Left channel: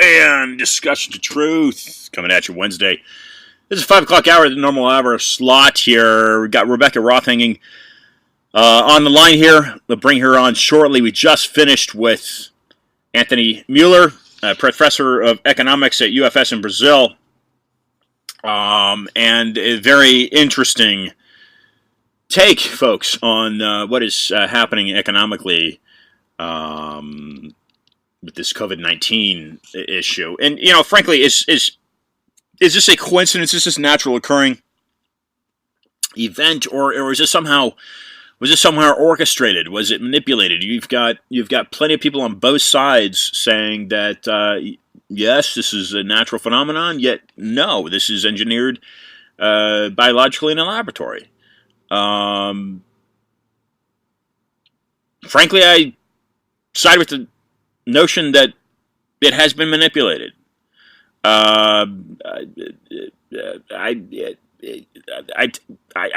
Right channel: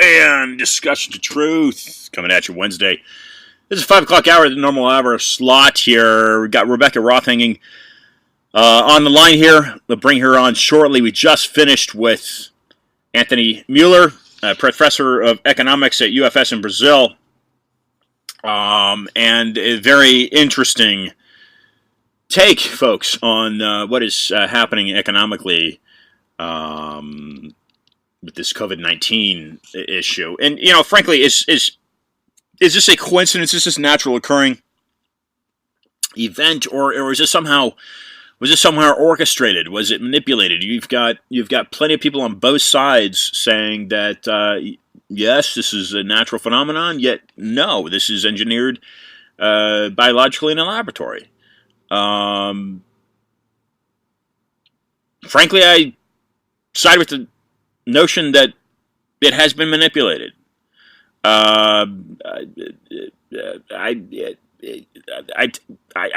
and discussion to truth coming at you Wednesday. This is 5 o'clock hour, the normal hour slot here. We've got Rebekah Roth hanging on the line here. We'll bring her on shortly. We just finished with Anthony Mueller, professor of economics at UFS in Brazil. And a very interesting take, folks, on what is happening economically with this COVID-19 issue. And, you know, frankly, is this a coincidence? Is this a natural occurring event, or was this somehow orchestrated? Was it manipulated? You've got plenty of people on both sides saying that yes, this is a natural phenomenon, yet no, this is engineered biologically in a laboratory. Frankly, I side with the notion that it has been manipulated. I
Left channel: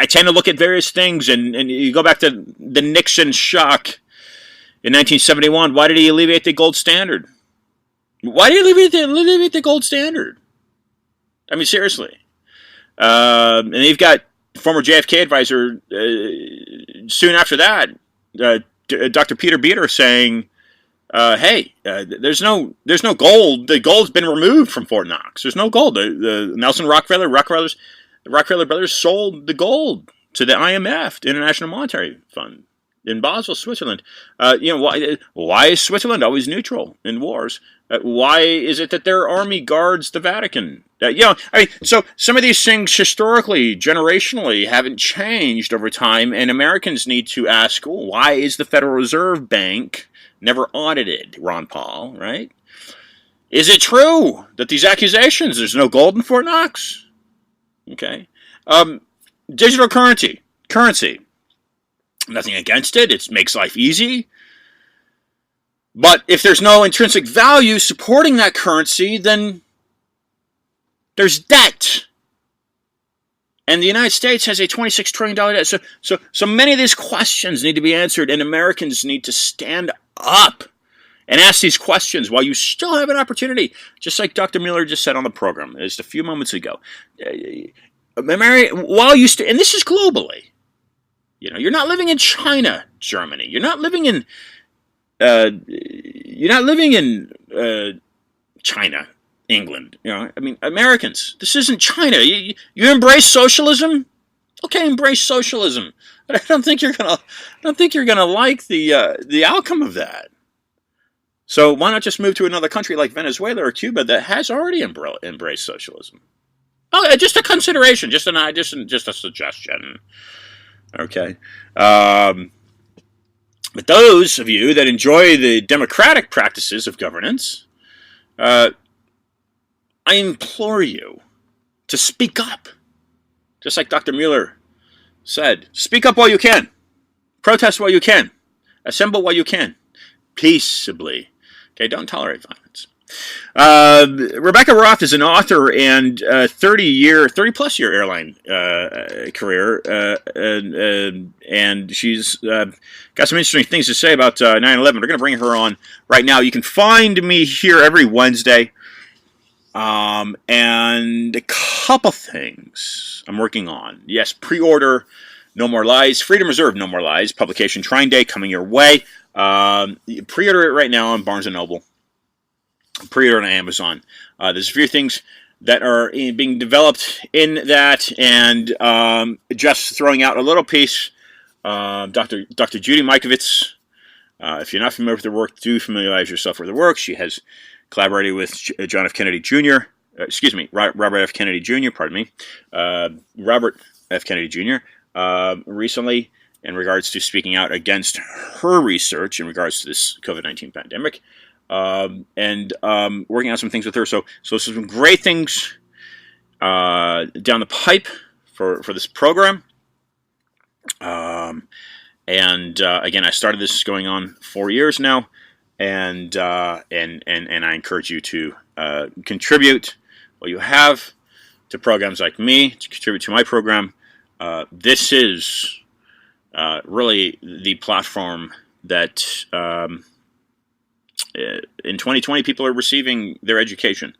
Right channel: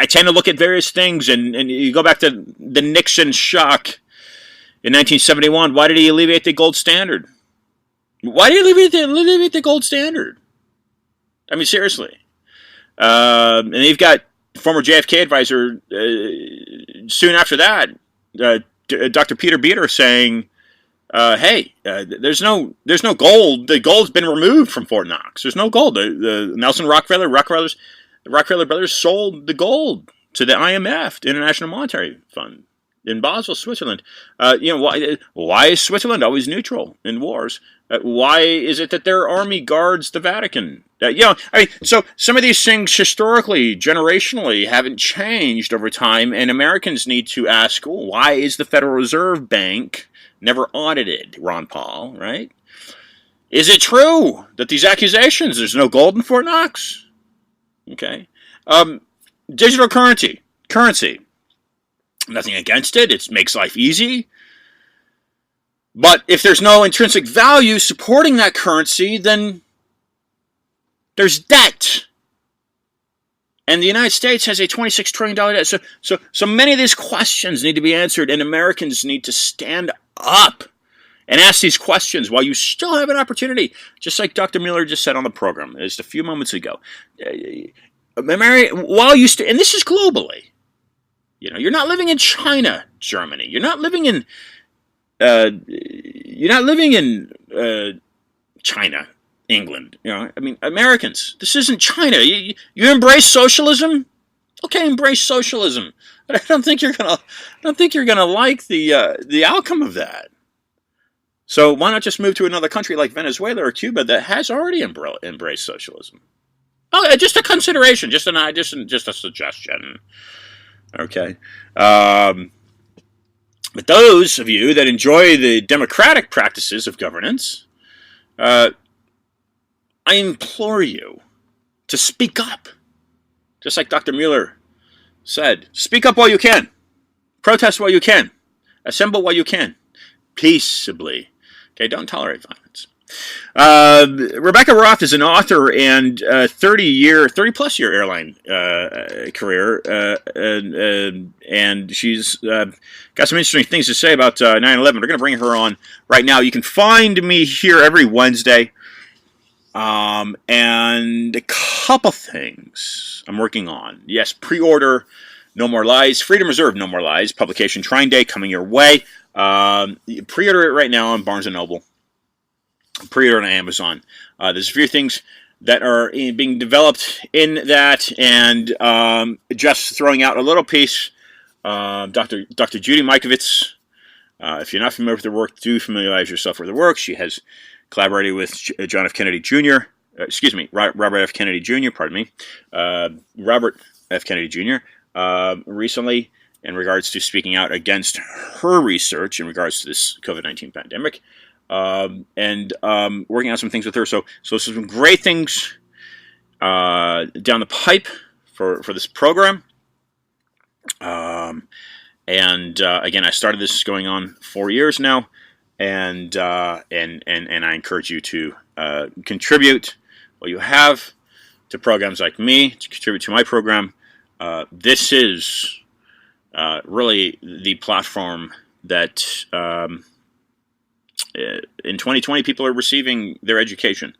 tend to look at various things, and you go back to the Nixon shock in 1971. Why did he alleviate the gold standard? Why did he alleviate the gold standard? I mean, seriously. And you've got former JFK advisor soon after that, Dr. Peter Beater, saying, "Hey, there's no gold. The gold's been removed from Fort Knox. There's no gold. The Nelson Rockefeller brothers sold the gold to the IMF, the International Monetary Fund, in Basel, Switzerland. Why is Switzerland always neutral in wars? Why is it that their army guards the Vatican? So some of these things historically, generationally, haven't changed over time, and Americans need to ask, why is the Federal Reserve Bank never audited, Ron Paul, right? Is it true that these accusations, there's no gold in Fort Knox? Okay. Digital currency. Nothing against it. It makes life easy. But if there's no intrinsic value supporting that currency, then there's debt. And the United States has a $26 trillion debt. So many of these questions need to be answered, and Americans need to stand up and ask these questions while you still have an opportunity. Just like Dr. Mueller just said on the program just a few moments ago. And this is globally. You know, you're not living in China, Germany. You're not living in China, England. You know, I mean, Americans. This isn't China. You embrace socialism? Okay, embrace socialism. But I don't think you're gonna like the outcome of that. So why not just move to another country like Venezuela or Cuba that has already embraced socialism? Oh, just a consideration, just a suggestion. Okay. But those of you that enjoy the democratic practices of governance, I implore you to speak up. Just like Dr. Mueller said, speak up while you can. Protest while you can. Assemble while you can. Peaceably. Okay, don't tolerate violence. Rebekah Roth is an author and 30-plus year airline career, and she's got some interesting things to say about 9/11. We're going to bring her on right now. You can find me here every Wednesday, and a couple things I'm working on. Yes, pre-order No More Lies, Freedom Reserve No More Lies, publication Trine Day coming your way. Pre-order it right now on Barnes & Noble. Pre-order on Amazon. There's a few things that are being developed in that, and just throwing out a little piece. Dr. Judy Mikovits, if you're not familiar with her work, do familiarize yourself with her work. She has collaborated with John F. Kennedy Jr., Robert F. Kennedy Jr., Robert F. Kennedy Jr., recently in regards to speaking out against her research in regards to this COVID-19 pandemic. And working on some things with her. So some great things down the pipe for this program. Again, I started this going on 4 years now, and I encourage you to contribute what you have to programs like me, to contribute to my program. This is really the platform that in 2020, people are receiving their education.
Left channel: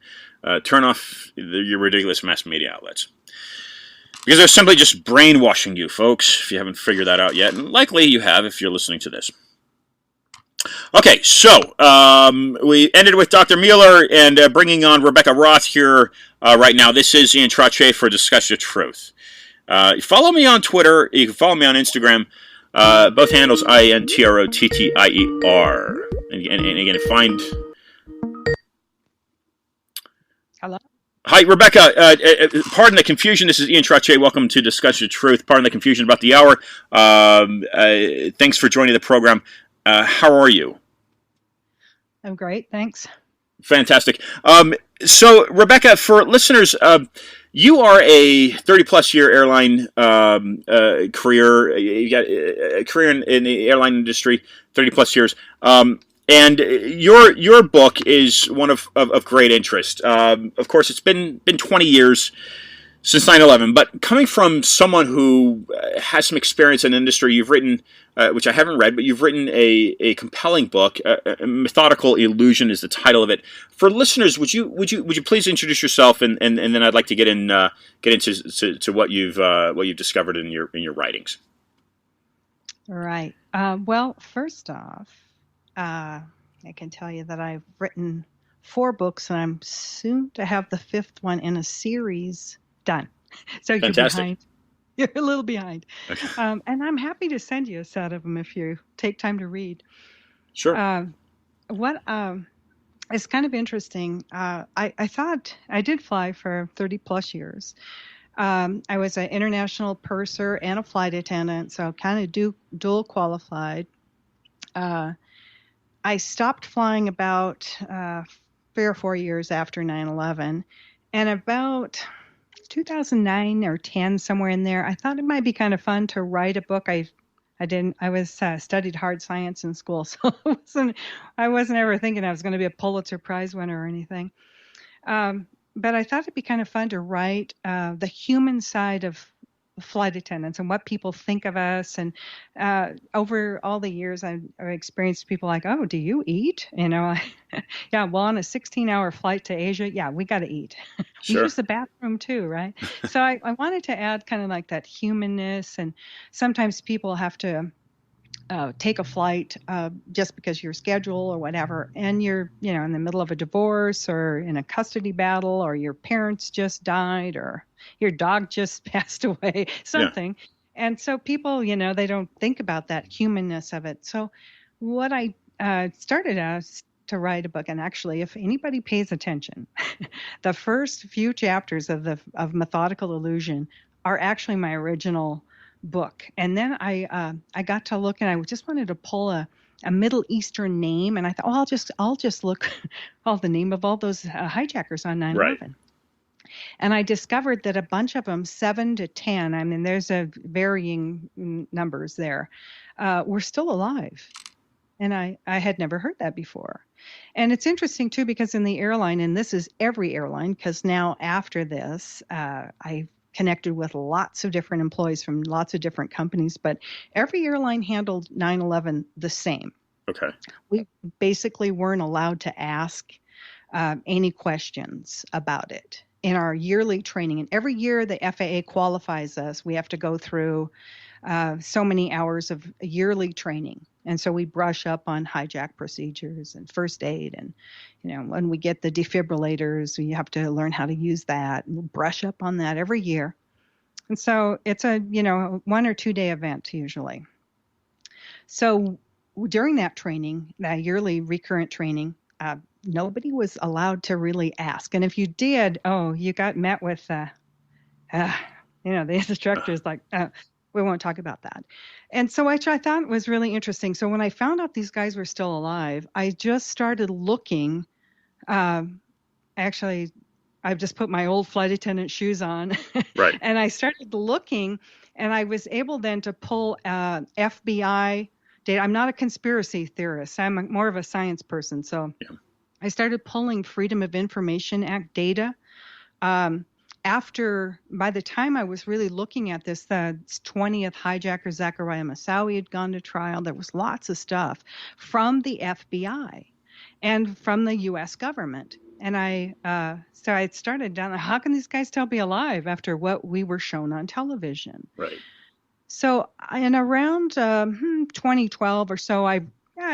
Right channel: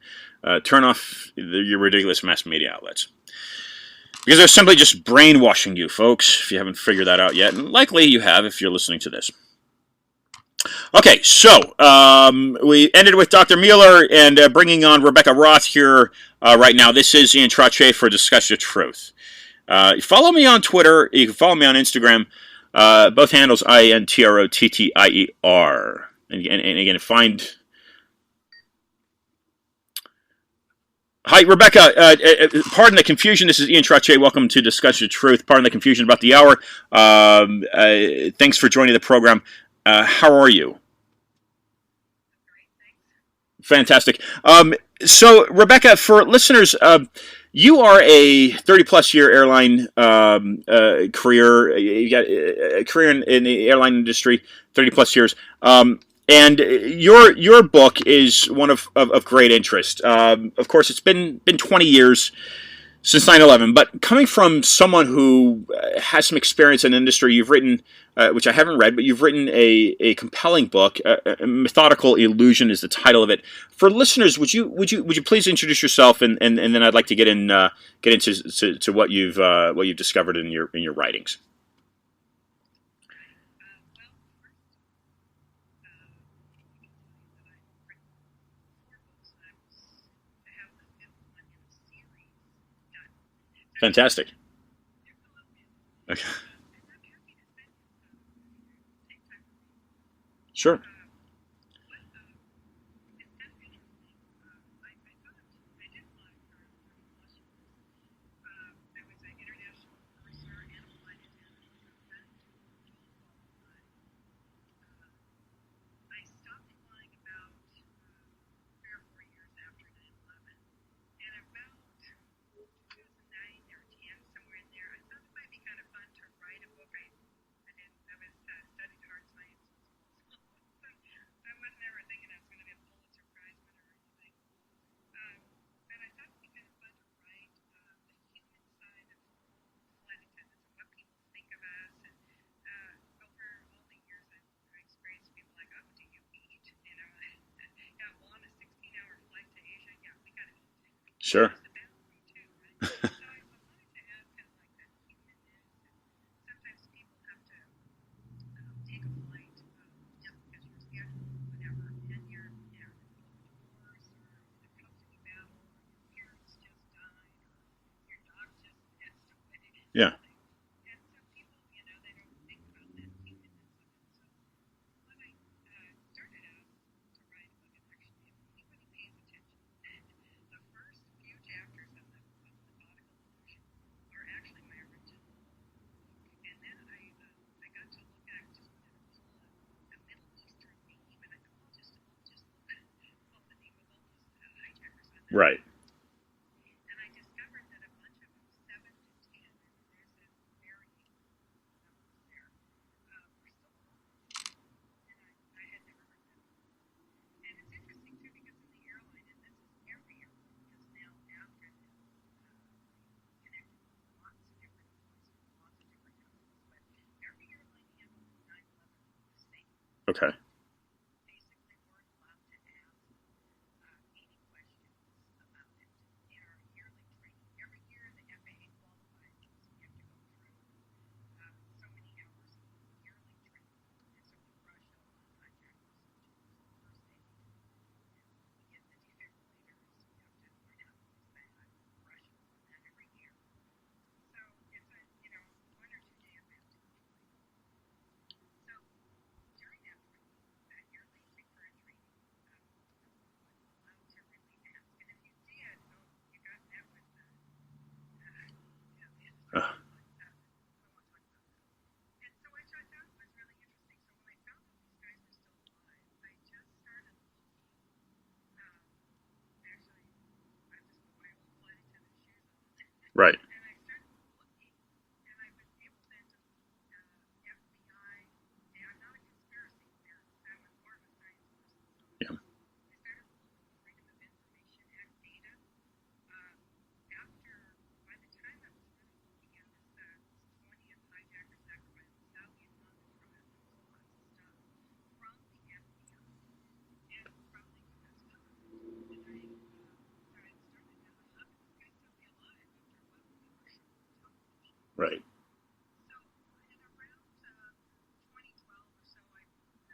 Turn off your ridiculous mass media outlets. Because they're simply just brainwashing you, folks, if you haven't figured that out yet. And likely you have if you're listening to this. Okay, so we ended with Dr. Mueller and bringing on Rebekah Roth here right now. This is Ian Trottier for Discuss Your Truth. Follow me on Twitter. You can follow me on Instagram. Both handles INTROTTIER. And again, find... Hello? Hi, Rebekah. Pardon the confusion. This is Ian Trottier. Welcome to Discuss Your Truth. Pardon the confusion about the hour. Thanks for joining the program. How are you? I'm great, thanks. Fantastic. So, Rebekah, for listeners, you are a 30-plus year airline career. You got a career in the airline industry, 30-plus years. And your book is one of great interest. Of course, it's been 20 years since 9/11, but coming from someone who has some experience in the industry, you've written, which I haven't read, but you've written a compelling book. Methodical Illusion is the title of it. For listeners, would you please introduce yourself, and then I'd like to get into what you've discovered in your writings. All right. Well, first off, I can tell you that I've written 4 books, and I'm soon to have the 5th one in a series done. So fantastic. You're a little behind. Okay. And I'm happy to send you a set of them if you take time to read. Sure. It's kind of interesting. I thought I did fly for 30 plus years. I was an international purser and a flight attendant, so kind of dual qualified. I stopped flying about 3 or 4 years after 9/11, and about 2009 or 10, somewhere in there, I thought it might be kind of fun to write a book. I studied hard science in school, so I wasn't ever thinking I was going to be a Pulitzer Prize winner or anything. But I thought it'd be kind of fun to write the human side of flight attendants and what people think of us. And over all the years, I've experienced people like, oh, do you eat? Yeah, well, on a 16-hour flight to Asia, yeah, we got to eat. Sure. We use the bathroom too, right? So I wanted to add kind of like that humanness. And sometimes people have to take a flight just because your schedule or whatever, and you're in the middle of a divorce or in a custody battle, or your parents just died, or your dog just passed away, something. Yeah. And so people, they don't think about that humanness of it. So what I started as to write a book, and actually, if anybody pays attention, the first few chapters of Methodical Illusion are actually my original book. And then I got to look, and I just wanted to pull a Middle Eastern name, and I thought, oh, I'll just look all the name of all those hijackers on 9/11. Right. And I discovered that a bunch of them, 7 to 10, I mean, there's a varying numbers there, were still alive. And I had never heard that before. And it's interesting, too, because in the airline, and this is every airline, because now after this, I connected with lots of different employees from lots of different companies, but every airline handled 9/11 the same. Okay. We basically weren't allowed to ask any questions about it in our yearly training. And every year the FAA qualifies us, we have to go through so many hours of yearly training. And so we brush up on hijack procedures and first aid. And, when we get the defibrillators, we have to learn how to use that. And we'll brush up on that every year. And so it's a, 1 or 2 day event usually. So during that training, that yearly recurrent training, nobody was allowed to really ask. And if you did, you got met with, the instructors like, we won't talk about that. And so which I thought was really interesting. So when I found out these guys were still alive, I just started looking. Actually, I've just put my old flight attendant shoes on. Right. And I started looking, and I was able then to pull FBI data. I'm not a conspiracy theorist. I'm more of a science person. So yeah. I started pulling Freedom of Information Act data. By the time I was really looking at this, the 20th hijacker, Zachariah Moussaoui, had gone to trial. There was lots of stuff from the FBI. and from the U.S. government. And so I started down, how can these guys still be alive after what we were shown on television? Right. So in around 2012 or so, I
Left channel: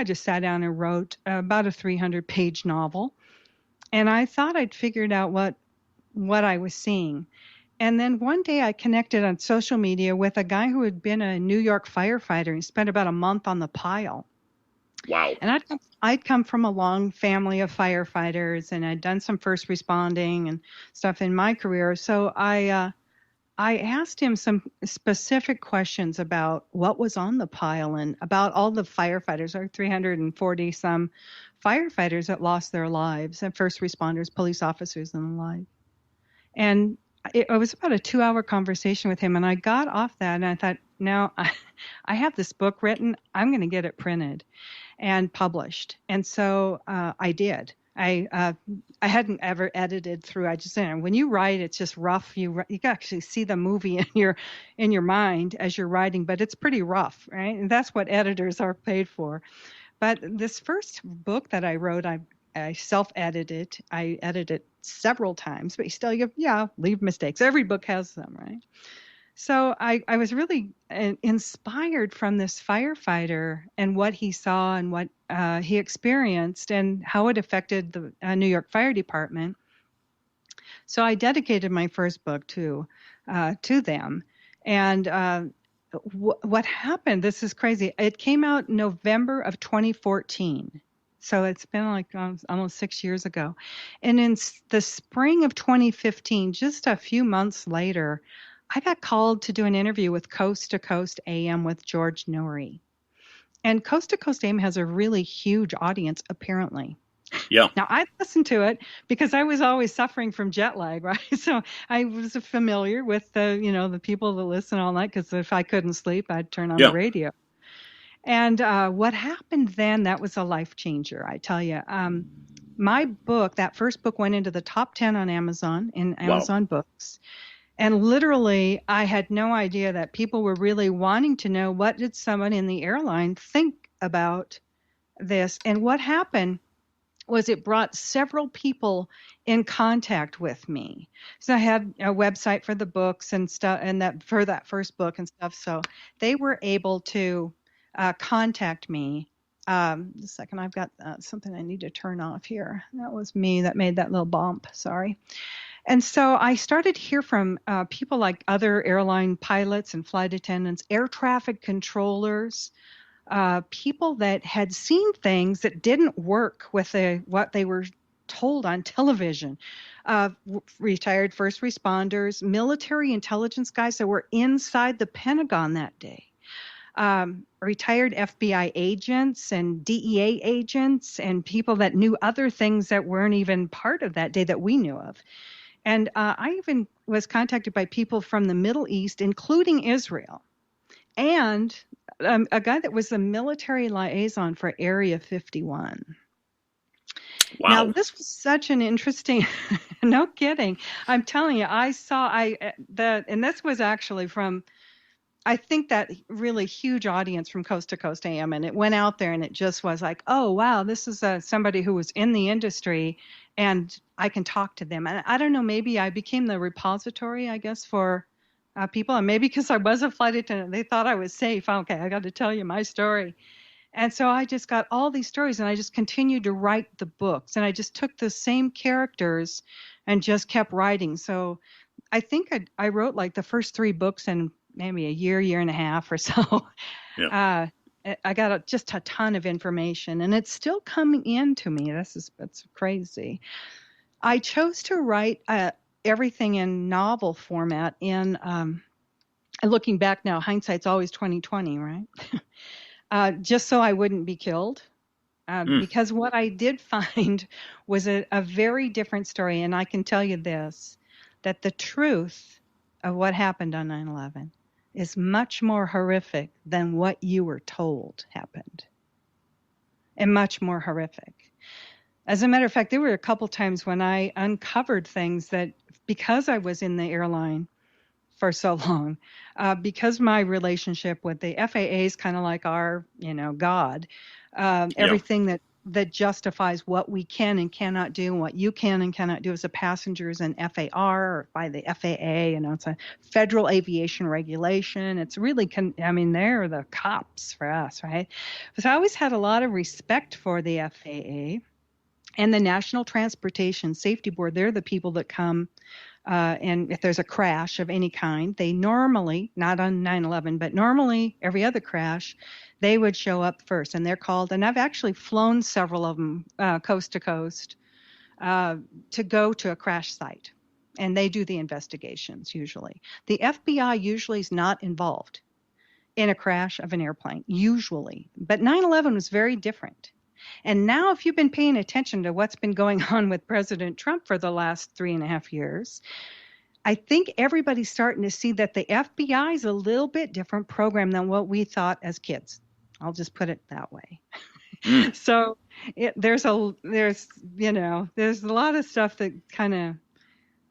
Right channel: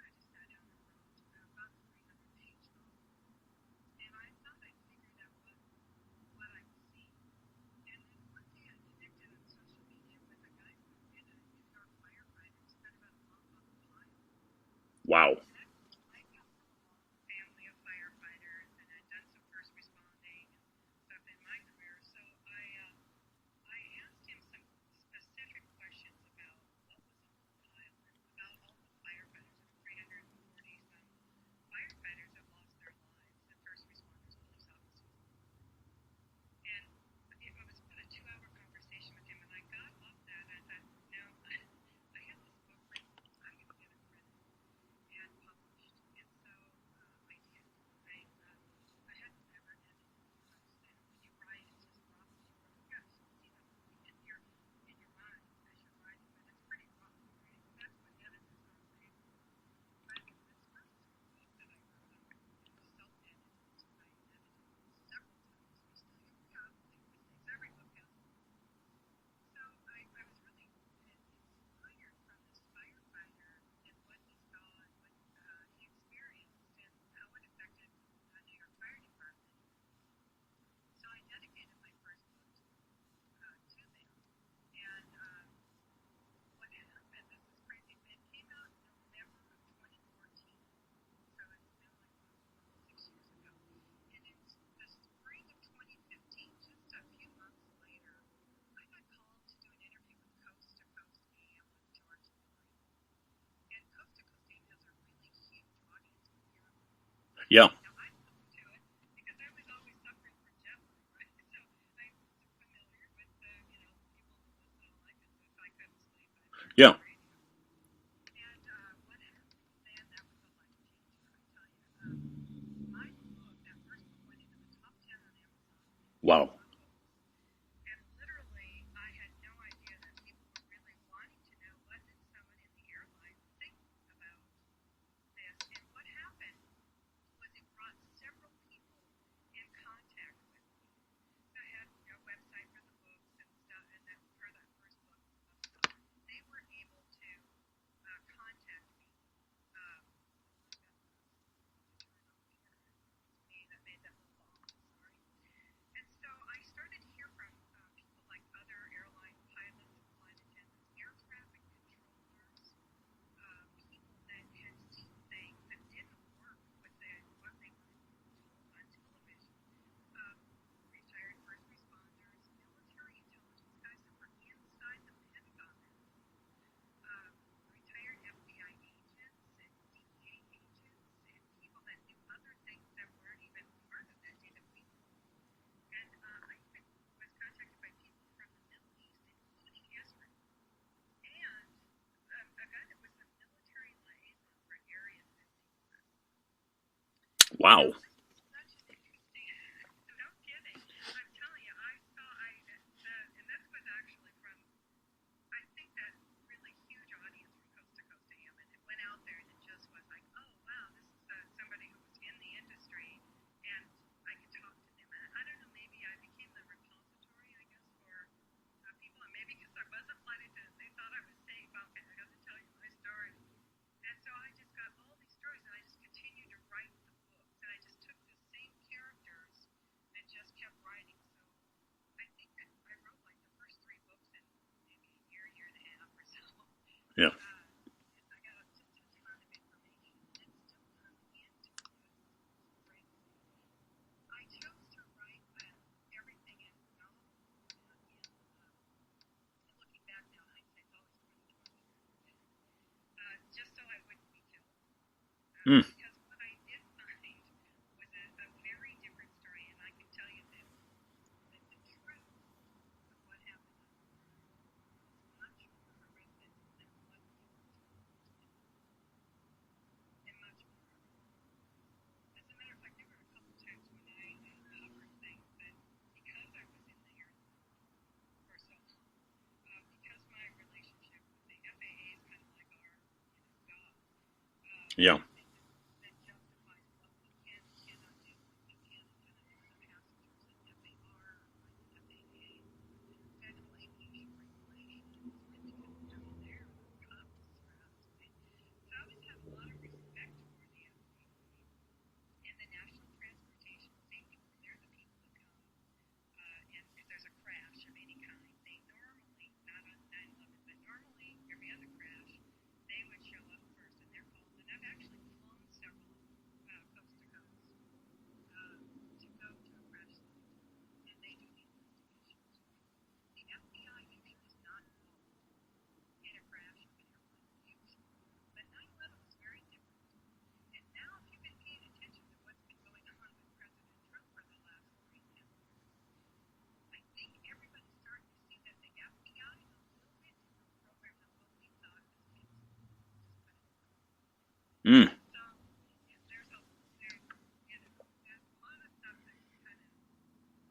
just sat down and wrote about a 300-page novel. And I thought I'd figured out what I was seeing. And then one day I connected on social media with a guy who had been a New York firefighter. He spent about a month on the pile. Wow. And I'd come from a long family of firefighters, and I'd done some first responding and stuff in my career. So I asked him some specific questions about what was on the pile and about all the firefighters, or 340 some firefighters that lost their lives, and first responders, police officers, and the like. And it was about a 2-hour conversation with him. And I got off that and I thought, now I have this book written. I'm going to get it printed and published. And so I did. I hadn't ever edited through. I just, when you write, it's just rough. You can actually see the movie in your mind as you're writing, but it's pretty rough, right? And that's what editors are paid for. But this first book that I wrote, I self-edited. I edited several times, but still, leave mistakes. Every book has them, right? So I was really inspired from this firefighter and what he saw and what he experienced and how it affected the New York Fire Department. So I dedicated my first book to them. And what happened? This is crazy. It came out November of 2014. So it's been like almost 6 years ago. And in the spring of 2015, just a few months later, I got called to do an interview with Coast to Coast AM with George Noory. And Coast to Coast AM has a really huge audience, apparently. Yeah. Now, I listened to it because I was always suffering from jet lag, right? So I was familiar with the people that listen all night, because if I couldn't sleep, I'd turn on the Yeah. radio. And what happened then, that was a life changer, I tell you. My book, that first book, went into the top 10 on Amazon, in Amazon Books. And literally, I had no idea that people were really wanting to know, what did someone in the airline think about this? And what happened was it brought several people in contact with me. So I had a website for the books and stuff, and that for that first book and stuff. So they were able to contact me. A second, I've got something I need to turn off here. That was me that made that little bump. Sorry. And so I started to hear from people like other airline pilots and flight attendants, air traffic controllers, people that had seen things that didn't work with what they were told on television. Retired first responders, military intelligence guys that were inside the Pentagon that day. Retired FBI agents and DEA agents and people that knew other things that weren't even part of that day that we knew of. And I even was contacted by people from the Middle East, including Israel, and a guy that was the military liaison for Area 51. Wow. Now, this was such an interesting, no kidding. I'm telling you, and this was actually from, I think, that really huge audience from Coast to Coast AM, and it went out there and it just was like, oh, wow, this is somebody who was in the industry and I can talk to them. And I don't know, maybe I became the repository, I guess, for people. And maybe because I was a flight attendant, they thought I was safe. Okay, I got to tell you my story. And so I just got all these stories and I just continued to write the books. And I just took the same characters and just kept writing. So I think I wrote like the first 3 books in maybe a year and a half or so. Yeah. I got just a ton of information, and it's still coming in to me. It's crazy. I chose to write everything in novel format. In looking back now, hindsight's always 2020, right? Just so I wouldn't be killed. Because what I did find was a very different story, and I can tell you this, that the truth of what happened on 9/11 is much more horrific than what you were told happened, and much more horrific. As a matter of fact, there were a couple times when I uncovered things that, because I was in the airline for so long, because my relationship with the FAA is kind of like our, God. Everything that that justifies what we can and cannot do, and what you can and cannot do as a passenger is an FAR or by the FAA. You know, it's a federal aviation regulation. It's really, I mean, they're the cops for us, right? So I always had a lot of respect for the FAA and the National Transportation Safety Board. They're the people that come and if there's a crash of any kind, they normally, not on 9/11, but normally every other crash, they would show up first. And they're called, and I've actually flown several of them coast to coast to go to a crash site. And they do the investigations usually. The FBI usually is not involved in a crash of an airplane, usually. But 9/11 was very different. And now, if you've been paying attention to what's been going on with President Trump for the last 3.5 years, I think everybody's starting to see that the FBI is a little bit different program than what we thought as kids. I'll just put it that way. So there's a lot of stuff that kind of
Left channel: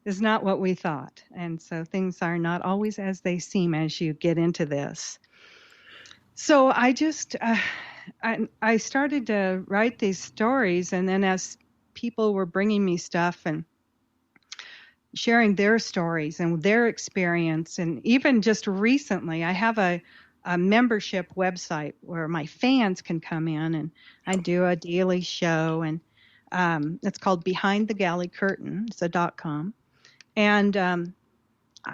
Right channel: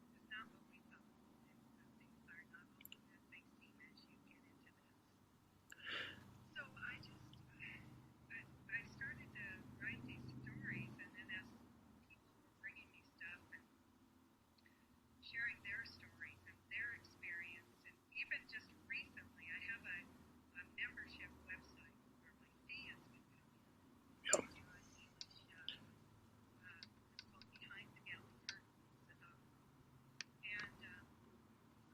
is not what we thought. And so things are not always as they seem as you get into this. So I just, I started to write these stories, and then as people were bringing me stuff and sharing their stories and their experience, and even just recently, I have a membership website where my fans can come in, and I do a daily show, and it's called Behind the Galley Curtain. It's a .com, and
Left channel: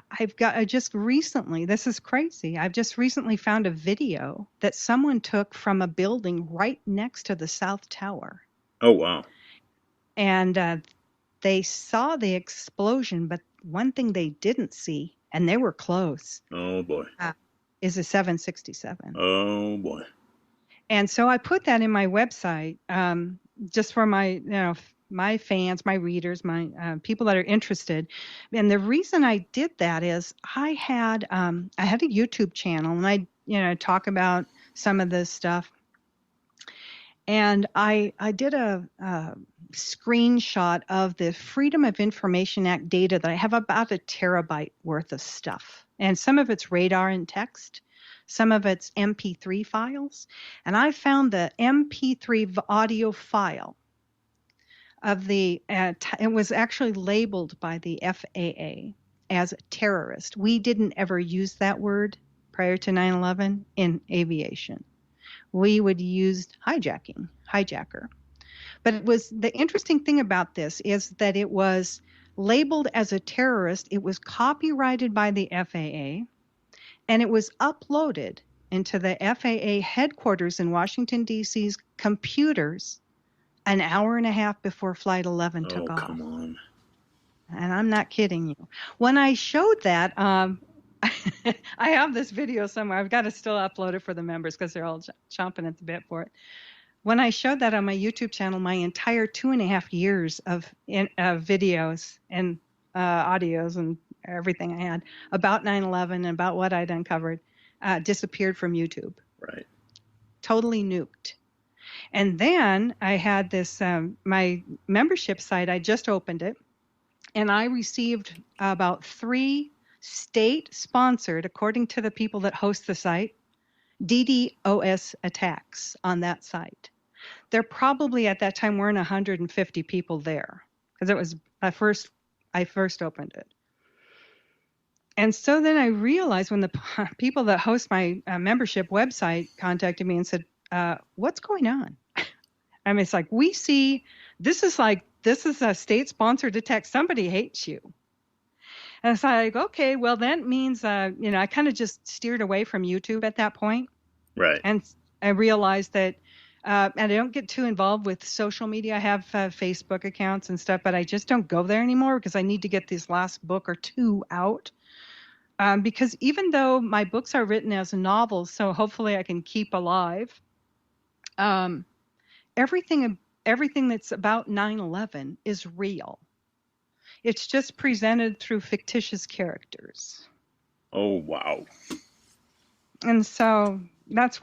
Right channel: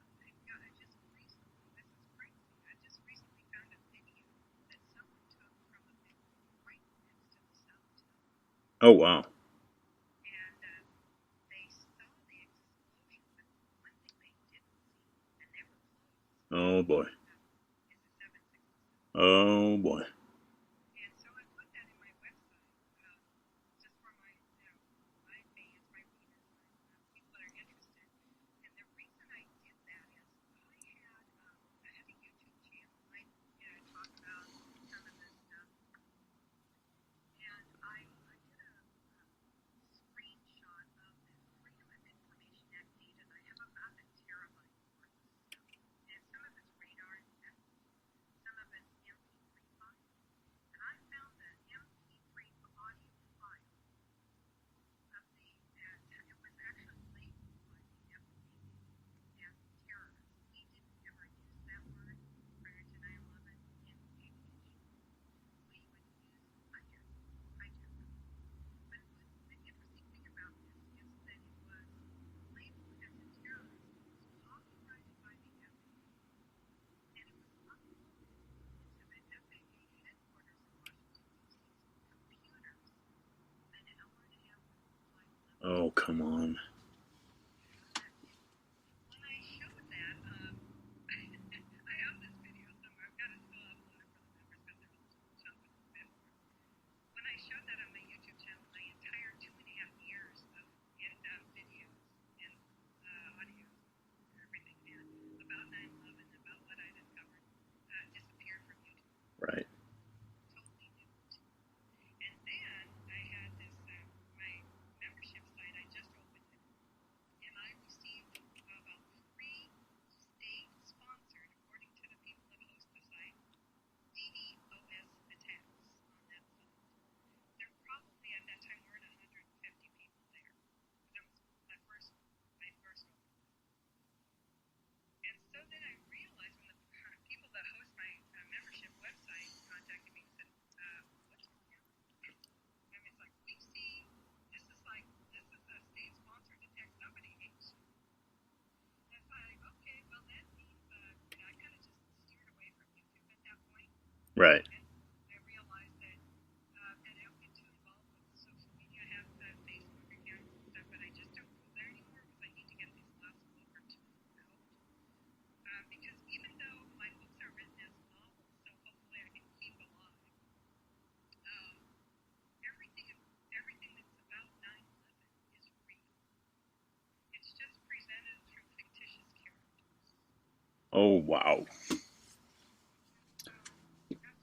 I just recently, this is crazy, I've just recently found a video that someone took from a building right next to the South Tower. Oh, wow. And they saw the explosion, but one thing they didn't see, and they were close. Oh, boy. Is a 767. Oh, boy. And so I put that in my website just for my fans, my readers, my people that are interested. And the reason I did that is I had a YouTube channel, and I talk about some of this stuff. And I did a screenshot of the Freedom of Information Act data that I have about a terabyte worth of stuff. And some of it's radar and text, some of it's MP3 files. And I found the MP3 audio file of it was actually labeled by the FAA as terrorist. We didn't ever use that word prior to 9/11 in aviation. We would use hijacker. But it was, the interesting thing about this is that it was labeled as a terrorist. It was copyrighted by the FAA, and it was uploaded into the FAA headquarters in Washington, D.C.'s computers an hour and a half before Flight 11 took off. Oh, come on. And I'm not kidding you. When I showed that, I have this video somewhere. I've got to still upload it for the members because they're all chomping at the bit for it. When I showed that on my YouTube channel, my entire 2.5 years of videos and audios and everything I had about 9/11 and about what I'd uncovered disappeared from YouTube. Right. Totally nuked. And then I had this, my membership site, I just opened it, and I received about 3 state-sponsored, according to the people that host the site, DDoS attacks on that site. There probably at that time weren't 150 people there because it was I first opened it. And so then I realized when the people that host my membership website contacted me and said, what's going on? I mean, it's like, we see, this is a state-sponsored attack. Somebody hates you. And it's like, okay, well, that means, I kind of just steered away from YouTube at that point. Right. And I realized that, and I don't get too involved with social media. I have Facebook accounts and stuff, but I just don't go there anymore because I need to get this last book or 2 out. Because even though my books are written as novels, so hopefully I can keep alive, everything that's about 9/11 is real. It's just presented through fictitious characters. Oh, wow. And so that's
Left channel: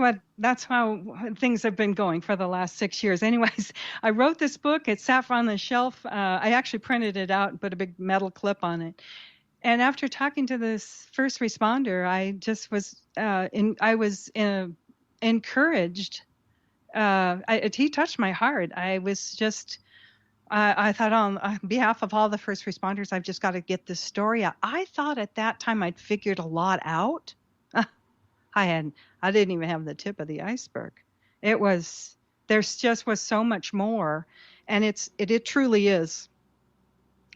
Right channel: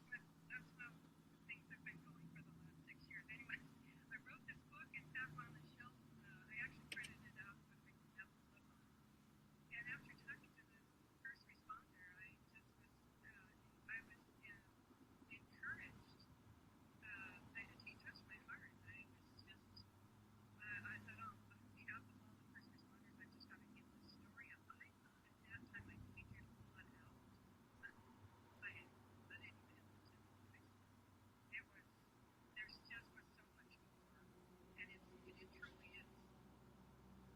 how things have been going for the last 6 years. Anyways, I wrote this book. It sat on the shelf. I actually printed it out and put a big metal clip on it. And after talking to this first responder, I just was I was encouraged he touched my heart. I was just, I thought on behalf of all the first responders, I've just got to get this story out. I thought at that time I'd figured a lot out. I hadn't. I didn't even have the tip of the iceberg. It was, there's just was so much more, and it truly is.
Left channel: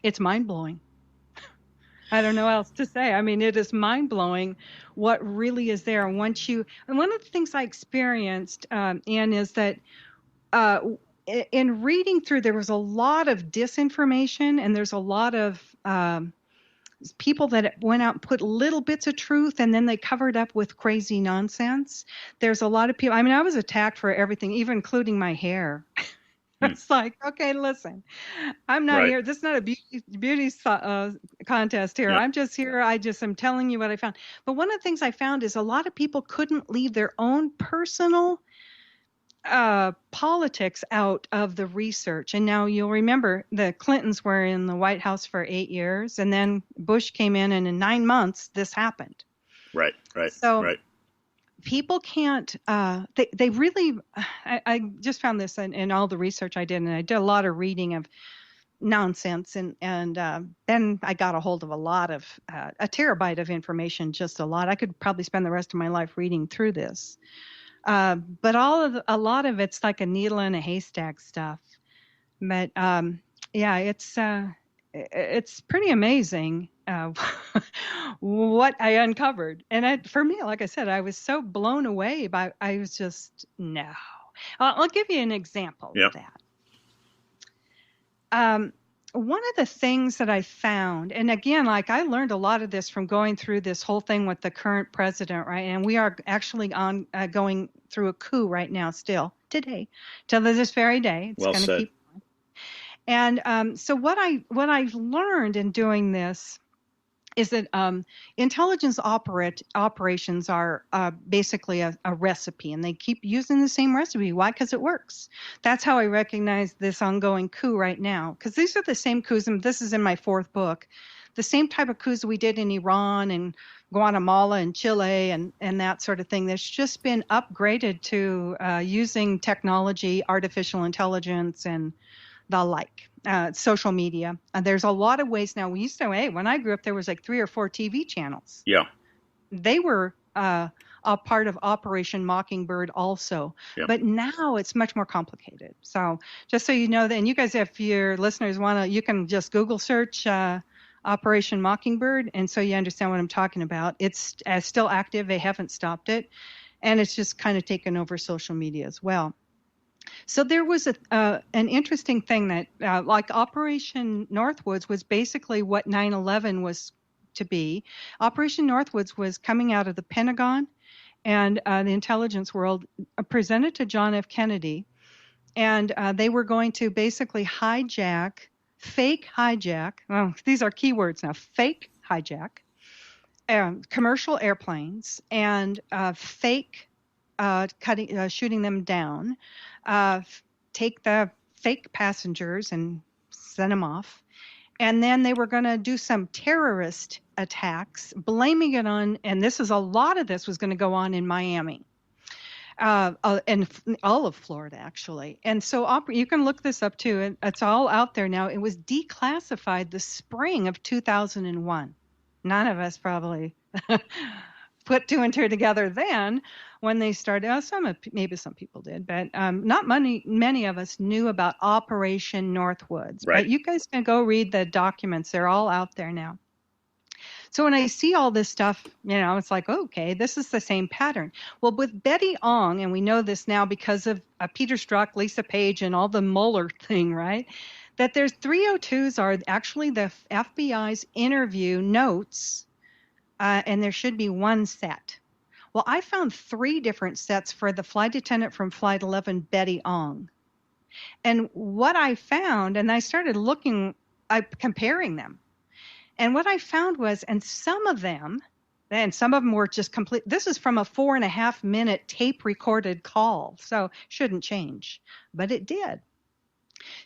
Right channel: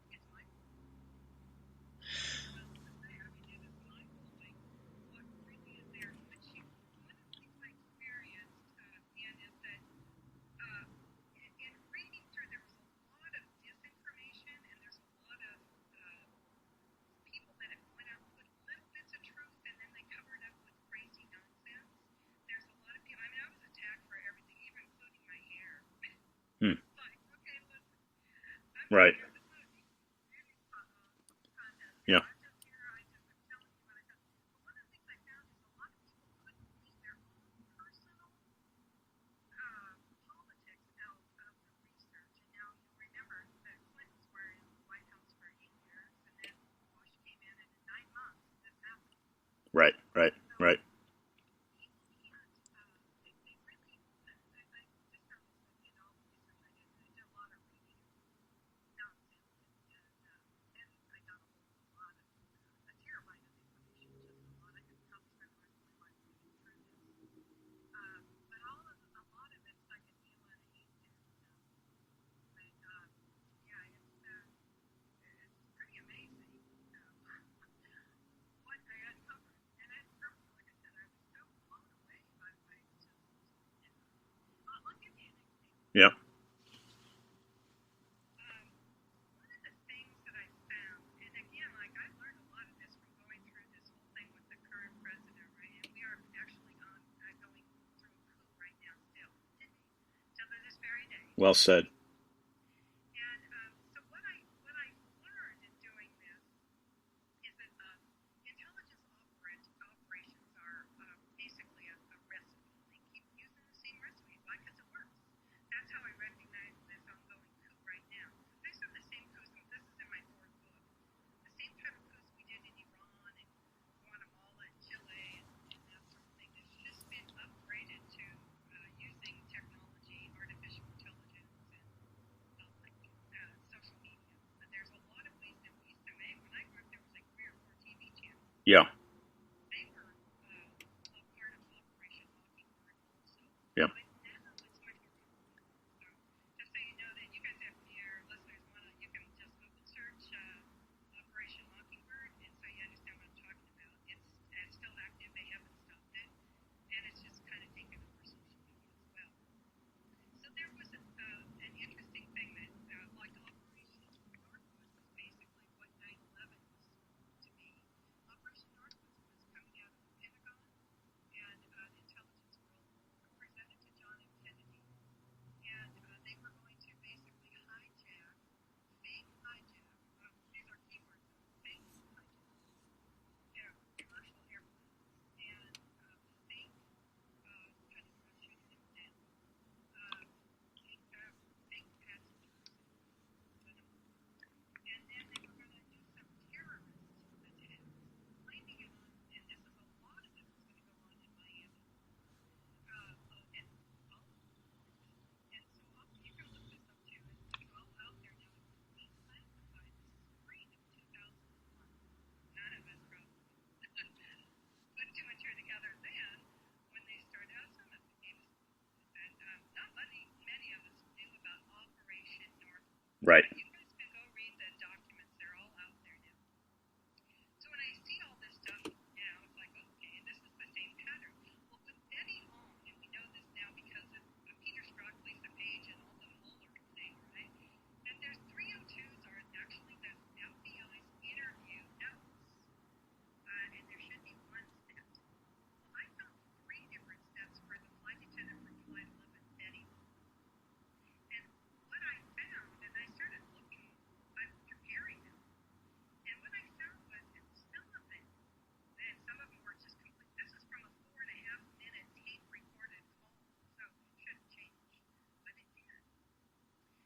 It's mind blowing. I don't know what else to say. I mean, it is mind blowing what really is there. And one of the things I experienced, Anne, is that uh, in reading through, there was a lot of disinformation, and there's a lot of people that went out and put little bits of truth, and then they covered up with crazy nonsense. There's a lot of people. I mean, I was attacked for everything, even including my hair. It's like, okay, listen, I'm not Right. here. This is not a beauty contest here. Yeah. I'm just here. I just am telling you what I found. But one of the things I found is a lot of people couldn't leave their own personal politics out of the research. And now you'll remember the Clintons were in the White House for 8 years, and then Bush came in, and in 9 months, this happened. Right. So people can't, they really, I just found this in all the research I did, and I did a lot of reading of nonsense, and then I got a hold of a lot of, a terabyte of information, just a lot. I could probably spend the rest of my life reading through this. But a lot of it's like a needle in a haystack stuff. But yeah, it's pretty amazing what I uncovered. And for me, like I said, I was so blown away by. I was just no. I'll give you an example of that. One of the things that I found, and again, like I learned a lot of this from going through this whole thing with the current president, right? And we are actually going through a coup right now, still today, till this very day. It's well said. And so what I've learned in doing this is that intelligence operations are basically a recipe, and they keep using the same recipe. Why? Because it works. That's how I recognize this ongoing coup right now, because these are the same coups, and this is in my 4th book, the same type of coups we did in Iran and Guatemala and Chile and that sort of thing. There's just been upgraded to using technology, artificial intelligence, and the like. Social media. There's a lot of ways now. We used to, when I grew up, there was like 3 or 4 TV channels. Yeah. They were a part of Operation Mockingbird also. Yeah. But now it's much more complicated. So just so you know that, and you guys, if your listeners want to, you can just Google search Operation Mockingbird, and so you understand what I'm talking about. It's still active. They haven't stopped it. And it's just kind of taken over social media as well. So there was an interesting thing that, like Operation Northwoods was basically what 9/11 was to be. Operation Northwoods was coming out of the Pentagon and the intelligence world, presented to John F. Kennedy, and they were going to basically fake hijack. Oh, these are keywords now. Fake hijack commercial airplanes and fake shooting them down. Take the fake passengers and send them off. And then they were going to do some terrorist attacks, blaming it on, and a lot of this was going to go on in Miami, and all of Florida, actually. And so you can look this up too. It's all out there now. It was declassified the spring of 2001. None of us probably put 2 and 2 together then when they started. Maybe some people did, but not many of us knew about Operation Northwoods. Right. But you guys can go read the documents. They're all out there now. So when I see all this stuff, it's like, okay, this is the same pattern. Well, with Betty Ong, and we know this now because of Peter Strzok, Lisa Page, and all the Mueller thing, right? That there's 302s are actually the FBI's interview notes, and there should be 1 set. Well, I found 3 different sets for the flight attendant from Flight 11, Betty Ong. And what I found, and I started comparing them. And what I found was, and some of them were just complete. This is from a 4.5-minute tape recorded call, so shouldn't change, but it did.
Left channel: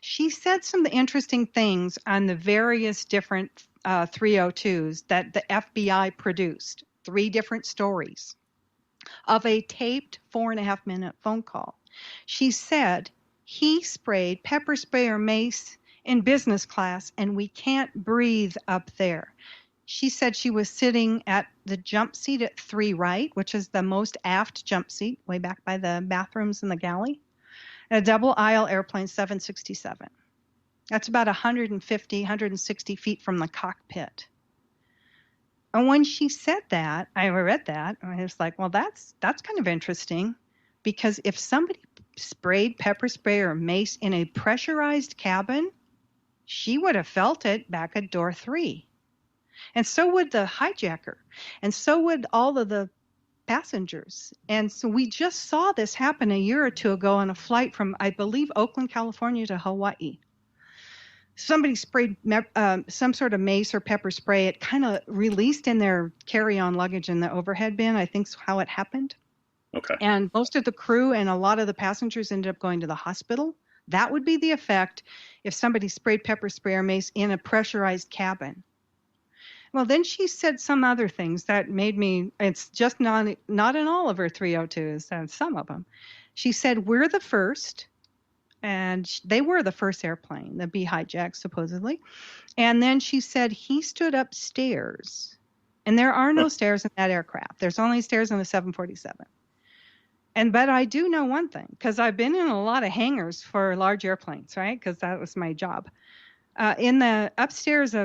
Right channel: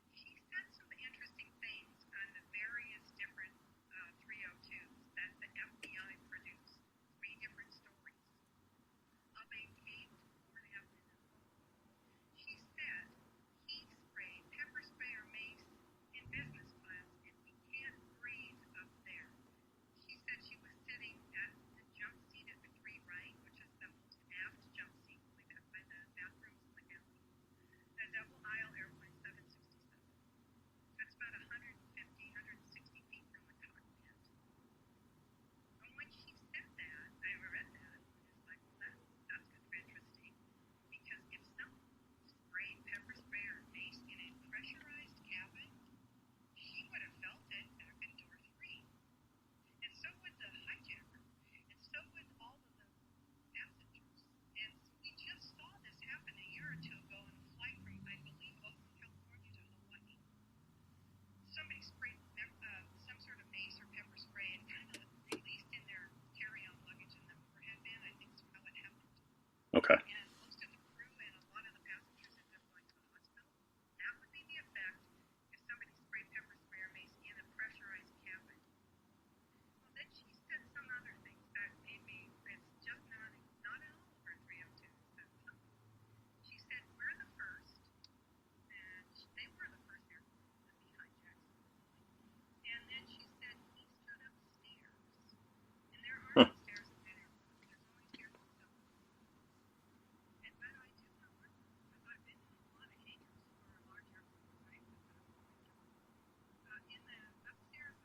She said some interesting things on the various different 302s that the FBI produced, 3 different stories of a taped 4.5-minute phone call. She said he sprayed pepper spray or mace in business class, and we can't breathe up there. She said she was sitting at the jump seat at 3 right, which is the most aft jump seat, way back by the bathrooms in the galley, a double aisle airplane 767. That's about 150, 160 feet from the cockpit. And when she said that, I read that, and I was like, well, that's kind of interesting, because if somebody sprayed pepper spray or mace in a pressurized cabin, she would have felt it back at door 3. And so would the hijacker. And so would all of the passengers. And so we just saw this happen a year or two ago on a flight from, I believe, Oakland, California to Hawaii. Somebody sprayed some sort of mace or pepper spray. It kind of released in their carry-on luggage in the overhead bin, I think is how it happened. Okay. And most of the crew and a lot of the passengers ended up going to the hospital. That would be the effect if somebody sprayed pepper spray or mace in a pressurized cabin. Well, then she said some other things that made me, it's just not in all of her 302s, and some of them. She said, we're the first, and they were the first airplane, the be hijacked, supposedly. And then she said, he stood upstairs, and there are no stairs in that aircraft. There's only stairs in the 747. But I do know one thing, because I've been in a lot of hangars for large airplanes, right? Because that was my job. In the upstairs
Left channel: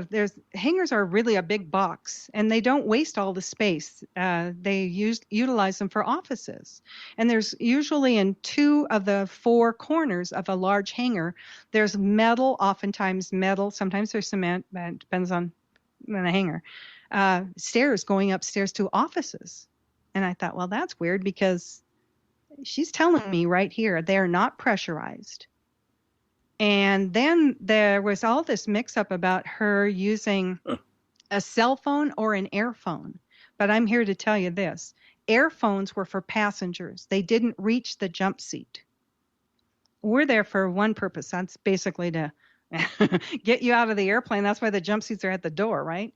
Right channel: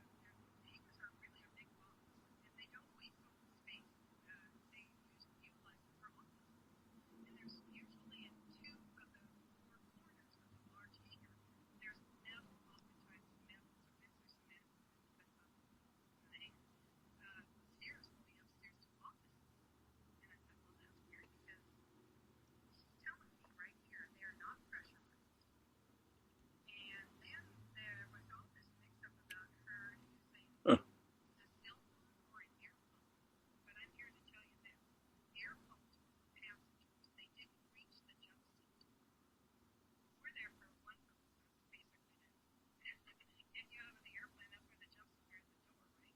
hangars are really a big box, and they don't waste all the space. They utilize them for offices. And there's usually in 2 of the 4 corners of a large hangar, there's metal, oftentimes metal, sometimes there's cement, but it depends on the hangar, stairs going upstairs to offices. And I thought, well, that's weird, because she's telling me right here, they're not pressurized. And then there was all this mix-up about her using a cell phone or an airphone. But I'm here to tell you this. Airphones were for passengers. They didn't reach the jump seat. We're there for one purpose. That's basically to get you out of the airplane. That's why the jump seats are at the door, right?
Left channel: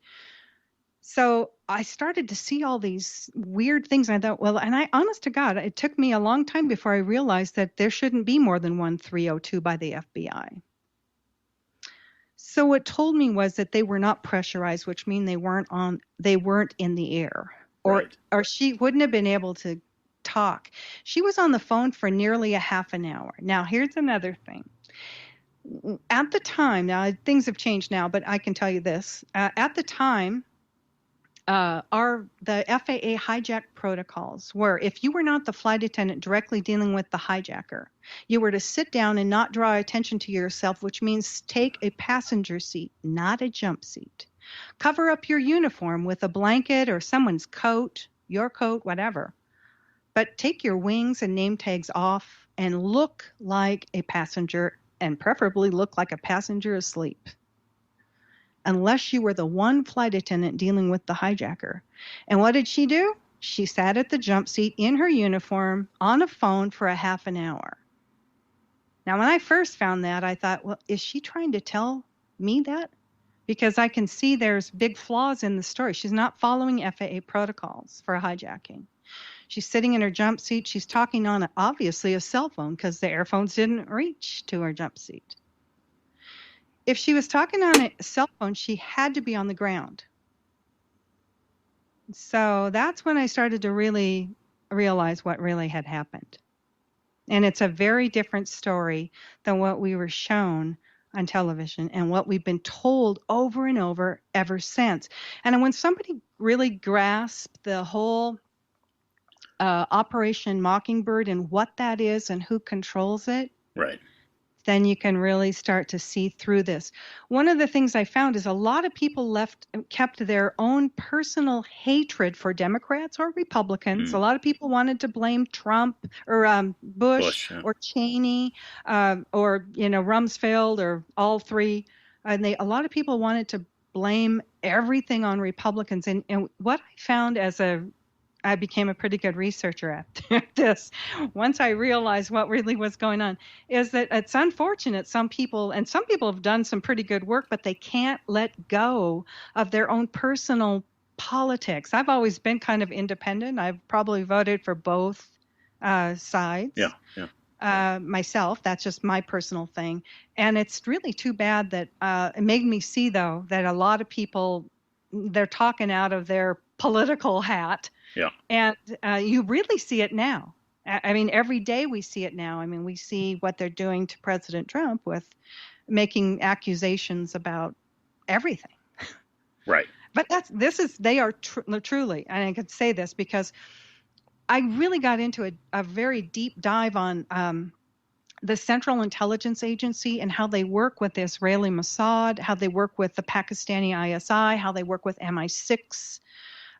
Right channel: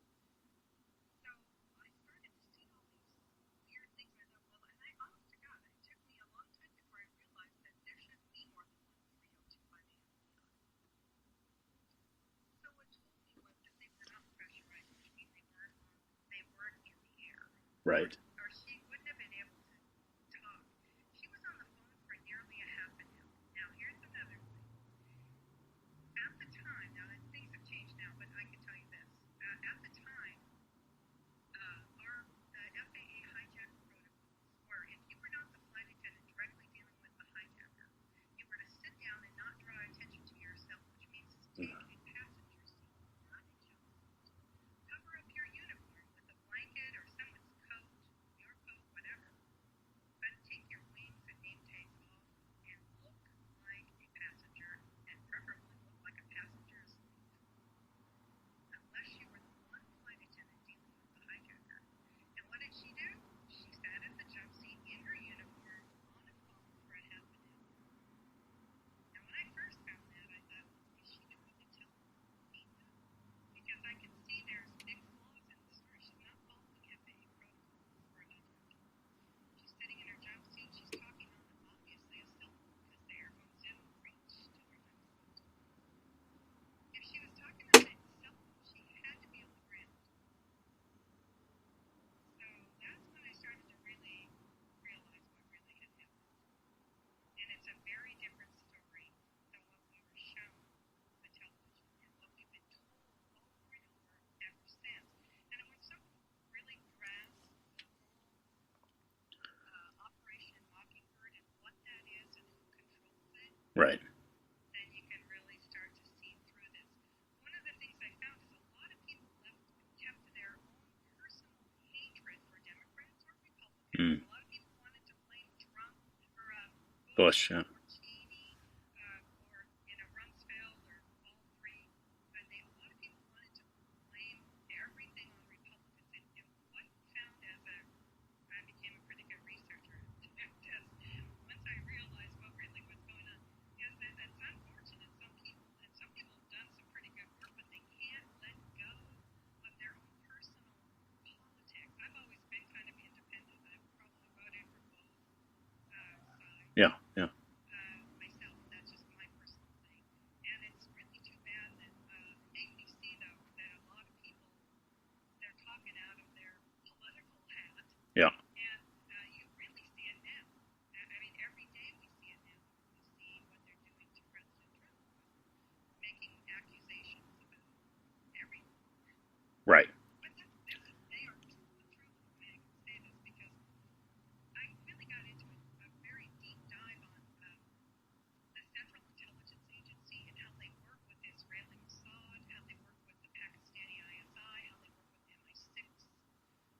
So I started to see all these weird things. And I thought, well, and honest to God, it took me a long time before I realized that there shouldn't be more than one 302 by the FBI. So what told me was that they were not pressurized, which means they weren't in the air, or she wouldn't have been able to talk. She was on the phone for nearly a half an hour. Now, here's another thing. At the time, now things have changed now, but I can tell you this. At the time, the FAA hijack protocols were, if you were not the flight attendant directly dealing with the hijacker, you were to sit down and not draw attention to yourself, which means take a passenger seat, not a jump seat. Cover up your uniform with a blanket or someone's coat, your coat, whatever. But take your wings and name tags off and look like a passenger, and preferably look like a passenger asleep. Unless you were the one flight attendant dealing with the hijacker. And what did she do? She sat at the jump seat in her uniform on a phone for a half an hour. Now, when I first found that, I thought, well, is she trying to tell me that? Because I can see there's big flaws in the story. She's not following FAA protocols for hijacking. She's sitting in her jump seat. She's talking on, obviously, a cell phone, because the airphones didn't reach to her jump seat. If she was talking on a cell phone, she had to be on the ground. So that's when I started to really realize what really had happened. And it's a very different story than what we were shown on television and what we've been told over and over ever since. And when somebody really grasps the whole Operation Mockingbird and what that is and who controls it, right, then you can really start to see through this. One of the things I found is a lot of people kept their own personal hatred for Democrats or Republicans. A lot of people wanted to blame Trump or Bush yeah. or Cheney or Rumsfeld or all three. And a lot of people wanted to blame everything on Republicans. And what I found I became a pretty good researcher at this. Once I realized what really was going on, is that it's unfortunate some people have done some pretty good work, but they can't let go of their own personal politics. I've always been kind of independent. I've probably voted for both sides. Yeah. myself. That's just my personal thing. And it's really too bad that it made me see, though, that a lot of people, they're talking out of their political hat. Yeah. And you really see it now. I mean, every day we see it now. I mean, we see what they're doing to President Trump with making accusations about everything. Right. But they are truly, and I could say this because I really got into a very deep dive on the Central Intelligence Agency and how they work with the Israeli Mossad, how they work with the Pakistani ISI, how they work with MI6,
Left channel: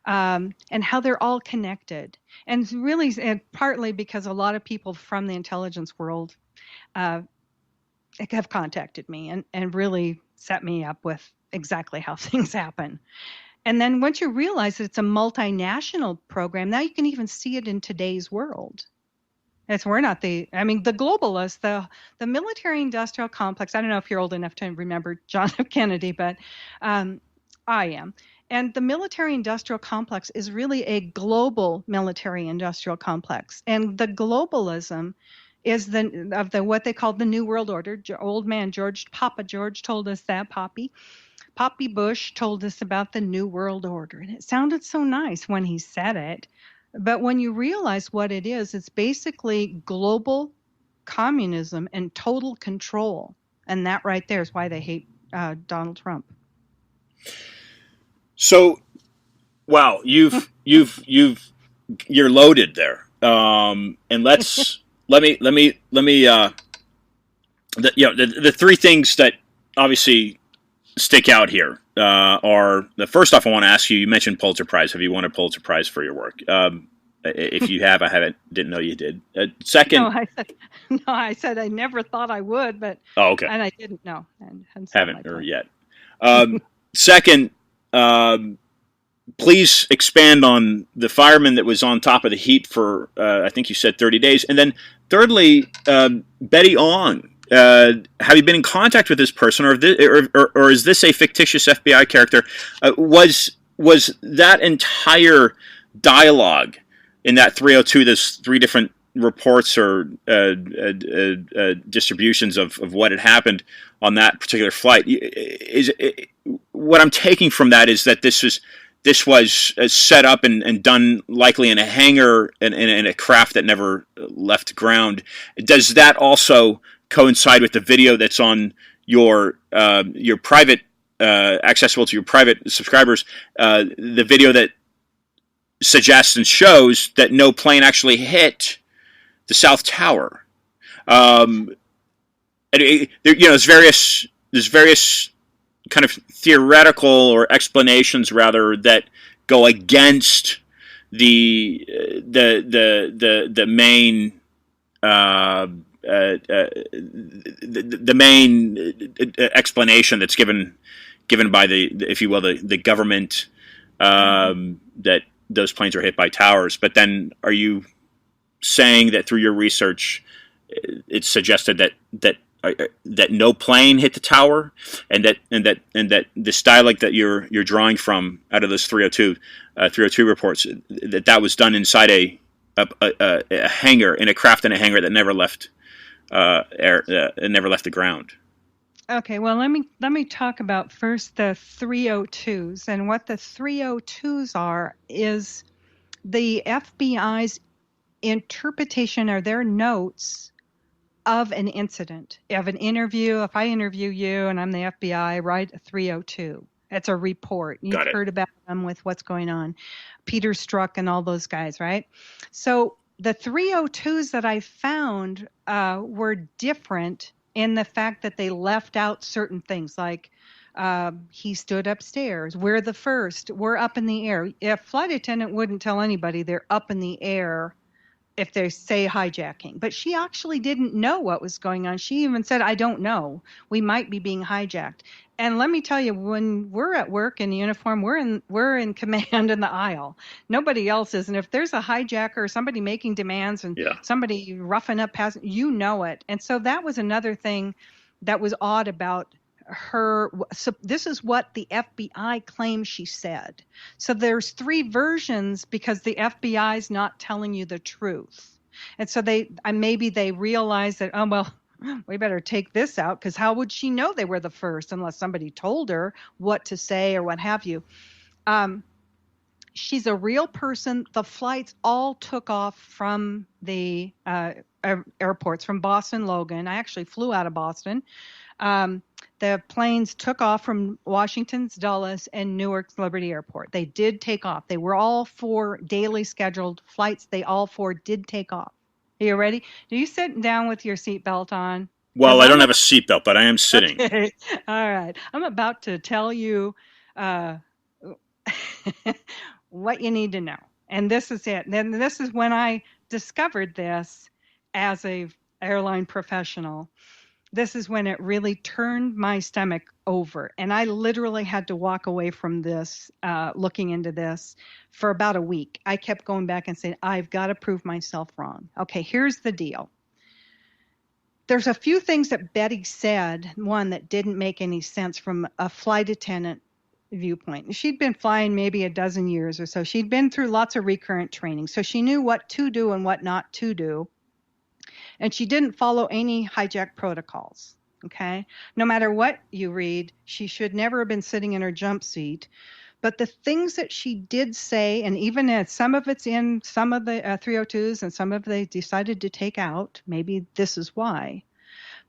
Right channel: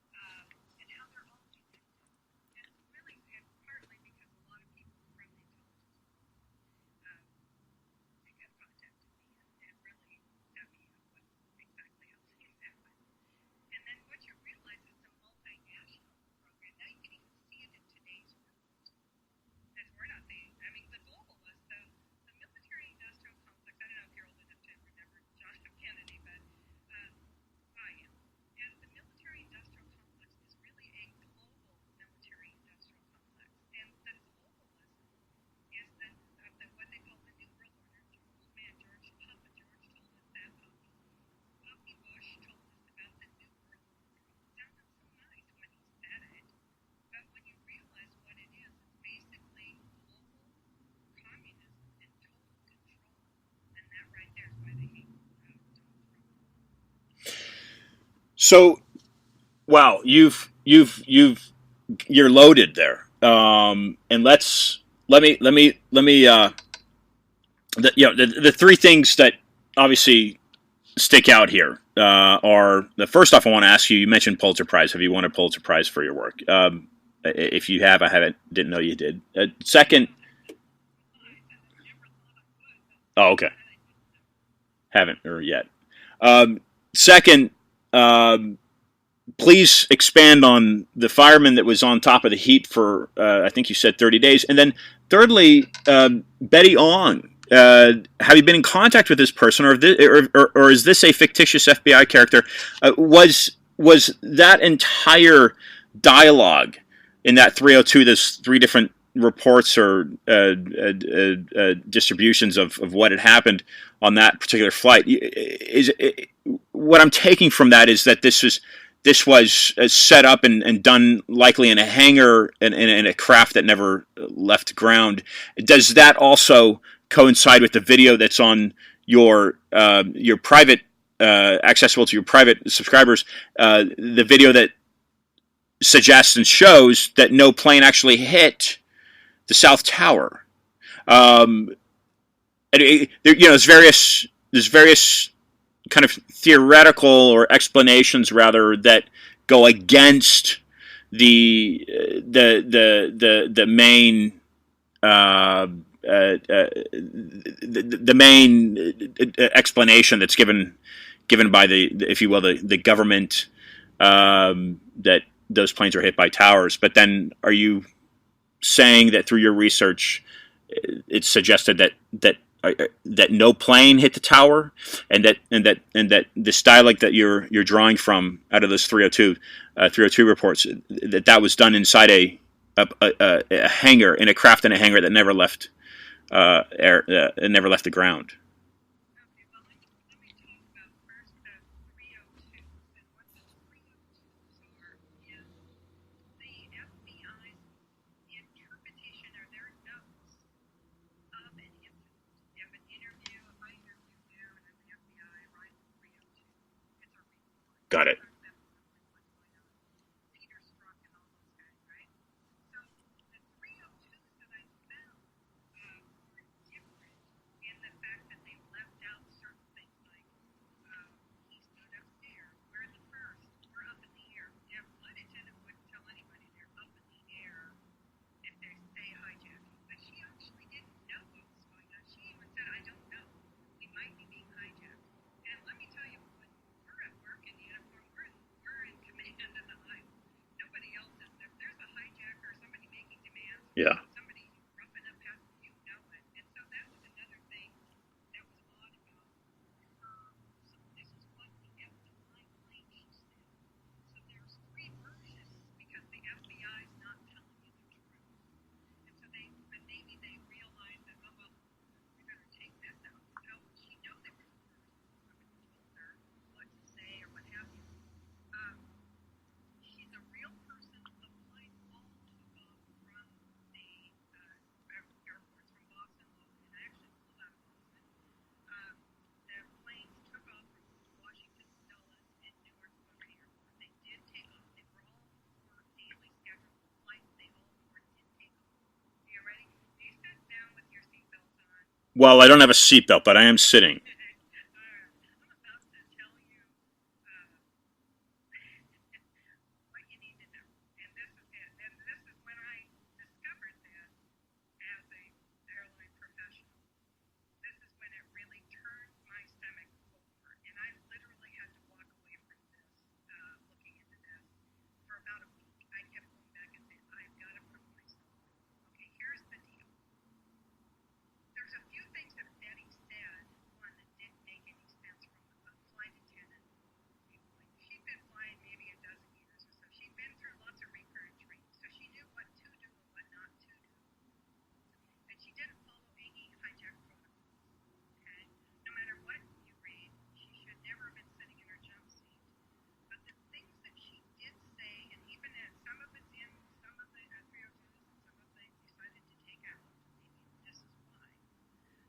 and how they're all connected. And really, and partly because a lot of people from the intelligence world uh, have contacted me and really set me up with exactly how things happen. And then once you realize that it's a multinational program, now you can even see it in today's world. We're not the, I mean, the globalists, the military industrial complex. I don't know if you're old enough to remember John F. Kennedy, but I am. And the military industrial complex is really a global military industrial complex. And the globalism is the what they call the New World Order. Old man Papa George told us that, Poppy Bush told us about the New World Order. And it sounded so nice when he said it. But when you realize what it is, it's basically global communism and total control. And that right there is why they hate Donald Trump. So, wow, you're loaded there. And let me the three things that obviously stick out here are the first off. I want to ask you. You mentioned Pulitzer Prize. Have you won a Pulitzer Prize for your work? If you have, I haven't. Didn't know you did. Second, I said I never thought I would, but okay, and I didn't know. Haven't or yet. Second, please expand on the fireman that was on top of the heap for I think you said 30 days, and then thirdly, Betty Ong. Have you been in contact with this person, or is this a fictitious FBI character? Was that entire dialogue in that 302? There's three different reports or distributions of what had happened on that particular flight. What I'm taking from that is that this was set up and done likely in a hangar and in a craft that never left ground. Does that also coincide with the video that's on your private, accessible to your private subscribers, the video that suggests and shows that no plane actually hit the South Tower? There's various kind of theoretical or explanations rather that go against the main the main explanation that's given by the, if you will, the government, that those planes are hit by towers. But then, are you saying that through your research, it's suggested that no plane hit the tower, and that this dialect that you're drawing from out of those 302 reports, that was done inside a hangar, in a craft in a hangar that never left never left the ground? Okay, well, let me talk about first the 302s. And what the 302s are is the FBI's interpretation or their notes of an incident, of an interview. If I interview you and I'm the FBI, write a 302. It's a report. You've heard about them with what's going on. Peter Strzok and all those guys, right? So the 302s that I found were different in the fact that they left out certain things, like he stood upstairs. We're the first. We're up in the air. A flight attendant wouldn't tell anybody they're up in the air if they say hijacking. But she actually didn't know what was going on. She even said, I don't know. We might be being hijacked. And let me tell you, when we're at work in uniform, we're in command in the aisle. Nobody else is. And if there's a hijacker or somebody making demands and somebody roughing up passengers, you know it. And so that was another thing that was odd about her. So this is what the FBI claims she said. So there's three versions because the FBI is not telling you the truth. And so maybe they realized that, oh, well, we better take this out, because how would she know they were the first unless somebody told her what to say or what have you? She's a real person. The flights all took off from the airports, from Boston Logan. I actually flew out of Boston. Um, the planes took off from Washington's Dulles and Newark's Liberty Airport. They did take off. They were all 4 daily scheduled flights. They all 4 did take off. Are you ready? Are you sitting down with your seatbelt on? Well, I don't have a seatbelt, but I am sitting. Okay. All right. I'm about to tell you uh, what you need to know. And this is it. Then this is when I discovered this as a airline professional. This is when it really turned my stomach over. And I literally had to walk away from this, looking into this for about a week. I kept going back and saying, I've got to prove myself wrong. Okay, here's the deal. There's a few things that Betty said, one that didn't make any sense from a flight attendant viewpoint. She'd been flying maybe a dozen years or so. She'd been through lots of recurrent training, so she knew what to do and what not to do. And she didn't follow any hijack protocols. Okay, no matter what you read, she should never have been sitting in her jump seat. But the things that she did say, and even as some of it's in some of the 302s and some of they decided to take out, maybe this is why.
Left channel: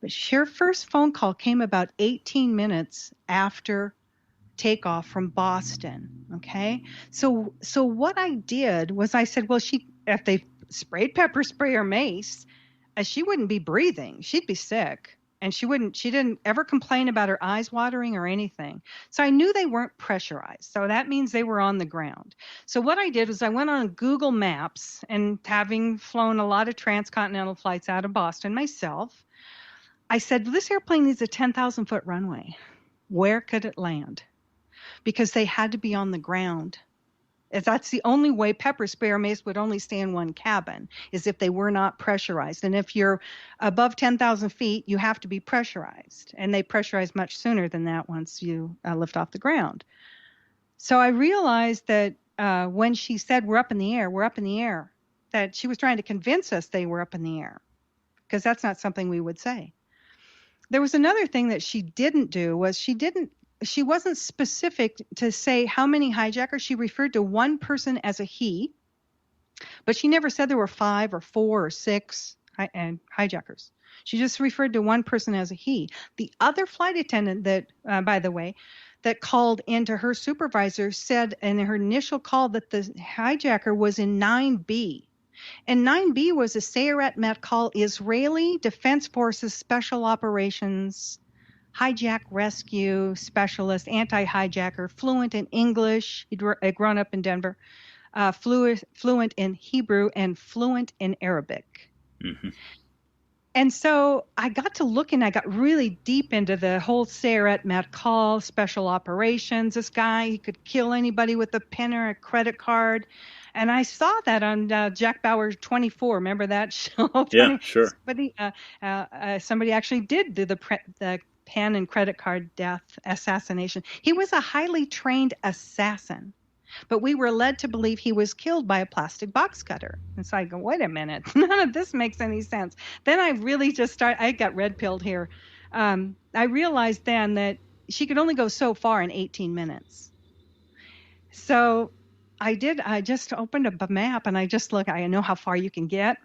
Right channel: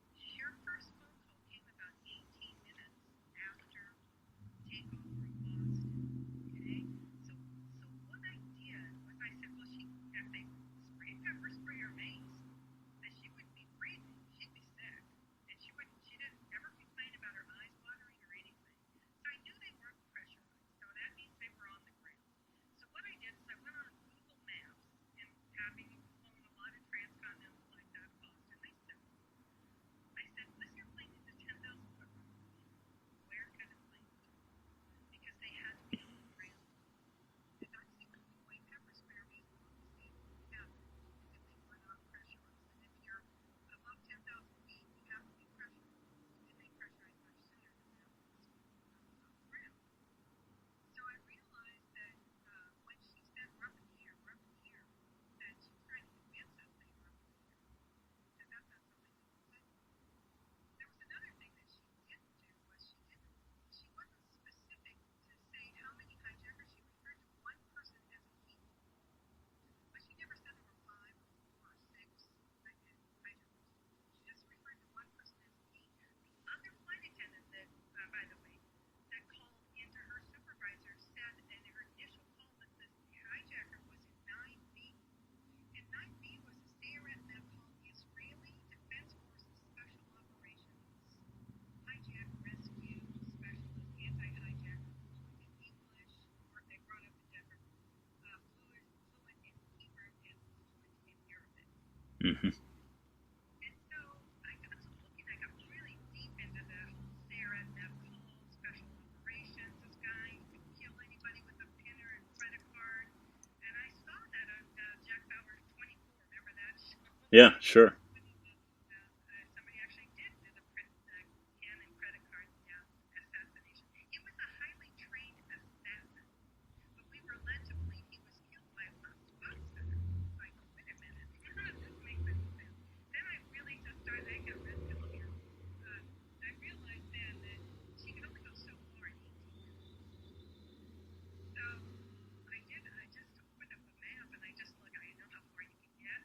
But her first phone call came about 18 minutes after takeoff from Boston. Okay, so what I did was I said, well, if they sprayed pepper spray or mace, she wouldn't be breathing. She'd be sick. And she didn't ever complain about her eyes watering or anything. So I knew they weren't pressurized. So that means they were on the ground. So what I did was I went on Google Maps, and having flown a lot of transcontinental flights out of Boston myself, I said, this airplane needs a 10,000-foot runway. Where could it land? Because they had to be on the ground. That's the only way pepper spray or mace would only stay in one cabin, is if they were not pressurized. And if you're above 10,000 feet, you have to be pressurized. And they pressurize much sooner than that once you lift off the ground. So I realized that when she said, we're up in the air, that she was trying to convince us they were up in the air, because that's not something we would say. There was another thing that she didn't do, was she wasn't specific to say how many hijackers. She referred to one person as a he, but she never said there were 5 or 4 or 6 hijackers. She just referred to one person as a he. The other flight attendant that, by the way, that called into her supervisor said in her initial call that the hijacker was in 9B. And 9B was a Sayeret Matkal Israeli Defense Forces Special Operations hijack rescue specialist, anti-hijacker, fluent in English. He'd grown up in Denver, fluent in Hebrew, and fluent in Arabic. Mm-hmm. And so I got to look, and I got really deep into the whole Sayeret Matkal special operations. This guy, he could kill anybody with a pen or a credit card. And I saw that on Jack Bauer 24. Remember that show? Yeah, sure. Somebody actually did do the pen and credit card death assassination. He was a highly trained assassin, but we were led to believe he was killed by a plastic box cutter. And so I go, wait a minute, none of this makes any sense. Then I really I got red pilled here. I realized then that she could only go so far in 18 minutes. So I just opened up a map, and I just look, I know how far you can get.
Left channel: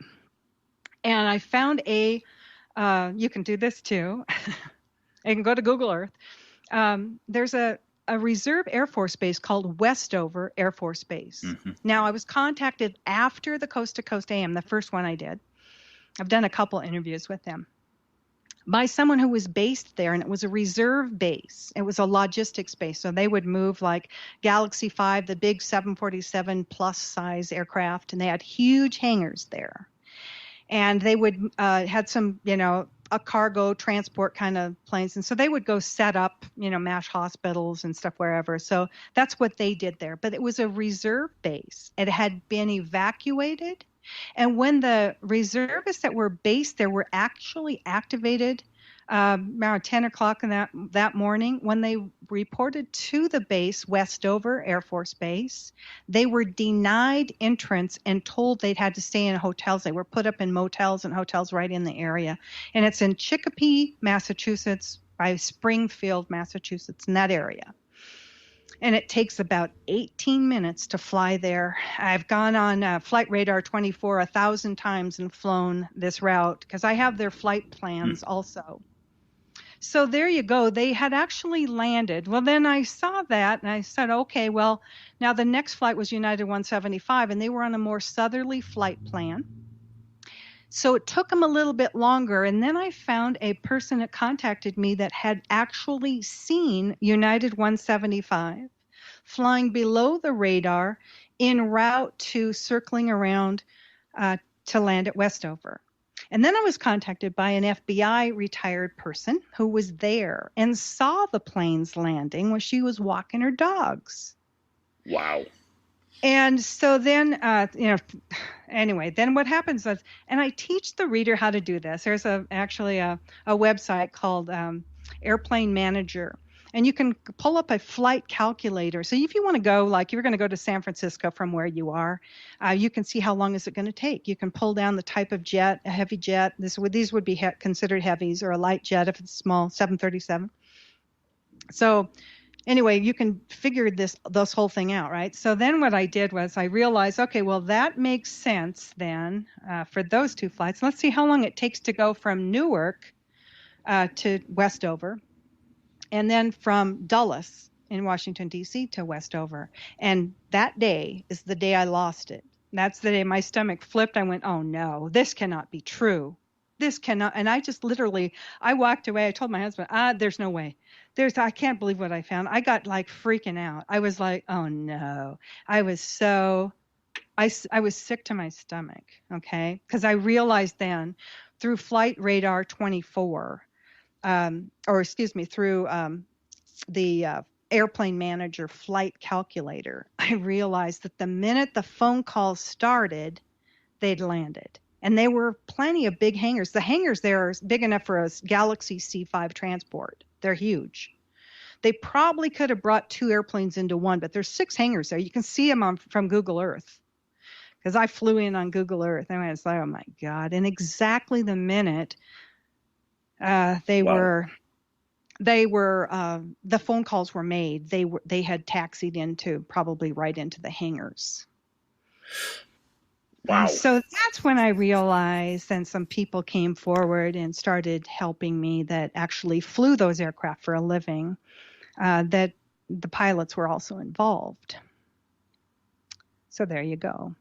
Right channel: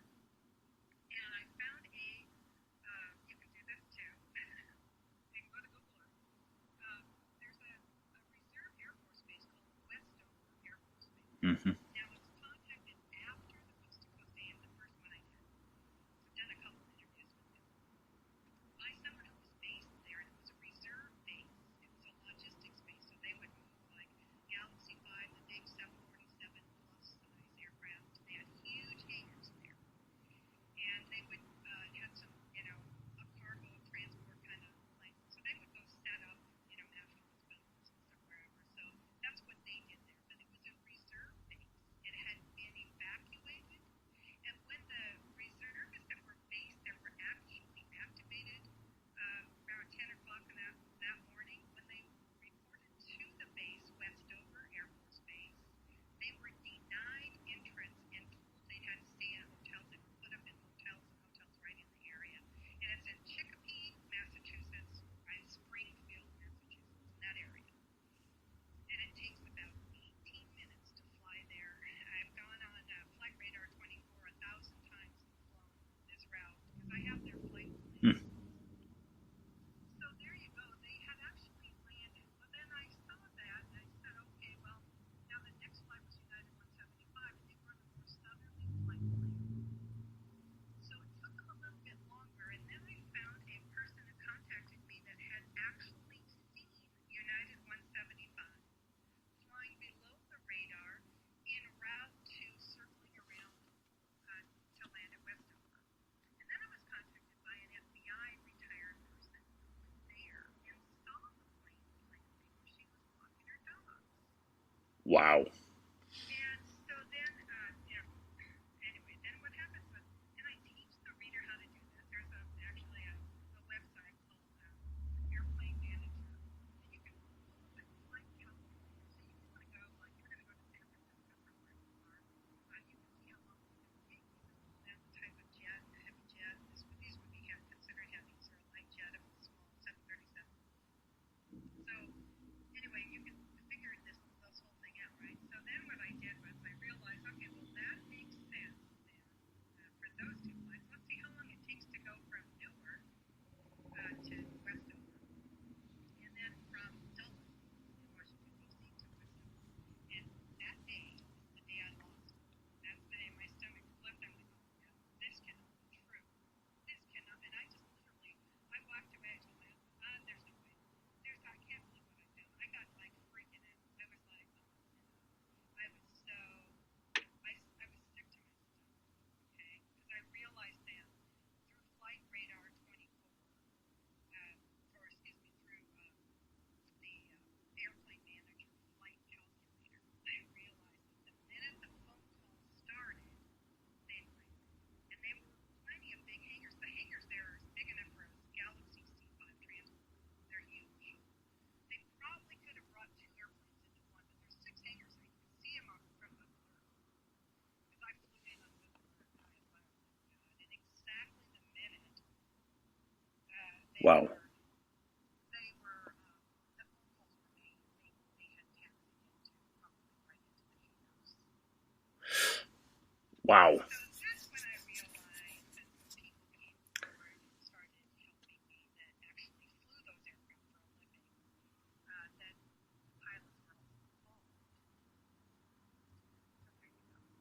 And I found you can do this too. You can go to Google Earth. There's a reserve Air Force base called Westover Air Force Base. Mm-hmm. Now, I was contacted after the Coast to Coast AM, the first one I did. I've done a couple interviews with them, by someone who was based there, and it was a reserve base. It was a logistics base, so they would move like Galaxy 5, the big 747 plus size aircraft, and they had huge hangars there. And they would had some, a cargo transport kind of planes. And so they would go set up, MASH hospitals and stuff wherever. So that's what they did there. But it was a reserve base. It had been evacuated. And when the reservists that were based there were actually activated around 10 o'clock in that morning, when they reported to the base, Westover Air Force Base, they were denied entrance and told they'd had to stay in hotels. They were put up in motels and hotels right in the area. And it's in Chicopee, Massachusetts, by Springfield, Massachusetts, in that area. And it takes about 18 minutes to fly there. I've gone on Flight Radar 24 1,000 times and flown this route because I have their flight plans also. So there you go. They had actually landed. Well, then I saw that and I said, okay, well, now the next flight was United 175 and they were on a more southerly flight plan. So it took them a little bit longer. And then I found a person that contacted me that had actually seen United 175 flying below the radar en route to circling around to land at Westover. And then I was contacted by an FBI retired person who was there and saw the planes landing when she was walking her dogs. Wow. And so then, anyway, then what happens is, and I teach the reader how to do this. There's actually a website called Airplane Manager. And you can pull up a flight calculator. So if you want to go, like you're going to go to San Francisco from where you are, you can see how long is it going to take. You can pull down the type of jet, a heavy jet. These would be considered heavies, or a light jet if it's small, 737. So anyway, you can figure this whole thing out, right? So then what I did was I realized, okay, well, that makes sense then for those two flights. Let's see how long it takes to go from Newark to Westover, and then from Dulles in Washington, D.C. to Westover. And that day is the day I lost it. That's the day my stomach flipped. I went, oh, no, this cannot be true. This cannot. And I just literally, I walked away. I told my husband, there's no way. I can't believe what I found. I got like freaking out. I was like, oh, no. I was sick to my stomach, okay? Because I realized then through Flight Radar 24, through the Airplane Manager flight calculator, I realized that the minute the phone calls started, they'd landed. And there were plenty of big hangars. The hangars there are big enough for a Galaxy C5 transport. They're huge. They probably could have brought two airplanes into one, but there's 6 hangars there. You can see them from Google Earth, because I flew in on Google Earth. And I was like, oh my God. And exactly the minute the phone calls were made, they had taxied probably right into the hangars. Wow. And so that's when I realized, and some people came forward and started helping me that actually flew those aircraft for a living, that the pilots were also involved. So there you go.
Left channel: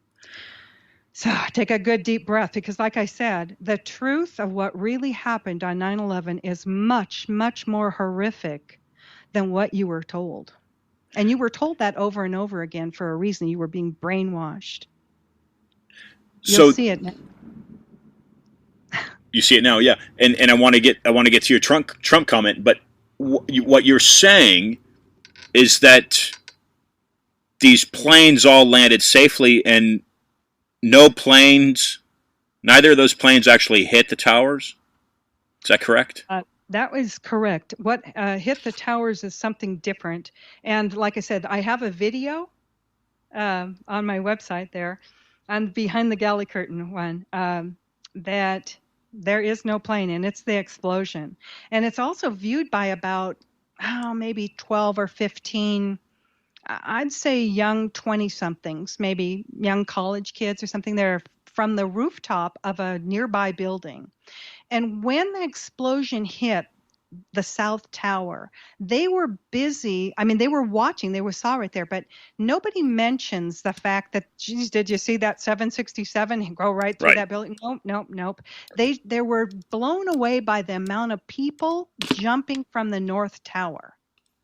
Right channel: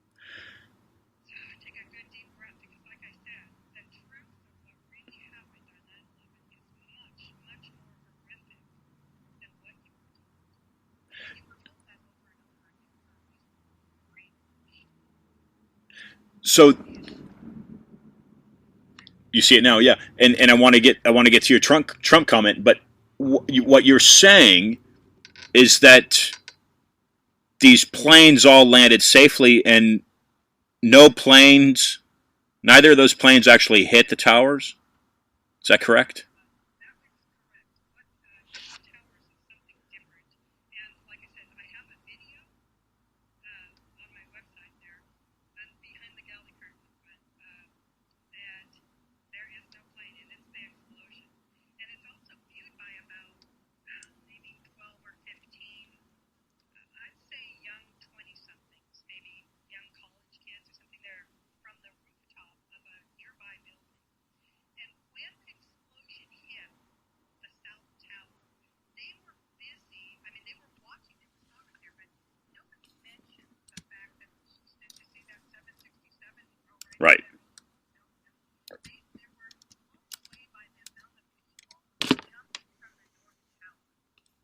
So take a good deep breath, because like I said, the truth of what really happened on 9/11 is much, much more horrific than what you were told. And you were told that over and over again for a reason. You were being brainwashed. You'll see it now. You see it now, yeah. And I want to get to your Trump comment, but what you're saying is that these planes all landed safely, and neither of those planes actually hit the towers. Is that correct? That was correct. What hit the towers is something different. And like I said, I have a video on my website there, on Behind the Galley Curtain one, that there is no plane, and it's the explosion. And it's also viewed by about, maybe 12 or 15, I'd say young 20-somethings, maybe young college kids or something. They're from the rooftop of a nearby building. And when the explosion hit the South Tower, they were busy. I mean, they were watching, they saw right there, but nobody mentions the fact that, geez, did you see that 767 go right through that building? Nope. They were blown away by the amount of people jumping from the North Tower.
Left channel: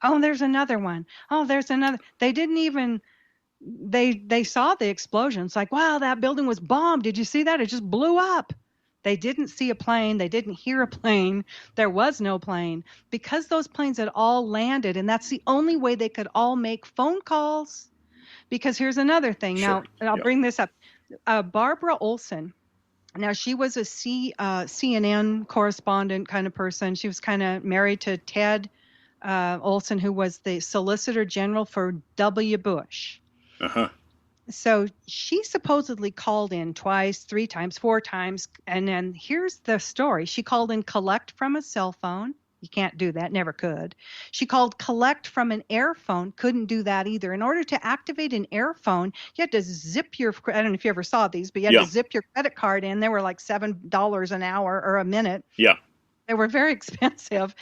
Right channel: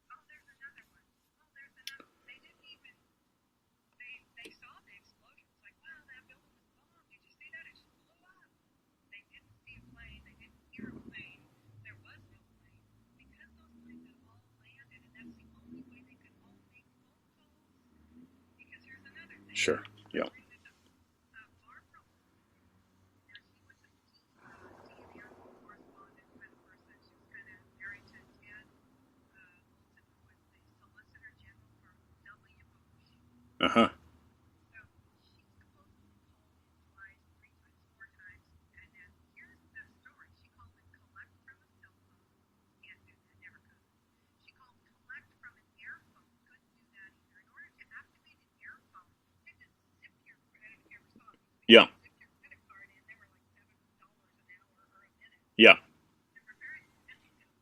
Oh, there's another one. Oh, there's another. They didn't even, they saw the explosion. It's like, wow, that building was bombed. Did you see that? It just blew up. They didn't see a plane. They didn't hear a plane. There was no plane, because those planes had all landed, and that's the only way they could all make phone calls. Because here's another thing. Now, and I'll bring this up. Barbara Olson Now, she was a CNN correspondent kind of person. She was kind of married to Ted Olson, who was the Solicitor General for W. Bush. Uh-huh. So she supposedly called in twice, 3 times, 4 times. And then here's the story. She called in collect from a cell phone. You can't do that, never could. She called collect from an airphone, couldn't do that either. In order to activate an airphone, you had to zip your, I don't know if you ever saw these, but you had Yeah. to zip your credit card in. They were like $7 an hour or a minute. Yeah. They were very expensive.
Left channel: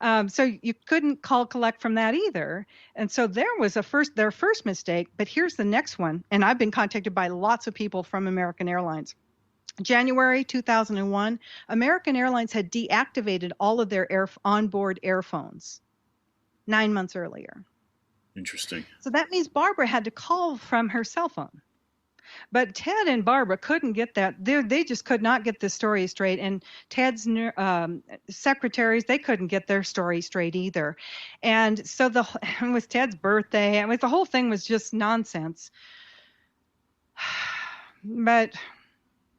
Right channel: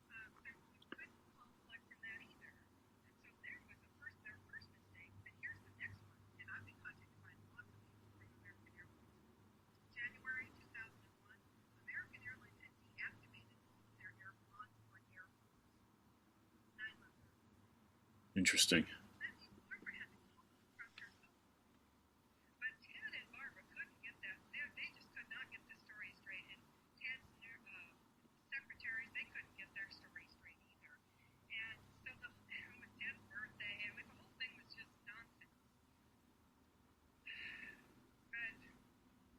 So you couldn't call collect from that either. And so there was their first mistake. But here's the next one. And I've been contacted by lots of people from American Airlines. January 2001, American Airlines had deactivated all of their onboard airphones 9 months earlier. Interesting. So that means Barbara had to call from her cell phone. But Ted and Barbara couldn't get that. They just could not get the story straight. And Ted's secretaries, they couldn't get their story straight either. And so it was Ted's birthday. And the whole thing was just nonsense. But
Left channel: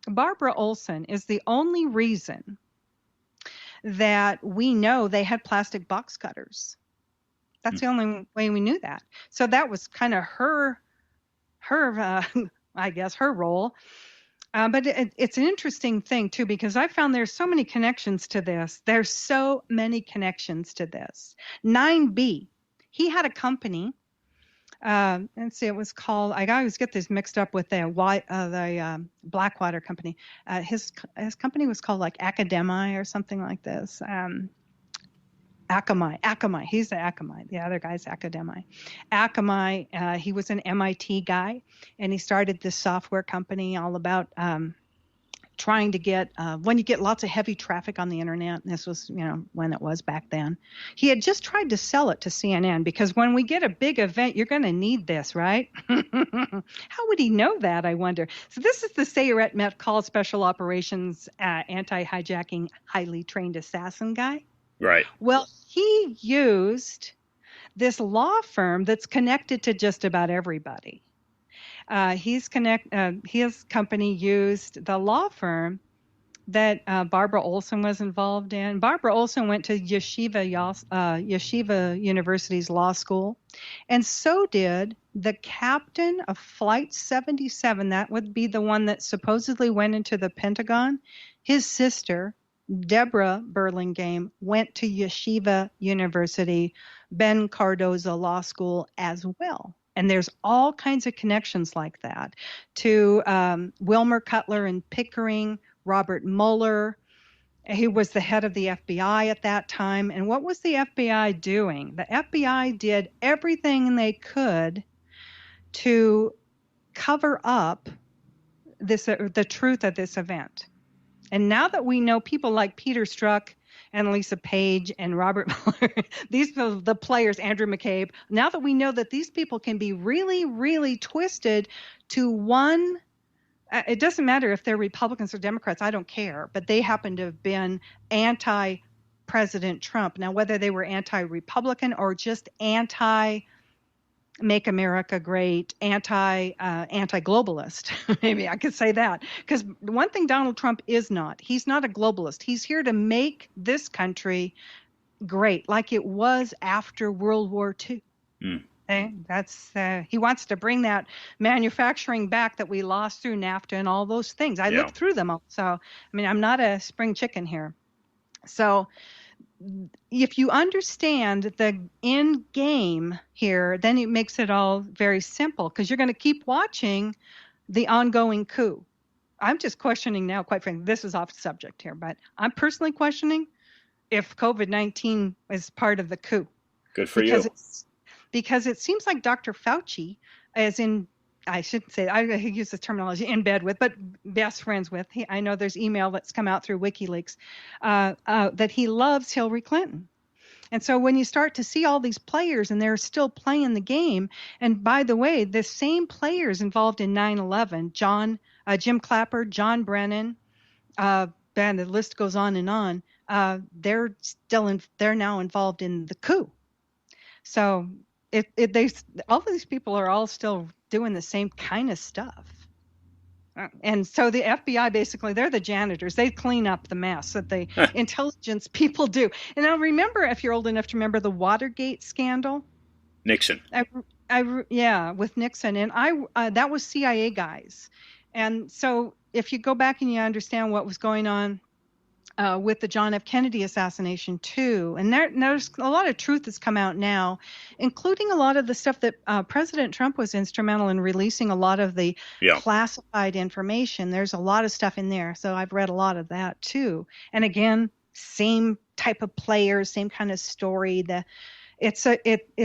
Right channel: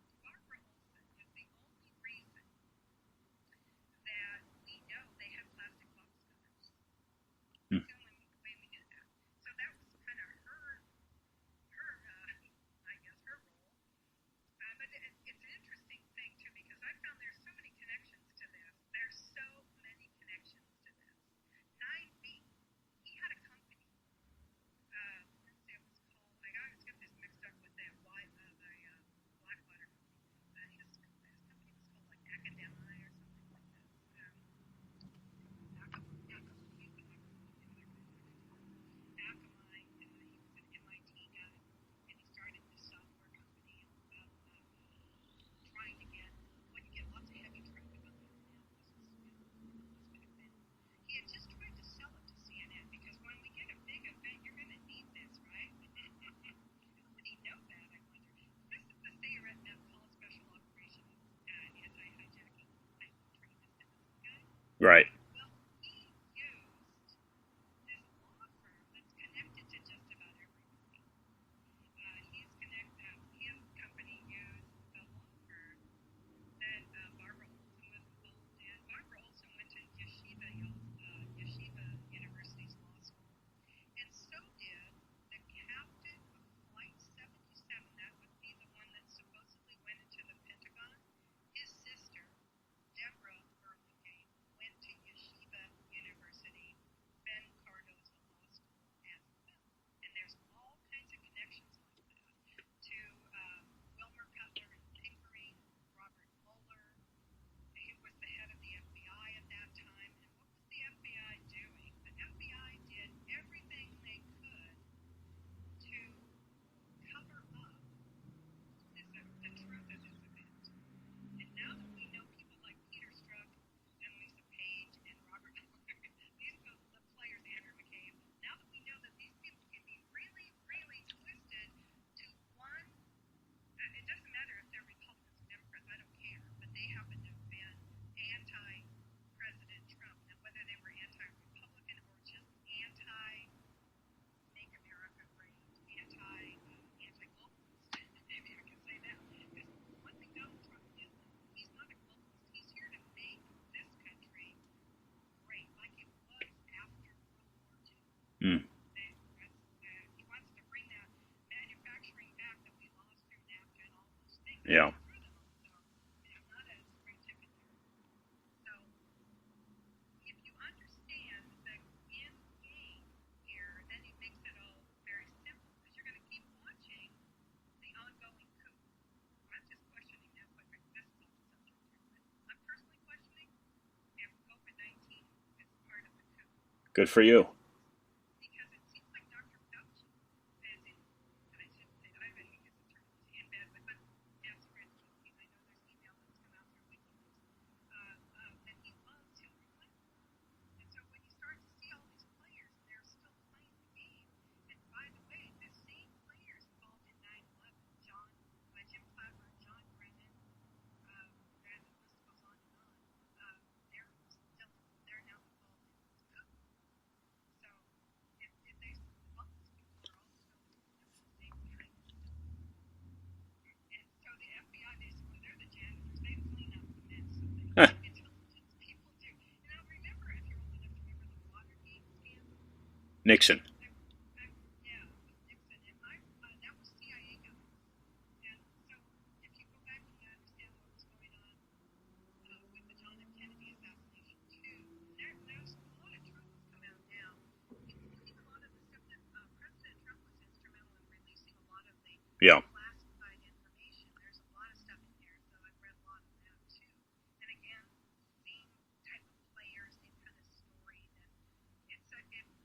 Barbara Olson is the only reason that we know they had plastic box cutters. That's the only way we knew that. So that was kind of her I guess, her role. But it's an interesting thing, too, because I found there's so many connections to this. There's so many connections to this. 9B, he had a company. Let's see, it was called, I always get this mixed up with the Blackwater company. His company was called like Academi or something like this. Akamai. He's the Akamai. The other guy's Academi. Akamai, he was an MIT guy, and he started this software company all about trying to get, when you get lots of heavy traffic on the internet, and this was, when it was back then, he had just tried to sell it to CNN because when we get a big event, you're going to need this, right? How would he know that, I wonder? So this is the Sayeret Met Call Special Operations Anti-Hijacking Highly Trained Assassin guy. Right. Well, he used this law firm that's connected to just about everybody. His company used the law firm that Barbara Olson was involved in. Barbara Olson went to Yeshiva University's law school, and so did the captain of Flight 77. That would be the one that supposedly went into the Pentagon. His sister, Deborah Burlingame, went to Yeshiva University, Ben Cardozo Law School as well. And there's all kinds of connections like that to Wilmer Cutler and Pickering, Robert Mueller. He was the head of the FBI at that time. And what was the FBI doing? The FBI did everything they could to cover up the truth of this event. And now that we know people like Peter Strzok and Lisa Page and Robert Mueller, these are the players, Andrew McCabe, now that we know that these people can be really, really twisted to one, it doesn't matter if they're Republicans or Democrats, I don't care, but they happen to have been anti-President Trump. Now, whether they were anti-Republican or just anti-Make America Great, anti-globalist, maybe I could say that. Because one thing Donald Trump is not, he's not a globalist. He's here to make this country great, like it was after World War II. Okay? That's he wants to bring that manufacturing back that we lost through NAFTA and all those things. I looked through them all. So, I mean, I'm not a spring chicken here. So if you understand the end game here, then it makes it all very simple because you're going to keep watching the ongoing coup. I'm just questioning now, quite frankly, this is off subject here, but I'm personally questioning if COVID-19 is part of the coup. Good for you. Because it seems like Dr. Fauci, as in, I shouldn't say, I use the terminology in bed with, but best friends with. I know there's email that's come out through WikiLeaks that he loves Hillary Clinton. And so when you start to see all these players and they're still playing the game, and by the way, the same players involved in 9/11, Jim Clapper, John Brennan, and the list goes on and on. They're now involved in the coup. So all these people are all still doing the same kind of stuff. And so the FBI, basically, they're the janitors. They clean up the mess that the Huh. intelligence people do. And I remember, if you're old enough to remember, the Watergate scandal. Nixon. Yeah, with Nixon, and that was CIA guys. And so if you go back and you understand what was going on with the John F. Kennedy assassination too. And there's a lot of truth that's come out now, including a lot of the stuff that President Trump was instrumental in releasing a lot of the Yeah. classified information. There's a lot of stuff in there. So I've read a lot of that too. And again, same type of players, same kind of story. It's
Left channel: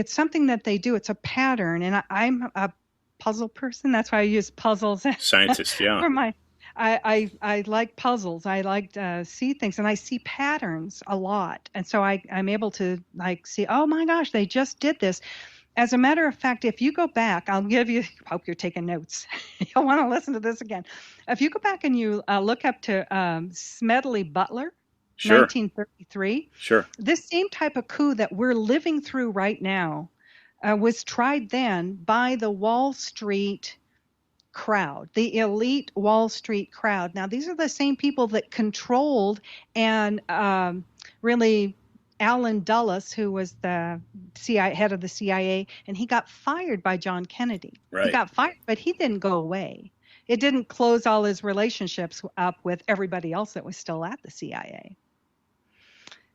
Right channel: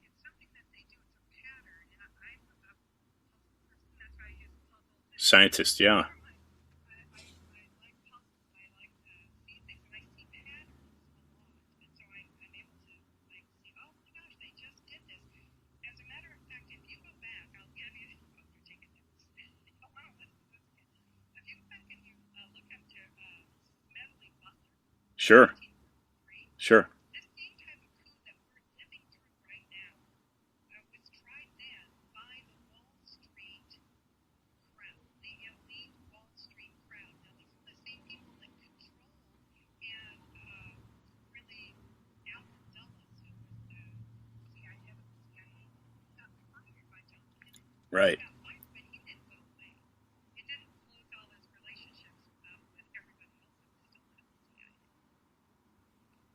something that they do. It's a pattern. And I'm a puzzle person. That's why I use puzzles Scientist. Yeah. for my I like puzzles. I like to see things, and I see patterns a lot. And so I'm able to like see, oh my gosh, they just did this. As a matter of fact, if you go back, I'll give you, hope you're taking notes. You'll want to listen to this again. If you go back and you look up to Smedley Butler, Sure. 1933, Sure. this same type of coup that we're living through right now was tried then by the Wall Street crowd, the elite Wall Street crowd. Now, these are the same people that controlled and really Alan Dulles, who was the head of the CIA, and he got fired by John Kennedy. He Right. got fired, but he didn't go away. It didn't close all his relationships up with everybody else that was still at the CIA.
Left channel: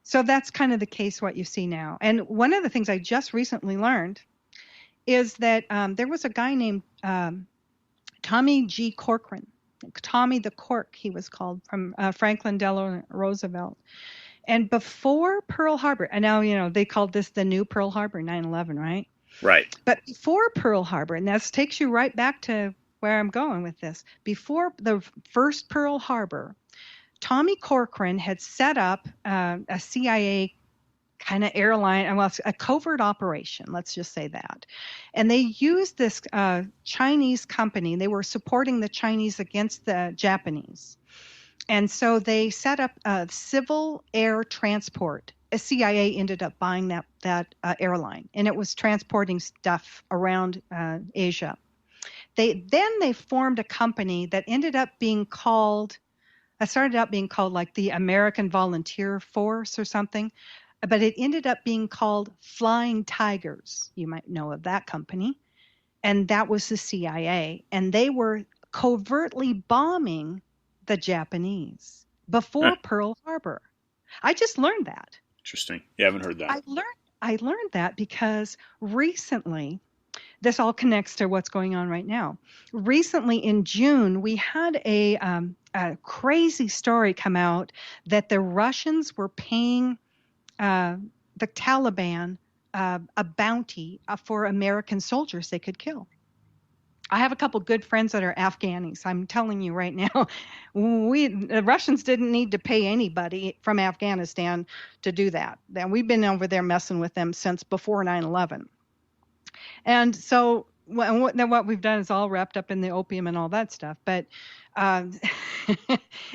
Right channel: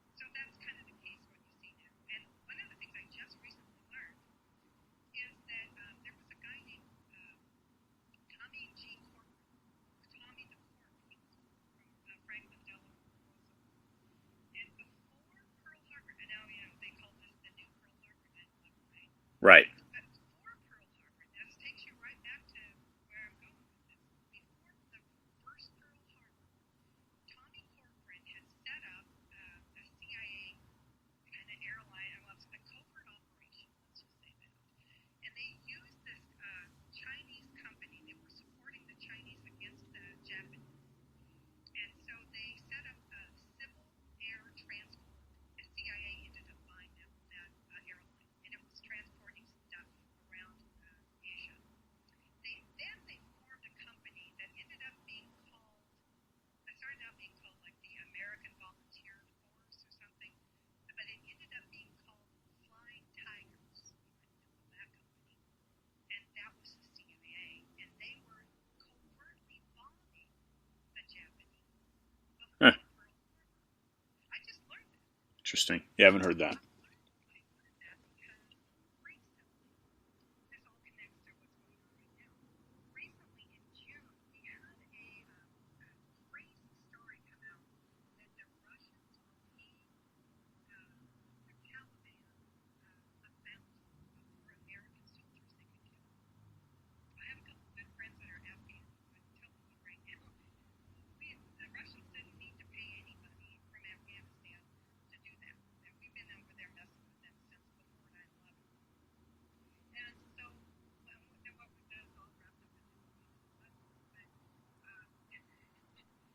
So that's kind of the case what you see now. And one of the things I just recently learned is that there was a guy named Tommy G. Corcoran, Tommy the Cork, he was called, from Franklin Delano Roosevelt. And before Pearl Harbor, and now, they called this the new Pearl Harbor, 9/11, right? Right. But before Pearl Harbor, and this takes you right back to where I'm going with this, before the first Pearl Harbor, Tommy Corcoran had set up a CIA kind of airline, well, a covert operation, let's just say that. And they used this Chinese company. They were supporting the Chinese against the Japanese. And so they set up a civil air transport. A CIA ended up buying that airline, and it was transporting stuff around Asia. They formed a company that ended up being called, started out being called like the American Volunteer Force or something, but it ended up being called Flying Tigers. You might know of that company. And that was the CIA. And they were covertly bombing the Japanese Huh. before Pearl Harbor. I just learned that. Interesting. You haven't heard that. I learned that because recently, this all connects to what's going on right now. Recently in June, we had a crazy story come out that the Russians were paying the Taliban a bounty for American soldiers they could kill. I have a couple good friends that are Afghanis. I'm telling you right now, the Russians didn't need to pay anybody from Afghanistan to do that. And we've been over there messing with them since before 9/11. And so what we've done is all wrapped up in the opium and all that stuff. But um,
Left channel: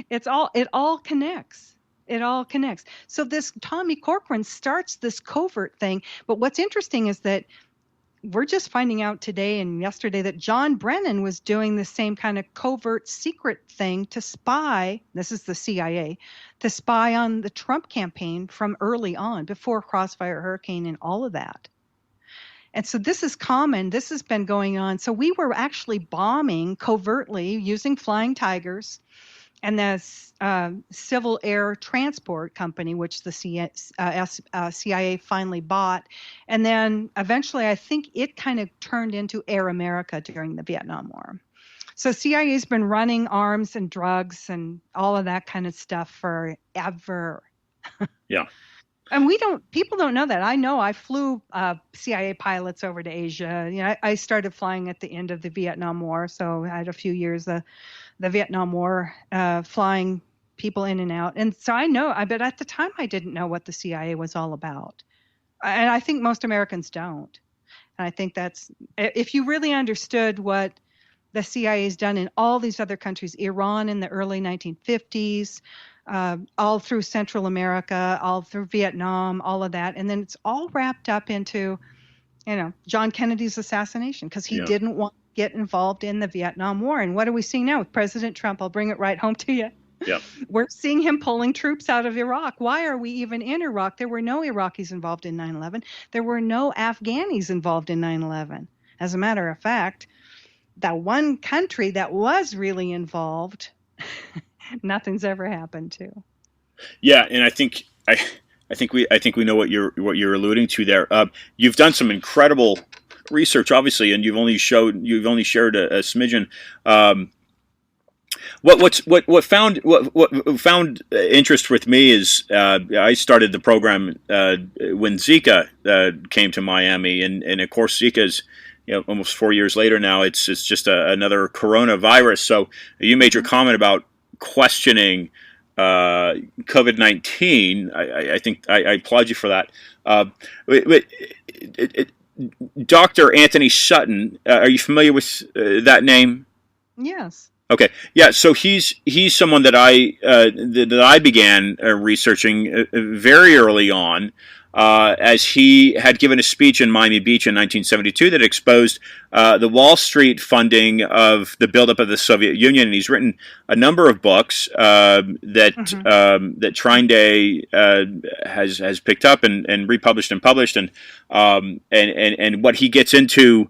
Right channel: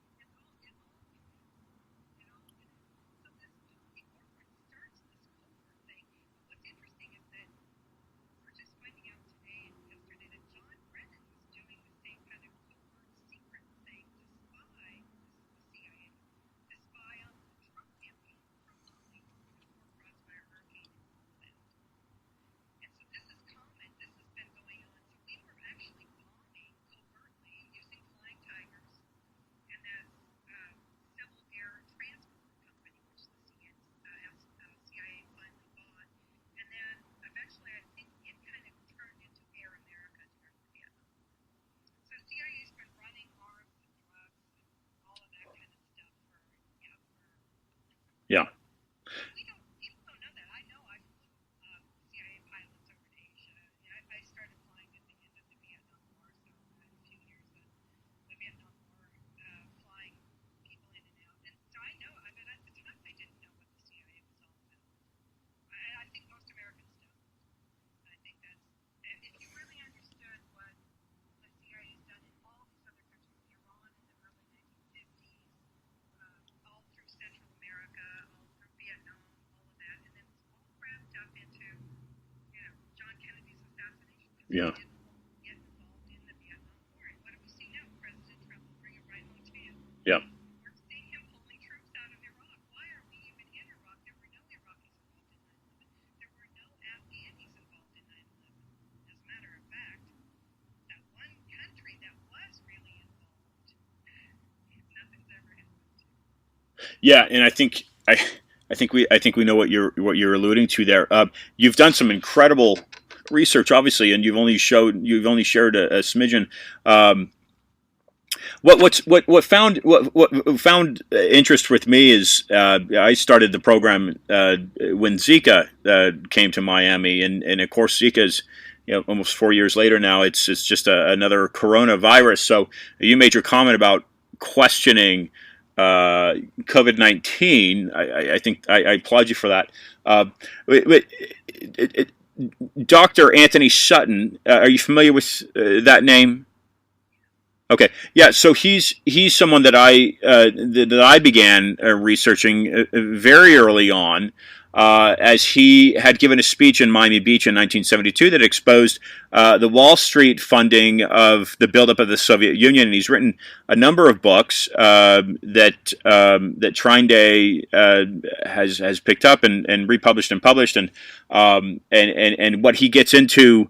it all connects. It all connects. So this Tommy Corcoran starts this covert thing. But what's interesting is that we're just finding out today and yesterday that John Brennan was doing the same kind of covert secret thing to spy. This is the CIA, to spy on the Trump campaign from early on, before Crossfire Hurricane and all of that. And so this is common. This has been going on. So we were actually bombing covertly using Flying Tigers and this civil air transport company, which the CIA finally bought. And then eventually, I think it kind of turned into Air America during the Vietnam War. So CIA has been running arms and drugs and all of that kind of stuff forever. Yeah. And people don't know that. I know I flew CIA pilots over to Asia. I started flying at the end of the Vietnam War. So I had a few years, the Vietnam War, flying people in and out. And so I know, but at the time I didn't know what the CIA was all about. And I think most Americans don't. And I think that's, if you really understood what the CIA has done in all these other countries, Iran in the early 1950s, all through Central America, all through Vietnam, all of that. And then it's all wrapped up into John Kennedy's assassination, because he Yeah. didn't want to get involved in the Vietnam War. And what do we see now with President Trump? I'll bring it right home to you. Yeah. We're seeing him pulling troops out of Iraq. Why are we even in Iraq? There were no Iraqis involved in 9/11. There were no Afghanis involved in 9/11. As a matter of fact, that one country that was really involved, nothing's ever happened to. Yeah, and I think we know what you're alluding to there. You've done some incredible research, obviously, and you've only shared a smidgen. What found interest with me is I started the program when Zika came to Miami, and of course Zika's almost 4 years later now. It's just another coronavirus. So you made your comment about questioning COVID-19. I think I applaud you for that. Dr. Anthony Sutton, are you familiar with that name? Yes. Okay, yeah. So he's someone that I began researching very early on, as he had given a speech in Miami Beach in 1972 that exposed the Wall Street funding of the buildup of the Soviet Union, and he's written a number of books that Trottier has picked up and republished and published, and what he gets into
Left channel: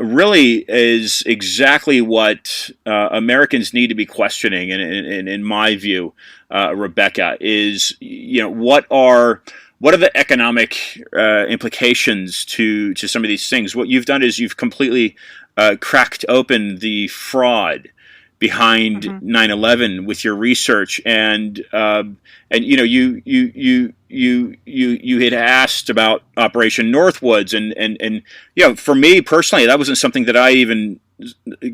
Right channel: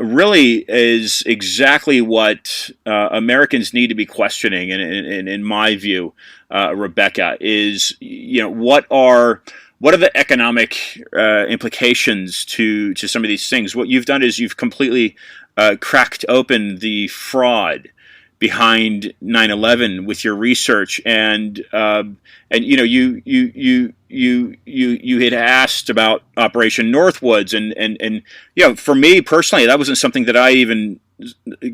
really is exactly what Americans need to be questioning, and in my view, Rebekah, is what are the economic implications to some of these things? What you've done is you've completely cracked open the fraud behind 9/11 with your research, and you had asked about Operation Northwoods, and for me personally, that wasn't something that I even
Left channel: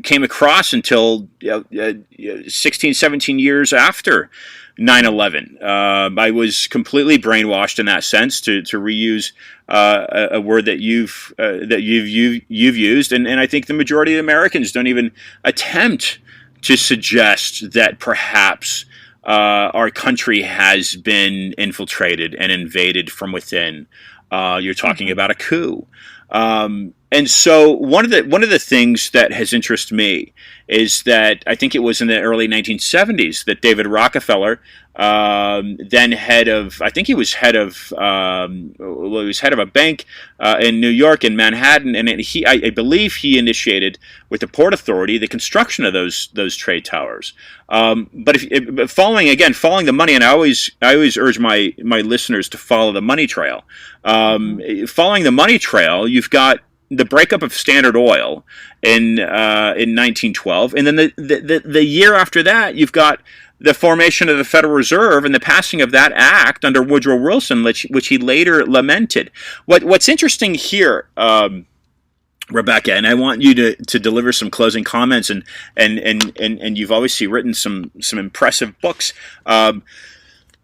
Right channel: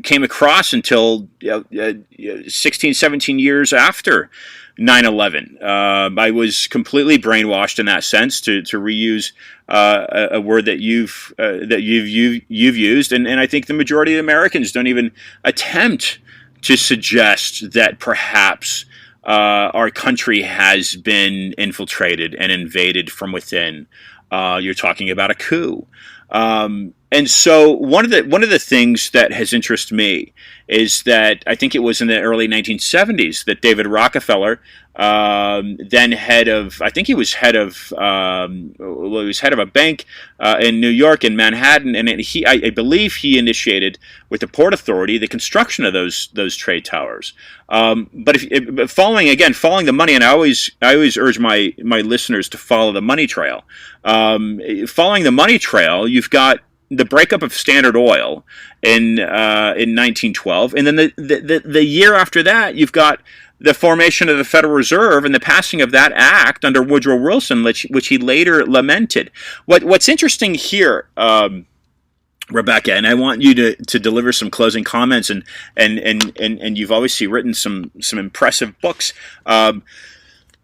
came across until 16, 17 years after 9/11. I was completely brainwashed in that sense, to reuse a word that you've used, and I think the majority of Americans don't even attempt to suggest that perhaps our country has been infiltrated and invaded from within. You're talking about a coup. And so one of the things that has interested me is that I think it was in the early 1970s that David Rockefeller, then head of a bank in New York, in Manhattan, and I believe he initiated with the Port Authority the construction of those trade towers. But following the money, and I always urge my listeners to follow the money trail. Following the money trail, you've got the breakup of Standard Oil in 1912, and then the year after that, you've got the formation of the Federal Reserve and the passing of that act under Woodrow Wilson, which he later lamented. What's interesting here, Rebekah, and I want you to deliver some closing comments, and you've obviously written some impressive books.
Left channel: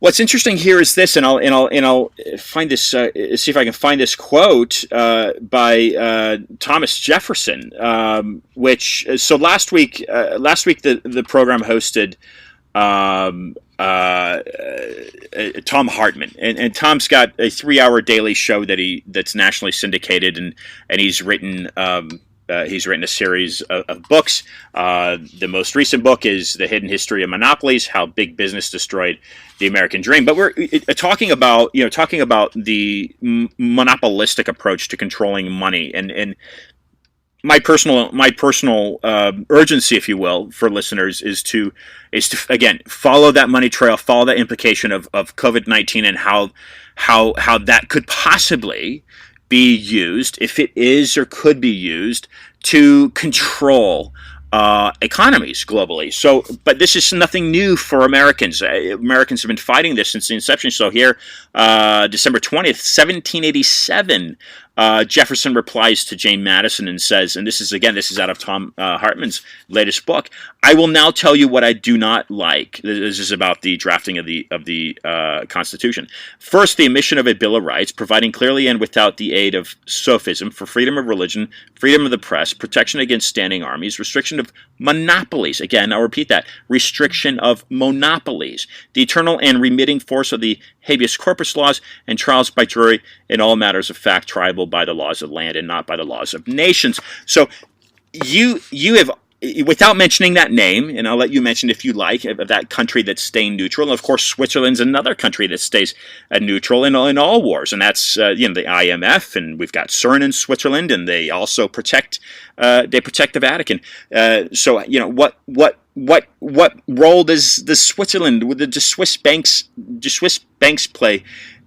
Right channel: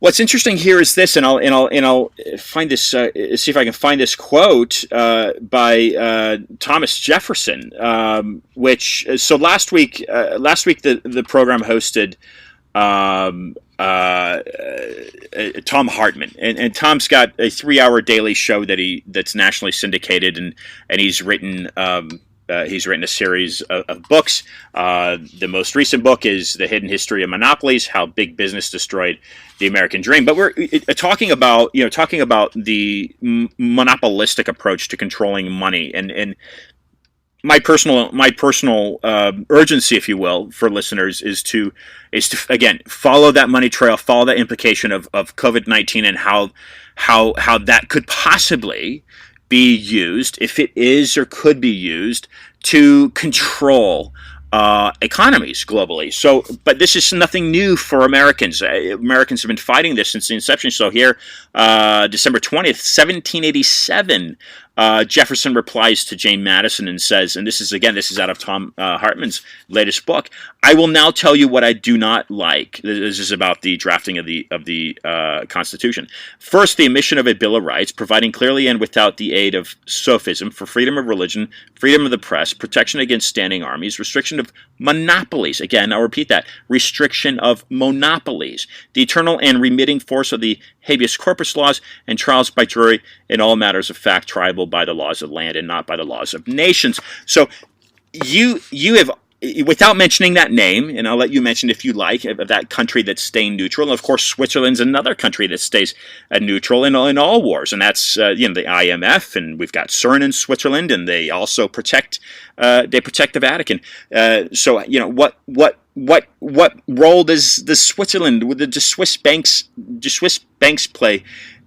What's interesting here is this, and I'll find this. See if I can find this quote by Thomas Jefferson. So last week the program hosted Tom Hartman, and Tom's got a 3-hour daily show that's nationally syndicated, and he's written a series of books. The most recent book is The Hidden History of Monopolies: How Big Business Destroyed the American Dream. But we're talking about the monopolistic approach to controlling money, and my personal urgency, if you will, for listeners is to again follow that money trail, follow that implication of COVID-19, and how that could possibly be used, if it is or could be used, to control economies globally. So, but this is nothing new for Americans. Americans have been fighting this since the inception. So here, December 20th, 1787, Jefferson replies to Jane Madison and says, and this is out of Tom Hartman's latest book, "I will now tell you what I do not like." This is about the drafting of the Constitution. "First, the omission of a Bill of Rights, providing clearly and without the aid of sophism for freedom of religion, freedom of the press, protection against standing armies, restriction of monopolies." Again, I'll repeat that: restriction of monopolies. "The eternal and remitting force of the habeas corpus laws, and trials by jury in all matters of fact, triable ruled by the laws of land and not by the laws of nations. So you have, without mentioning that name, and I'll let you mention if you like, of that country that's staying neutral. And of course, Switzerland's another country that stays neutral in all wars, and that's the IMF, and we've got CERN in Switzerland, and they also protect the Vatican. So what role does Switzerland, the Swiss banks play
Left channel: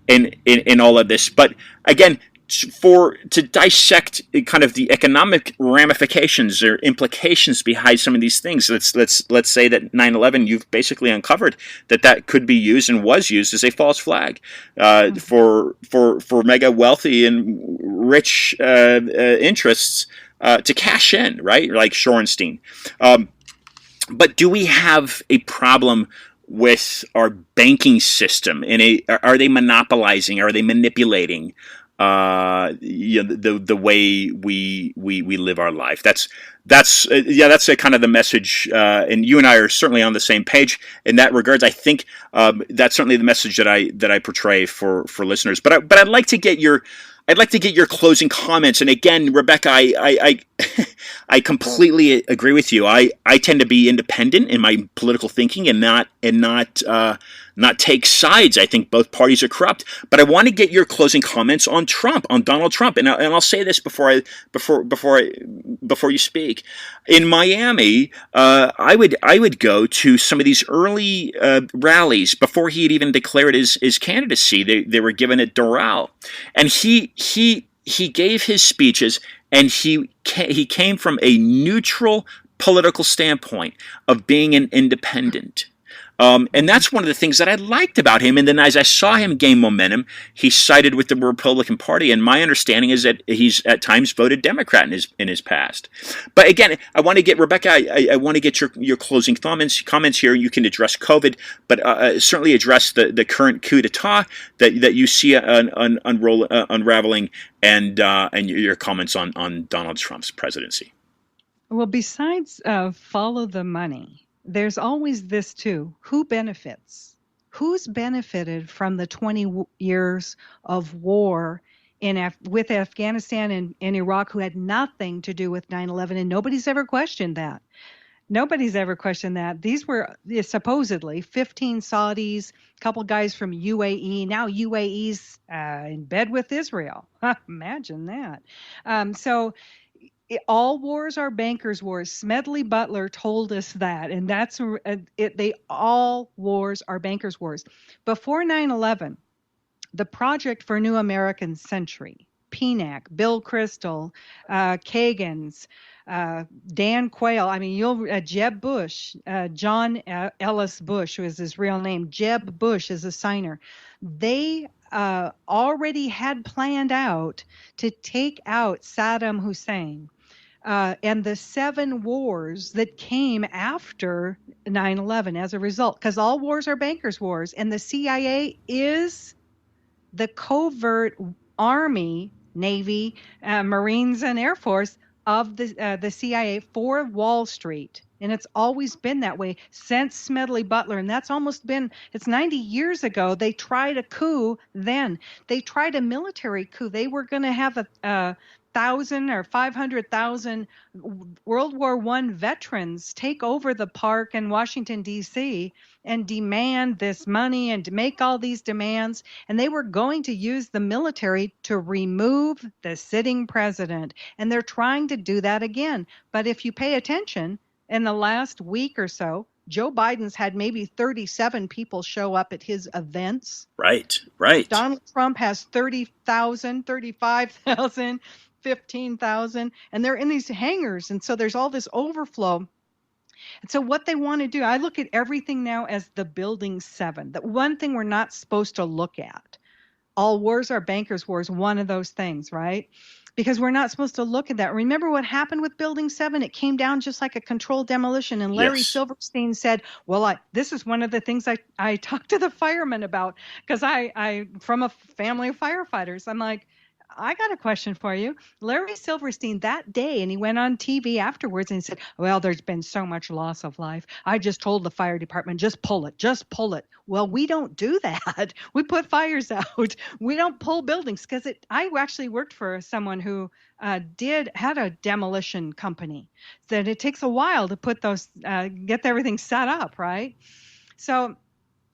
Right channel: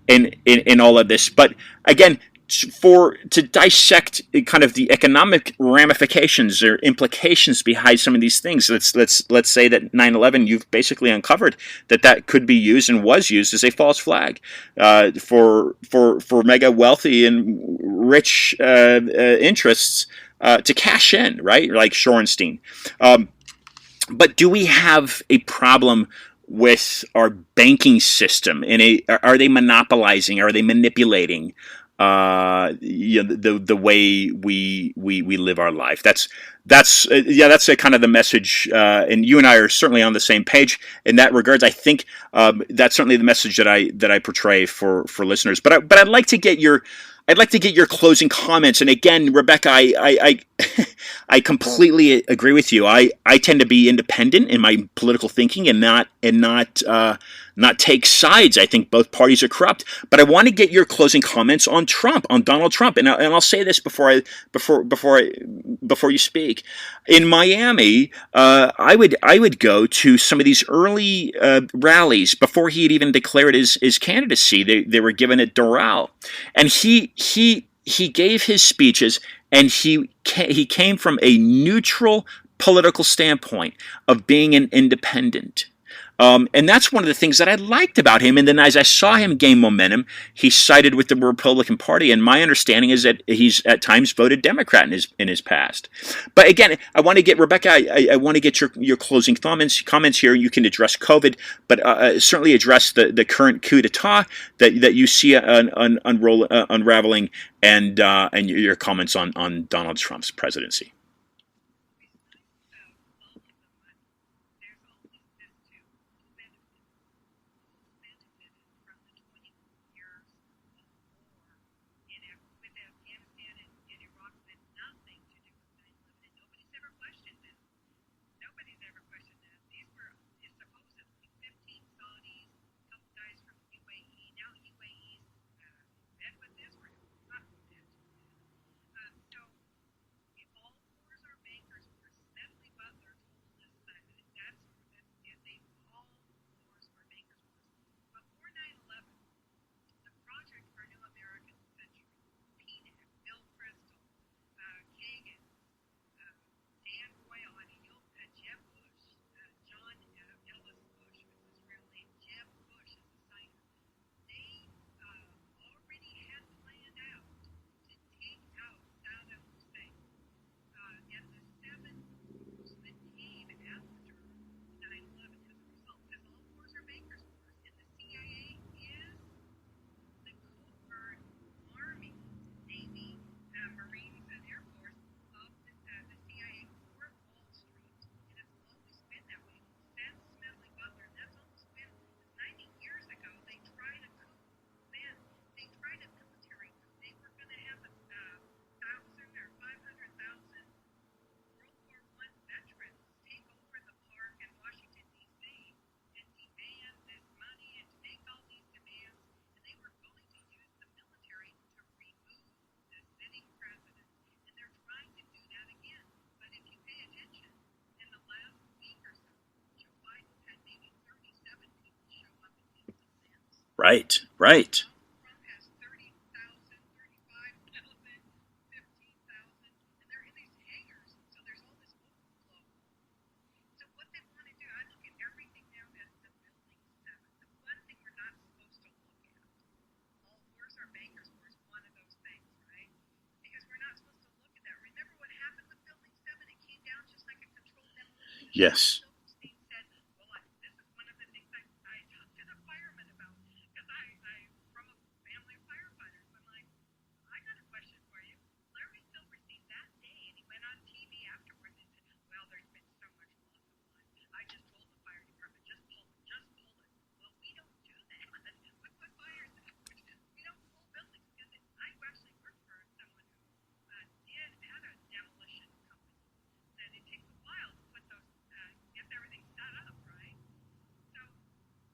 in all of this? But again, to dissect kind of the economic ramifications or implications behind some of these things, let's say that 9/11, you've basically uncovered that could be used and was used as a false flag for mega wealthy and rich interests to cash in, right? Like Shorenstein. But do we have a problem with our banking system? Are they monopolizing? Are they manipulating the way we live our life? That's a kind of the message, and you and I are certainly on the same page in that regards. I think that's certainly the message that I portray for listeners. But I'd like to get your closing comments. And again, Rebekah, I completely agree with you. I tend to be independent in my political thinking and not take sides. I think both parties are corrupt. But I want to get your closing comments on Donald Trump. And I'll say this before you speak. In Miami, I would go to some of these early rallies before he had even declared his candidacy. They were given at Doral, and he gave his speeches, and he came from a neutral political standpoint of being an independent. And that's one of the things that I liked about him. And then as I saw him gain momentum, he sided with the Republican Party. And my understanding is that he's at times voted Democrat in his past. But again, I want to get, Rebekah, I want to get your closing comments here. You can address COVID, but certainly address the current coup d'etat that you see unraveling, and your comments on Donald Trump's presidency. Well, besides follow the money, there's always this too. Who benefits? Who's benefited from the 20 years of war with Afghanistan and Iraq, who had nothing to do with 9/11, and nobody's ever questioned that. Nobody's ever questioned that. These were supposedly 15 Saudis, a couple guys from UAE. Now UAE's in bed with Israel. Imagine that. So all wars are bankers' wars. Smedley Butler told us that, and that's all wars are bankers' wars. Before 9/11, the Project for New American Century, PNAC, Bill Kristol, Kagan's, Dan Quayle, Jeb Bush, John Ellis Bush was his real name. Jeb Bush is a signer. They already had planned out to take out Saddam Hussein. And the 7 wars that came after 9/11 as a result, because all wars are bankers' wars, and the CIA is the covert army, Navy, Marines, and Air Force of the CIA for Wall Street. And it's always been that way since Smedley Butler. And that's it's 90 years ago. They tried a coup then. They tried a military coup. They were going to have a 1,000 or 500,000 World War I veterans take over the park in Washington, D.C., and demand this money and to make all these demands. And they were going to use the military to remove the sitting president. And they're trying to do that again. But if you pay attention, in the last week or so, Joe Biden's had maybe 37 people show up at his events. Right. Donald Trump has 30,000, 35,000, 15,000, and they're in these hangars. And so there's all this overflow. And so what they want to do, I look at everything now as the Building 7. The one thing we're not supposed to look at. All wars are bankers' wars, one of those things, right? Because we're not supposed to look at that. Remember what happened with Building 7? It came down just like a controlled demolition. And Larry Silverstein said, well, this is one of the things I talked to the firemen about, because I from a family of firefighters. I'm like, I got a question for you. Larry Silverstein that day, and he went on TV afterwards and he said, well, there's been so much loss of life. I just told the fire department, just pull it, just pull it. Well, we don't do that. We put fires out. We don't pull buildings because I actually worked for someone who had a demolition company. That it takes a while to put those, get everything set up, right? So,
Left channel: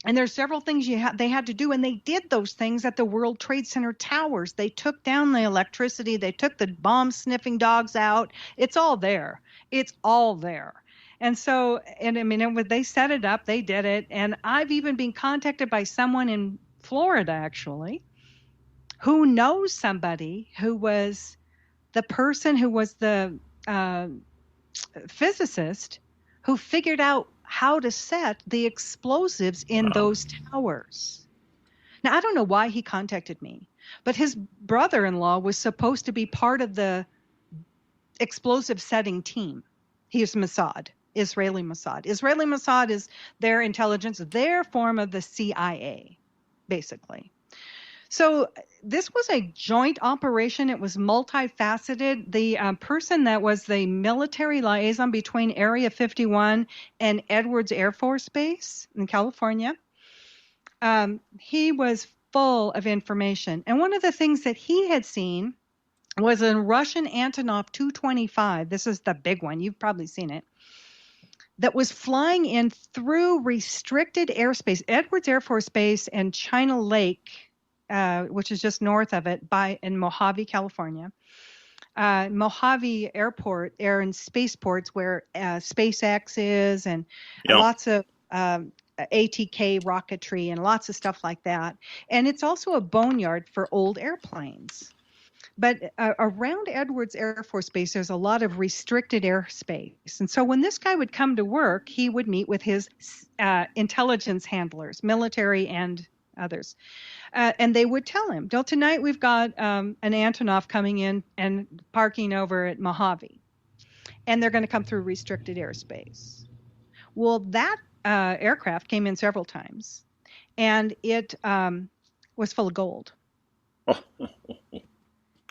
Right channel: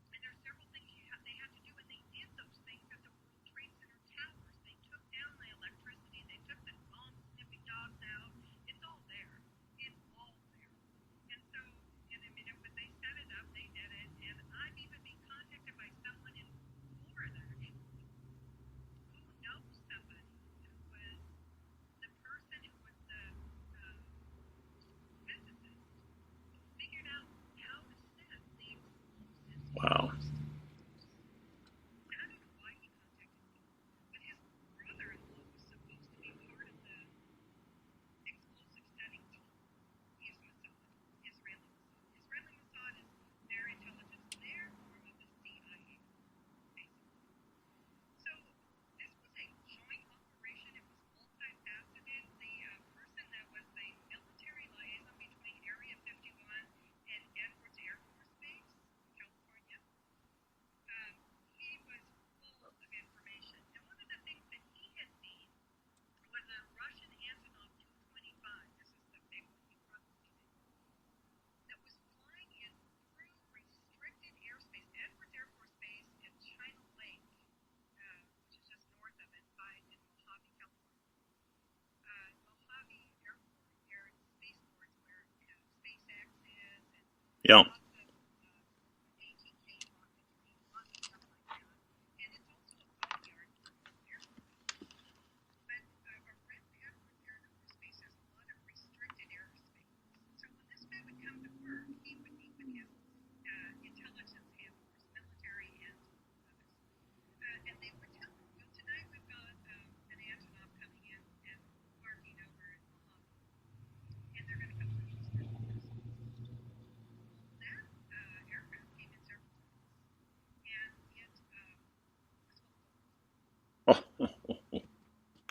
and there's several things they had to do, and they did those things at the World Trade Center towers. They took down the electricity. They took the bomb sniffing dogs out. It's all there. It's all there. And so, and I mean, they set it up. They did it. And I've even been contacted by someone in Florida, actually, who knows somebody who was the person who was the physicist who figured out how to set the explosives in those towers. Now, I don't know why he contacted me, but his brother-in-law was supposed to be part of the explosive setting team. He is Mossad, Israeli Mossad. Israeli Mossad is their intelligence, their form of the CIA, basically. So this was a joint operation. It was multifaceted. The person that was the military liaison between Area 51 and Edwards Air Force Base in California, he was full of information. And one of the things that he had seen was a Russian Antonov 225. This is the big one. You've probably seen it. That was flying in through restricted airspace, Edwards Air Force Base and China Lake, which is just north of it, in Mojave, California. Mojave Airport, air and spaceports where SpaceX is, and lots of ATK rocketry and lots of stuff like that. And it's also a boneyard for old airplanes. But around Edwards Air Force Base, there's a lot of restricted airspace. And so when this guy would come to work, he would meet with his intelligence handlers, military and others. And they would tell him, well, tonight we've got an Antonov coming in and parking over at Mojave. And they're going to come through restricted airspace. Well, that aircraft came in several times. And it was full of gold.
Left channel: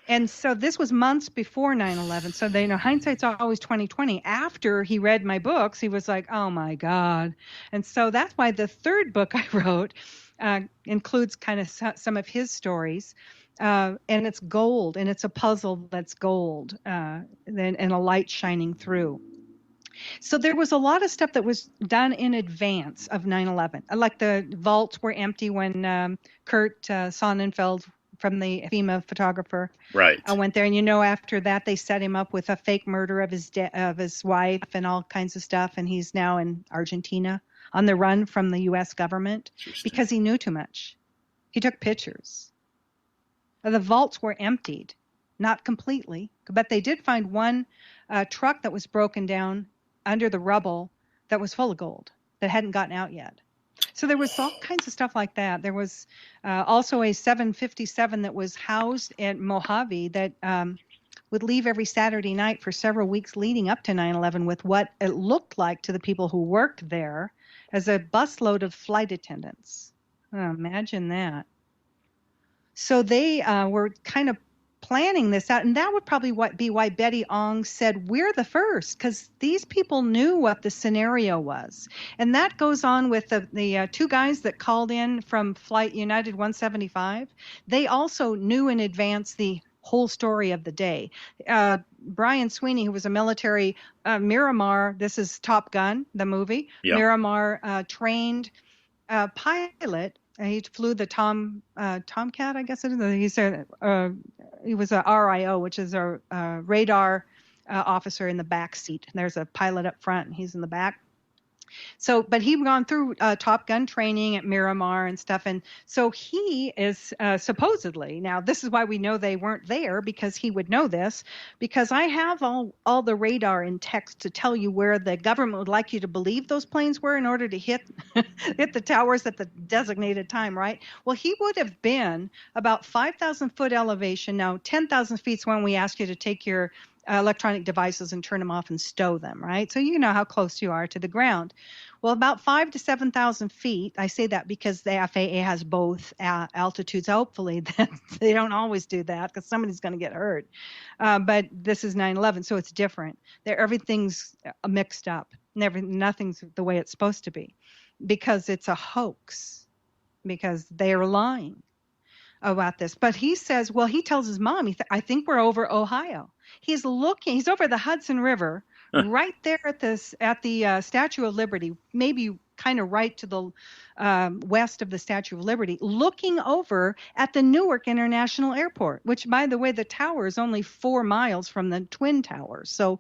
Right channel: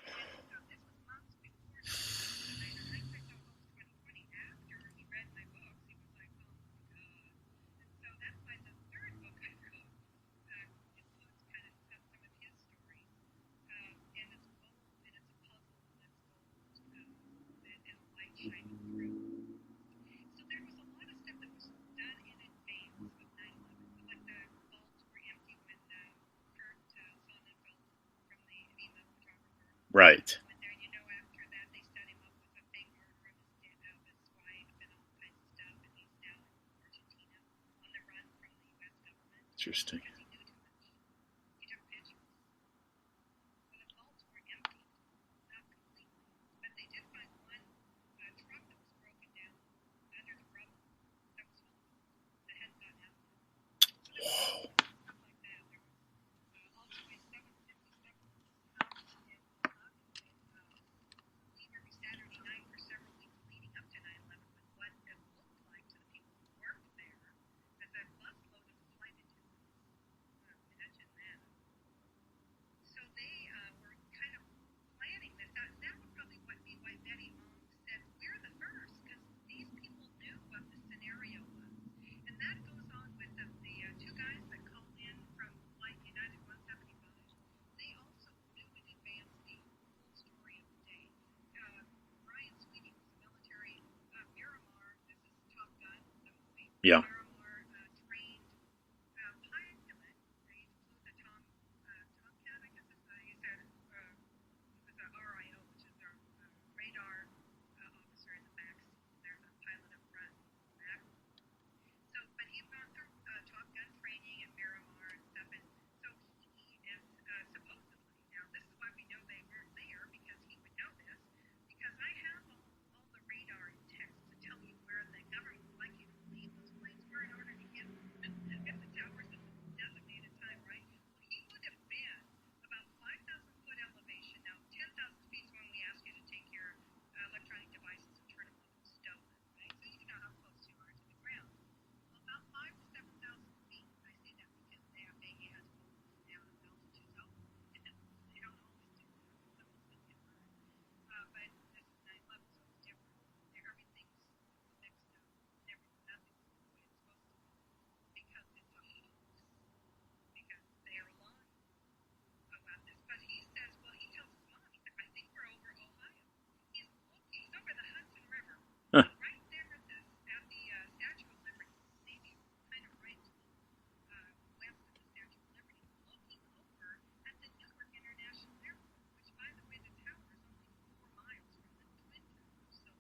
And so this was months before 9/11. So they know hindsight's always 20/20. After he read my books, he was like, "Oh my God!" And so that's why the third book I wrote includes kind of some of his stories, and it's gold, and it's a puzzle that's gold, and a light shining through. So there was a lot of stuff that was done in advance of 9/11. Like the vaults were empty when Kurt Sonnenfeld, from the FEMA photographer, went there. And after that, they set him up with a fake murder of his wife and all kinds of stuff. And he's now in Argentina on the run from the U.S. government because he knew too much. He took pictures. The vaults were emptied, not completely, but they did find one truck that was broken down under the rubble that was full of gold that hadn't gotten out yet. So there was all kinds of stuff like that. There was also a 757 that was housed at Mojave that would leave every Saturday night for several weeks leading up to 9/11 with what it looked like to the people who worked there as a busload of flight attendants. Oh, imagine that. So they were kind of planning this out, and that would probably be why Betty Ong said we're the first, because these people knew what the scenario was. And that goes on with the two guys that called in from Flight United 175. They also knew in advance the whole story of the day. Brian Sweeney, who was a military Miramar, this is Top Gun, the movie, Miramar trained pilot. He flew the Tomcat, I guess it is. He was a RIO, which is a radar officer in the back seat. There's a pilot up front, and he's in the back. So, but he'd gone through Top Gun training at Miramar and stuff. And so he is supposedly, now this is why we know they weren't there, because he would know this, because I have all the radar in text to tell you where the government would like you to believe those planes were in order to hit the towers at the designated time, right? Well, he would have been about 5,000 foot elevation. Now, 10,000 feet is when we ask you to take your electronic devices and turn them off and stow them, right? So you know how close you are to the ground. Well, about 5 to 7,000 feet. I say that because the FAA has both altitudes. Hopefully, that they don't always do that because somebody's going to get hurt. But this is 9/11, so it's different. There, everything's mixed up. Nothing's the way it's supposed to be, because it's a hoax. Because they are lying about this. But he says, well, he tells his mom, I think we're over Ohio. He's looking. He's over the Hudson River, right there at the Statue of Liberty, maybe kind of right to the west of the Statue of Liberty, looking over at the Newark International Airport, which, by the way, the tower is only 4 miles from the Twin Towers. So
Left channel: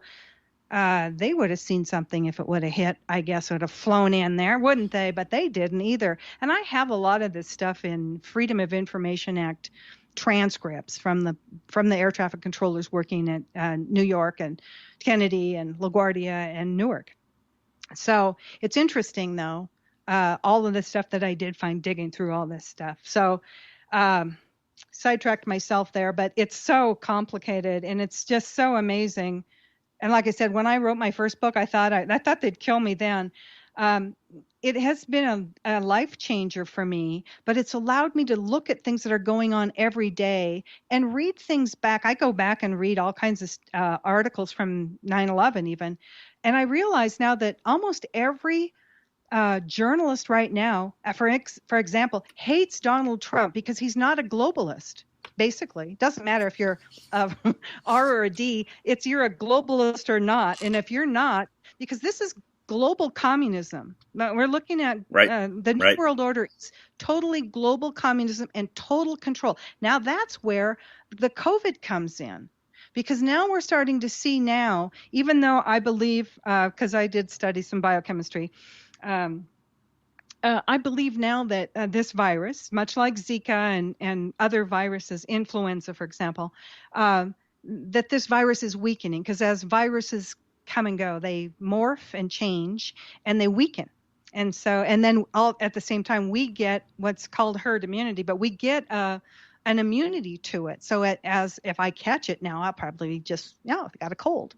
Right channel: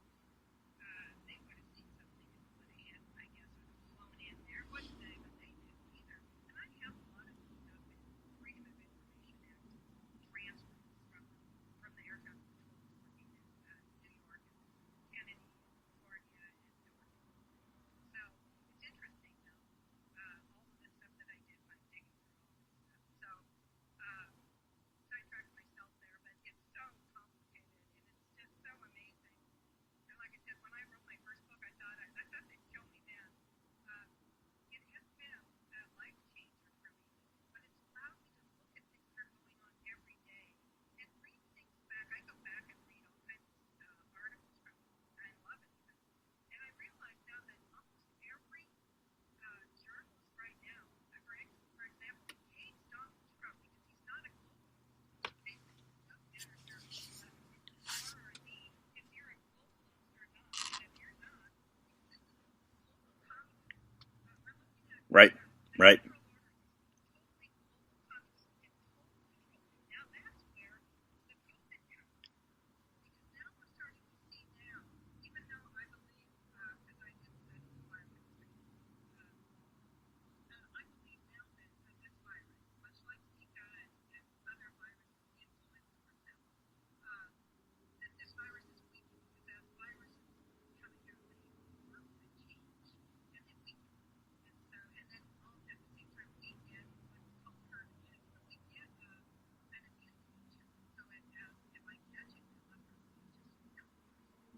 they would have seen something if it would have hit. I guess would have flown in there, wouldn't they? But they didn't either. And I have a lot of this stuff in Freedom of Information Act transcripts from the air traffic controllers working at New York and Kennedy and LaGuardia and Newark. So it's interesting, though, all of the stuff that I did find digging through all this stuff. So sidetracked myself there, but it's so complicated and it's just so amazing. And like I said, when I wrote my first book, I thought they'd kill me then. It has been a life changer for me, but it's allowed me to look at things that are going on every day and read things back. I go back and read all kinds of articles from 9/11 even. And I realize now that almost every journalist right now, for example, hates Donald Trump because he's not a globalist. Basically, it doesn't matter if you're R or a D, it's you're a globalist or not. And if you're not, because this is global communism. We're looking at the New World Order is totally global communism and total control. Now that's where the COVID comes in. Because now we're starting to see now, even though I believe, because I did study some biochemistry, I believe now that this virus, much like Zika and other viruses, influenza, for example, that this virus is weakening, because as viruses come and go, they morph and change and they weaken. And so, and then all at the same time, we get what's called herd immunity, but we get an immunity to it. So as if I catch it now, I'll probably just, I've got a cold.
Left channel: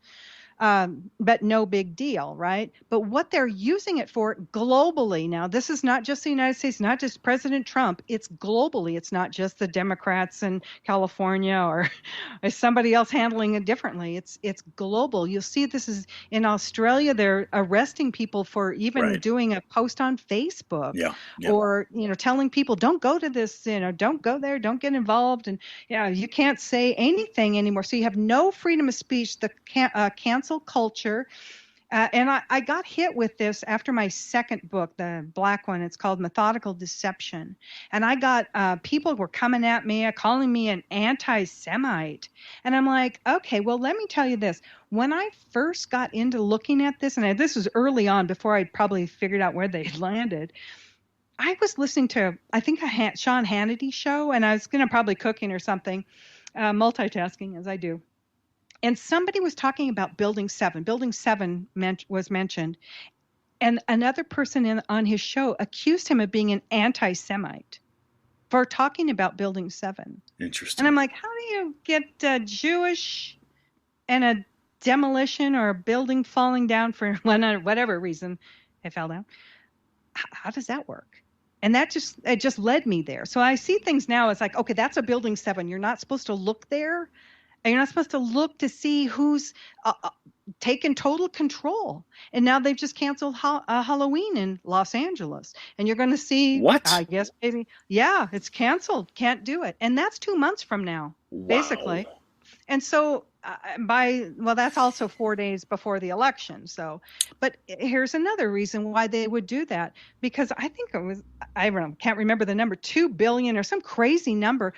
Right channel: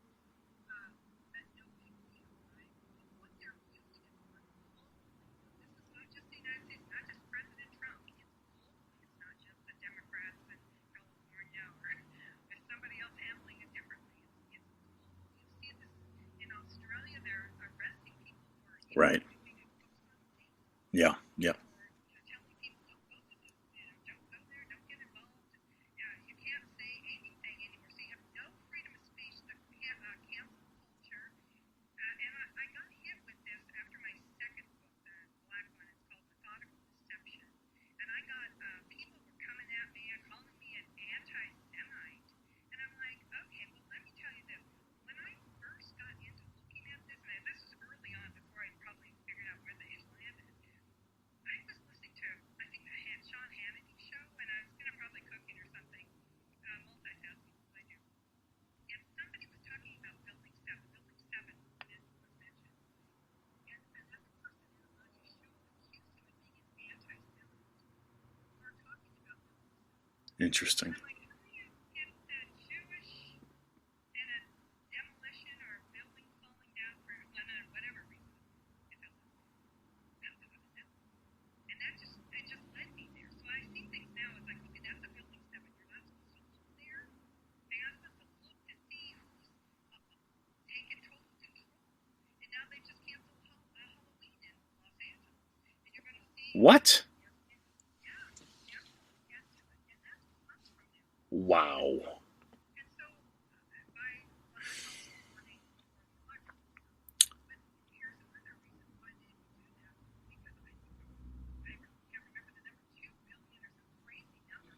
But no big deal, right? But what they're using it for globally now, this is not just the United States, not just President Trump, it's globally. It's not just the Democrats in California or somebody else handling it differently. It's global. You'll see this is in Australia. They're arresting people for even doing a post on Facebook or, telling people don't go to this, don't go there, don't get involved. And you can't say anything anymore. So you have no freedom of speech. The cancel culture. And I got hit with this after my second book, the black one. It's called Methodical Deception. And I got people were coming at me, calling me an anti-Semite. And I'm like, okay, well, let me tell you this. When I first got into looking at this, and this was early on before I'd probably figured out where they landed, I was listening to, I think, a Sean Hannity show, and I was going to probably cooking or something, multitasking as I do. And somebody was talking about Building 7. Building 7 was mentioned. And another person on his show accused him of being an anti-Semite for talking about Building 7. Interesting. And I'm like, how do you get Jewish and a demolition or a building falling down for whatever reason it fell down? How does that work? And it just led me there. So I see things now as like, okay, that's a Building 7. You're not supposed to look there. And you're not supposed to look to see who's taken total control. And now they've just canceled Halloween in Los Angeles. And you're going to see, what? I guess, maybe, it's canceled. Can't do it. And that's 2 months from now, basically. And so that's also 4 days before the election. So, but here's another reason why they would do that. Because I think it was, I don't know, can't remember the number, 2 billion or some crazy number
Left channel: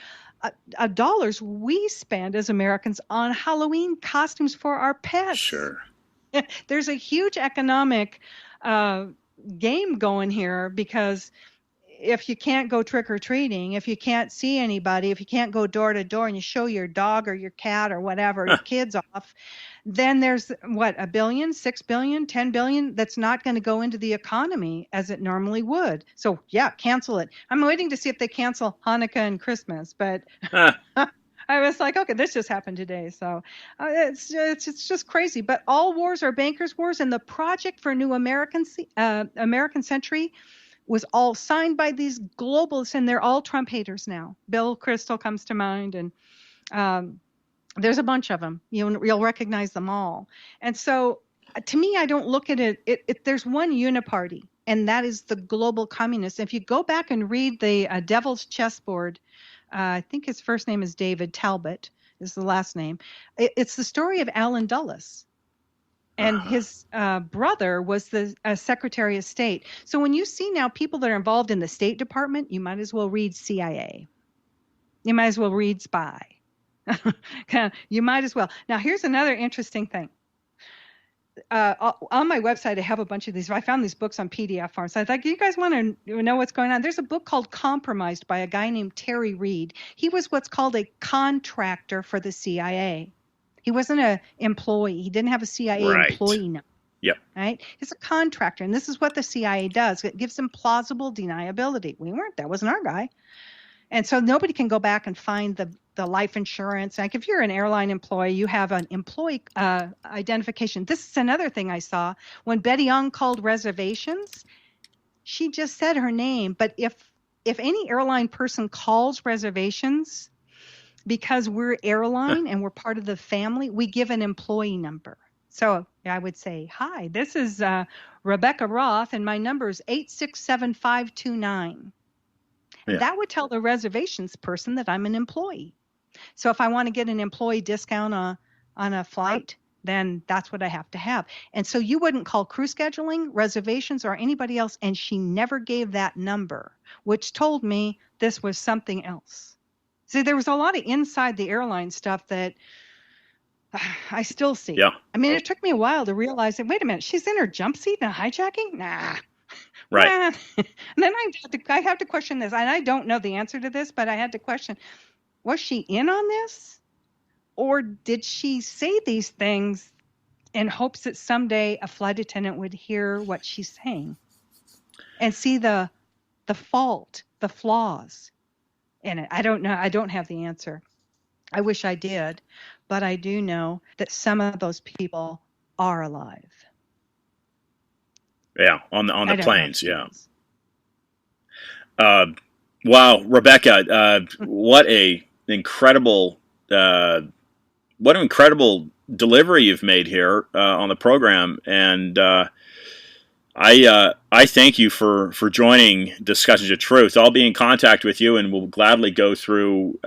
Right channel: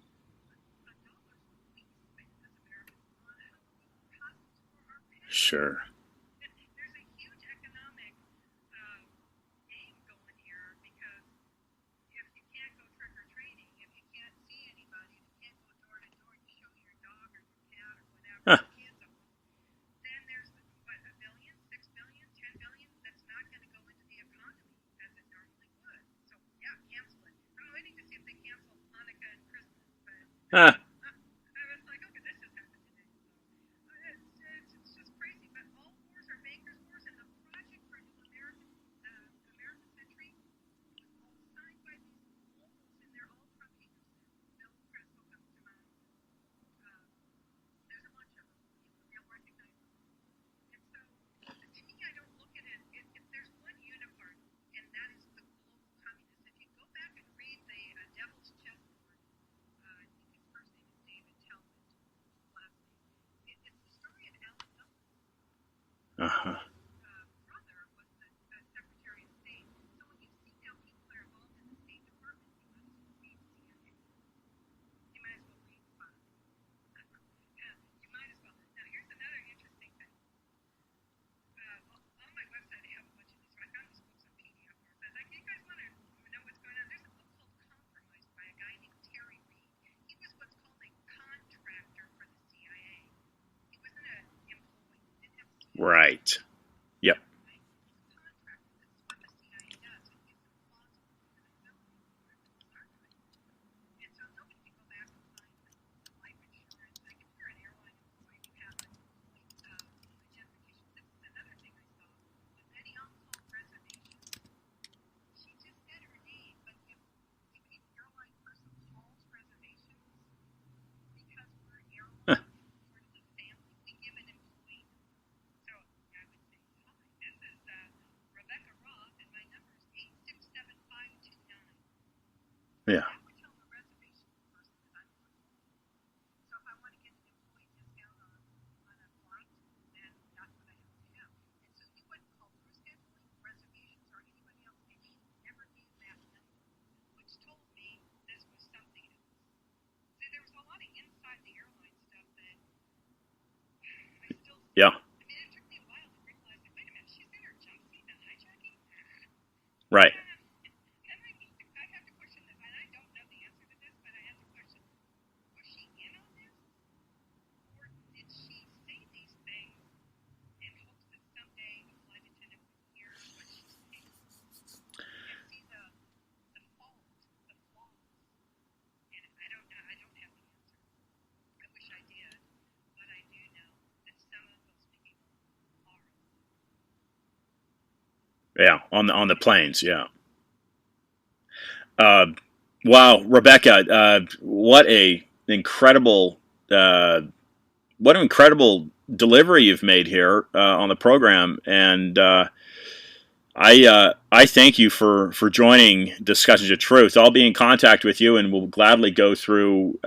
dollars we spend as Americans on Halloween costumes for our pets. Sure. There's a huge economic game going here, because if you can't go trick-or-treating, if you can't see anybody, if you can't go door to door and you show your dog or your cat or whatever, your kids off, then there's what, $1 billion, $6 billion, $10 billion that's not going to go into the economy as it normally would. So cancel it. I'm waiting to see if they cancel Hanukkah and Christmas, but I I was like, okay, this just happened today. So it's just crazy. But all wars are bankers' wars, and the Project for a New American Century was all signed by these globalists, and they're all Trump haters now. Bill Kristol comes to mind, and um, there's a bunch of them. You'll recognize them all. And so, to me, I don't look at it. There's one uniparty, and that is the global communists. If you go back and read the Devil's Chessboard, I think his first name is David Talbot, is the last name. It's the story of Alan Dulles. And his brother was the Secretary of State. So when you see now people that are involved in the State Department, you might as well read CIA. You might as well read Spy. You might as well. Now, here's another interesting thing. On my website, I have a bunch of these. I found these books on PDF forms. So I thought, you guys want to know what's going on? There's a book called Compromised by a guy named Terry Reid. He was what's called a contractor for the CIA. He wasn't an employee. He didn't have a CIA employee number. Yep. Right? He's a contractor, and this is what the CIA does. It gives them plausible deniability. That wasn't our guy. And so nobody can go back and find the life insurance. Like if you're an airline employee, you have an employee identification. This is another thing I saw. When Betty Young called reservations, she just said her name. But if any airline person calls reservations, because we're airline and we're part of the family, we give an employee number. So I would say, hi, this is Rebekah Roth, and my number is 867529. Yeah. That would tell the reservations person that I'm an employee. So if I want to get an employee discount on a flight, then that's what I have to have. And so you wouldn't call crew scheduling, reservations, or anybody else, and she never gave that number, which told me this was something else. See, there was a lot of inside the airline stuff that I still see. Yeah. I mean, it took me a while to realize that, wait a minute, she's in her jump seat in a hijacking? Nah. Right. And then I have to question this, and I don't know the answer to this, but I had to question, was she in on this? Or did she say these things in hopes that someday a flight attendant would hear what she's saying and see the fault, the flaws in it? I don't know. I don't have the answer. I wish I did, but I do know that some of those people are alive. Yeah, on the planes, yeah. Wow, Rebekah, what an incredible delivery you've made here on the program, and I thank you for joining Discussions of Truth. I'll be in contact with you, and we'll gladly go through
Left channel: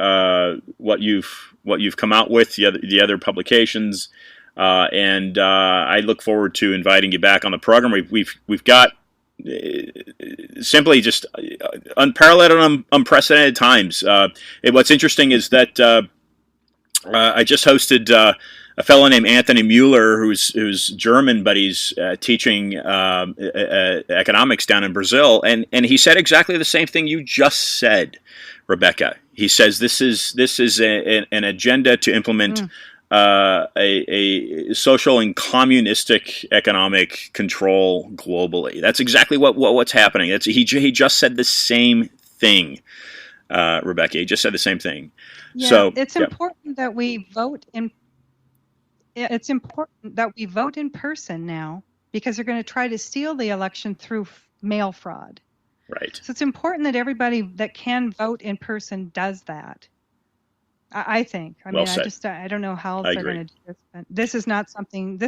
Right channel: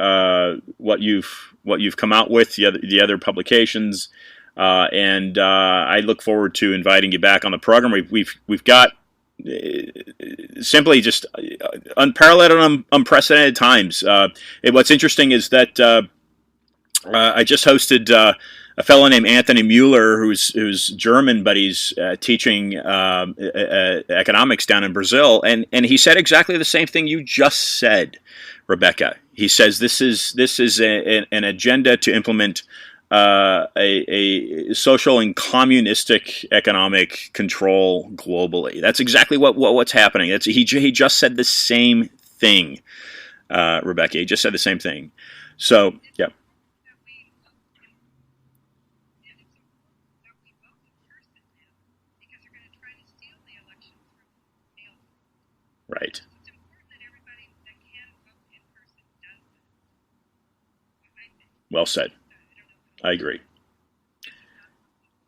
what you've come out with, the other publications. And I look forward to inviting you back on the program. We've got simply just unparalleled and unprecedented times. What's interesting is that I just hosted a fellow named Anthony Mueller, who's German, but he's teaching economics down in Brazil, and he said exactly the same thing you just said, Rebekah. He says this is an agenda to implement a social and communistic economic control globally. That's exactly what's happening. He just said the same thing, Rebekah. He just said the same thing. Yeah, so it's important that we vote in. It's important that we vote in person now, because they're going to try to steal the election through mail fraud. Right. So it's important that everybody that can vote in person does that. I think. Well said. I don't know how they're going to do this. But this is not something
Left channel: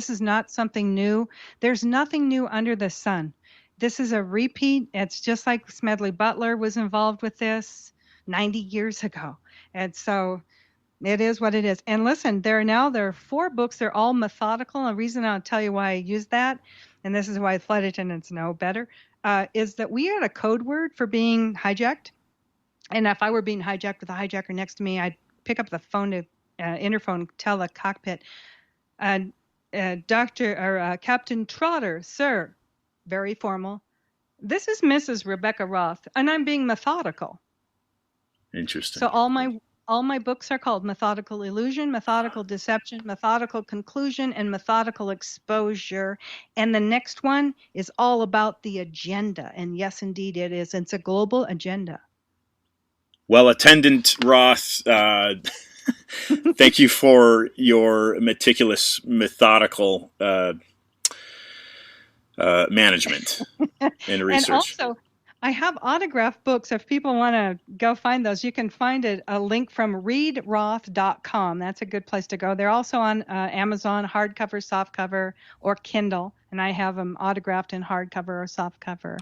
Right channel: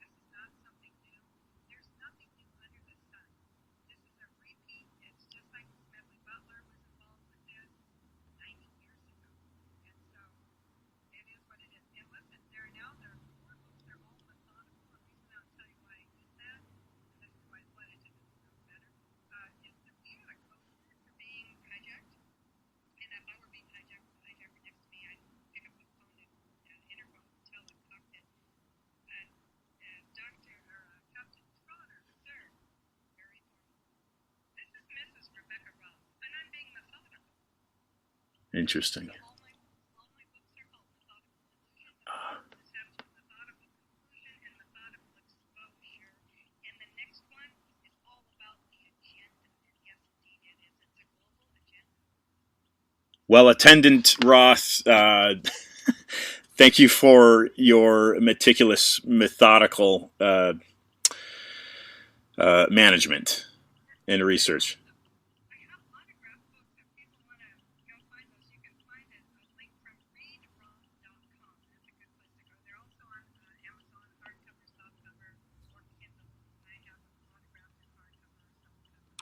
new. There's nothing new under the sun. This is a repeat. It's just like Smedley Butler was involved with this 90 years ago. And so it is what it is. And listen, there are 4 books. They're all methodical. And the reason I'll tell you why I use that, and this is why flight attendants know better, is that we had a code word for being hijacked. And if I were being hijacked with a hijacker next to me, I'd pick up the phone to interphone, tell the cockpit, Captain Trotter, sir, very formal. This is Mrs. Rebekah Roth, and I'm being methodical. Interesting. So all my books are called Methodical Illusion, Methodical Deception, Methodical Conclusion, and Methodical Exposure. And the next one is all about the agenda. And yes, indeed it is. It's a global agenda. Well, Attendant Roth, Thank you for your meticulous, methodical management and And research. also, I have autograph books. If people want to go find those, you can find a link from readroth.com. That's a good place to go. They're also on Amazon, hardcover, softcover, or Kindle. And I have them autographed in hardcover or softcover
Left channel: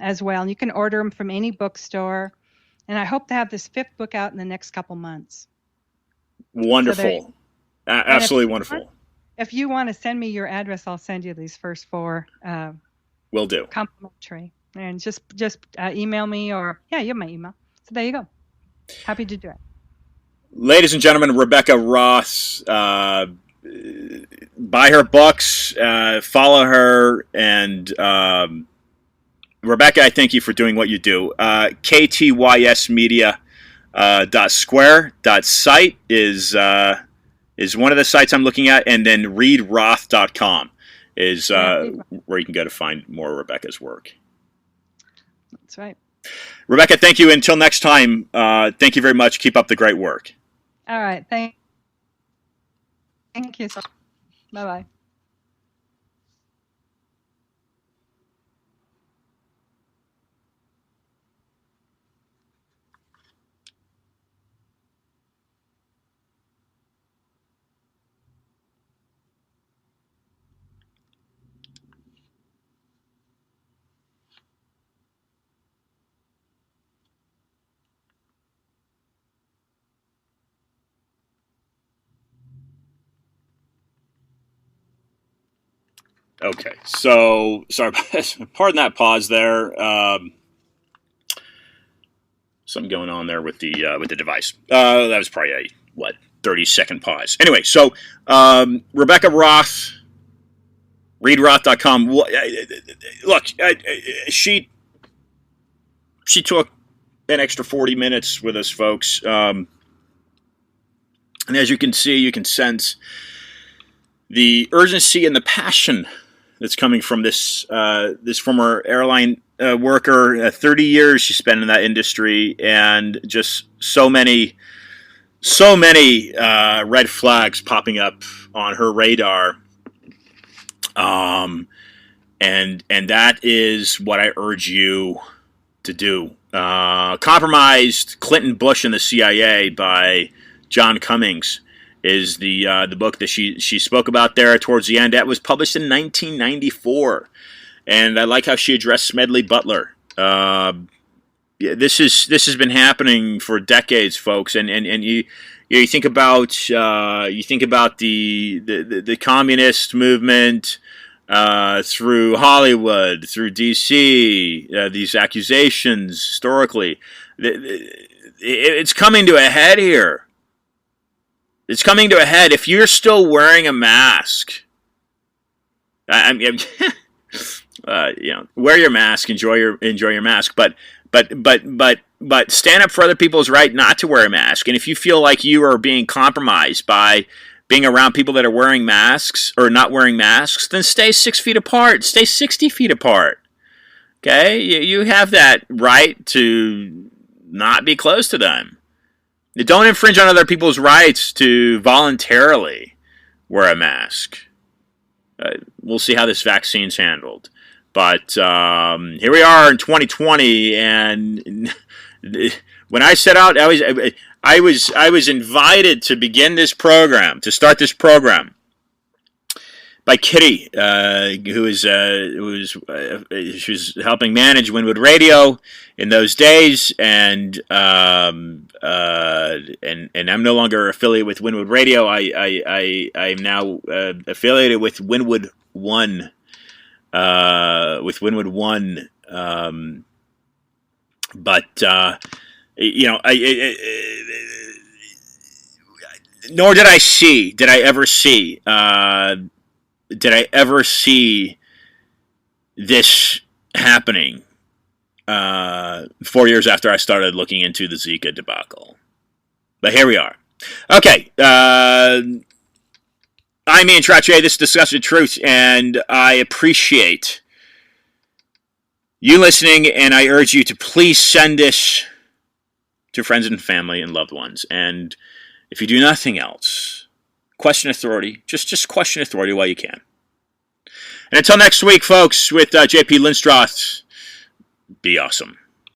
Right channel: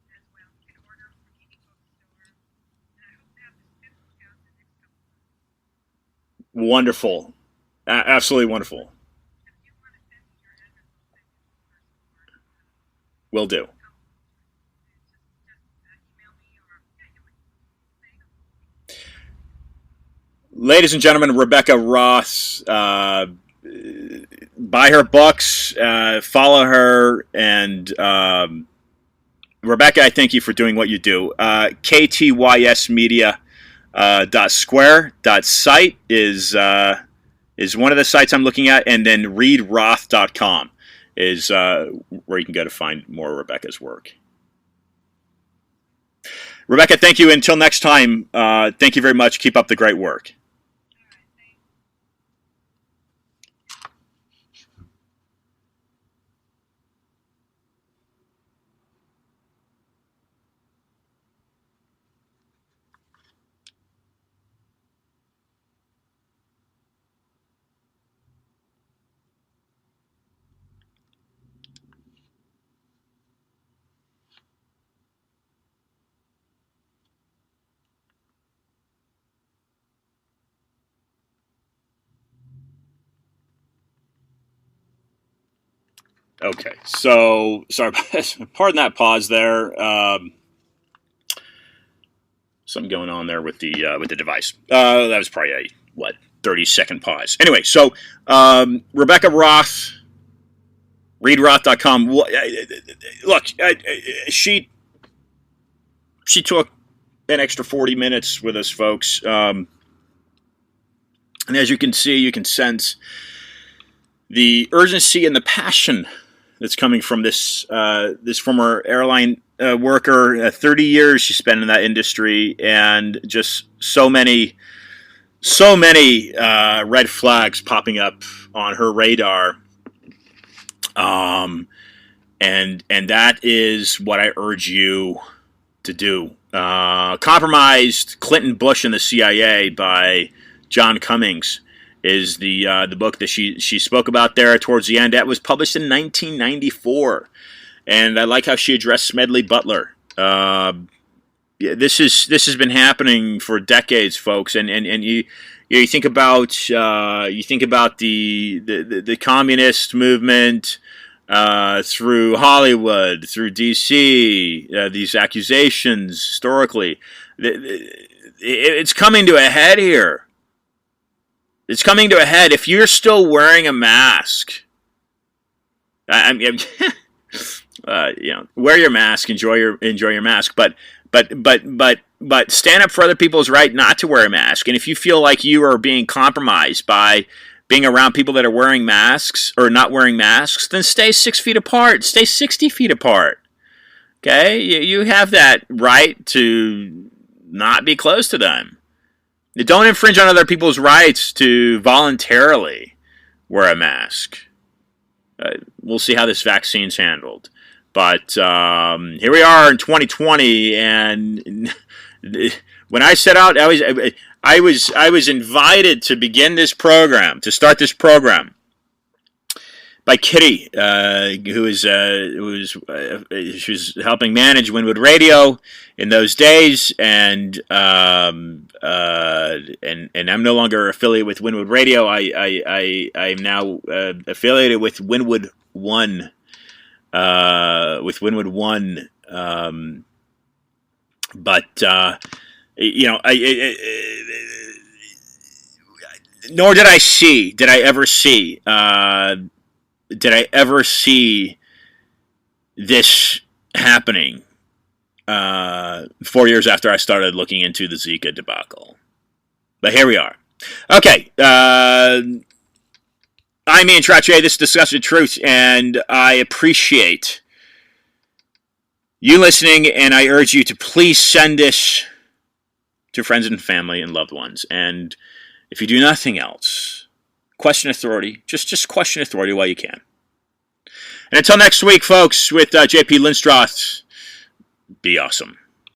as well. And you can order them from any bookstore. And I hope to have this 5th book out in the next couple months. So there. Wonderful. And Absolutely wonderful. if you want to send me your address, I'll send you these first 4 Will do. complimentary. And just email me, or you have my email. So there you go. Happy to do it. Ladies and gentlemen, Rebekah Roth. Buy her books, follow her, and Rebekah, I thank you for doing what you do. ktysmedia.square.site is one of the sites I'm looking at, and then readroth.com is where you can go to find more of Rebekah's work. That's right. Rebekah, thank you. Until next time, thank you very much. Keep up the great work. All right. Thank you. Bye-bye. Okay, so sorry, pardon that pause there. Something going on there with the device. That was probably a 30-second pause. Anyway, so Rebekah Roth, readroth.com. Look, she took an extra 40 minutes with us, folks, and as you can see, you can sense the urgency and the passion that's coming from this former airline worker. 30 years she spent in that industry, and just so many red flags popping up on her radar. And that is what I urge you to do. Compromised Clinton, Bush, and the CIA by John Cummings is the book that she spoke about there towards the end. That was published in 1994, and I like how she addressed Smedley Butler. This has been happening for decades, folks, and you think about the communist movement through Hollywood, through DC, these accusations historically. It's coming to a head here. It's coming to a head. If you're still wearing a mask, wear your mask, enjoy your mask, but stand up for other people's right not to wear a mask. And if you feel like you are being compromised by being around people that are wearing masks or not wearing masks, then stay 6 feet apart. Stay 60 feet apart. Okay, you have that right to not be close to them. Don't infringe on other people's rights to voluntarily wear a mask. We'll see how this vaccine's handled. But here we are in 2020, and when I set out, I was invited to begin this program, to start this program, by Kitty, who was she was helping manage Winwood Radio in those days, and I'm no longer affiliated with Winwood Radio. I'm now affiliated with Winwood One. But nor did I ever see this happening 4 years after I started looking into the Zika debacle. But here we are. Okay. I'm Ian Trottier. This is Discussing Truth, and I appreciate you listening, and I urge you to please send this to friends and family and loved ones. And if you do nothing else, question authority. Just question authority while you can. And until next week, folks, with J.P. Lindstroth, be awesome.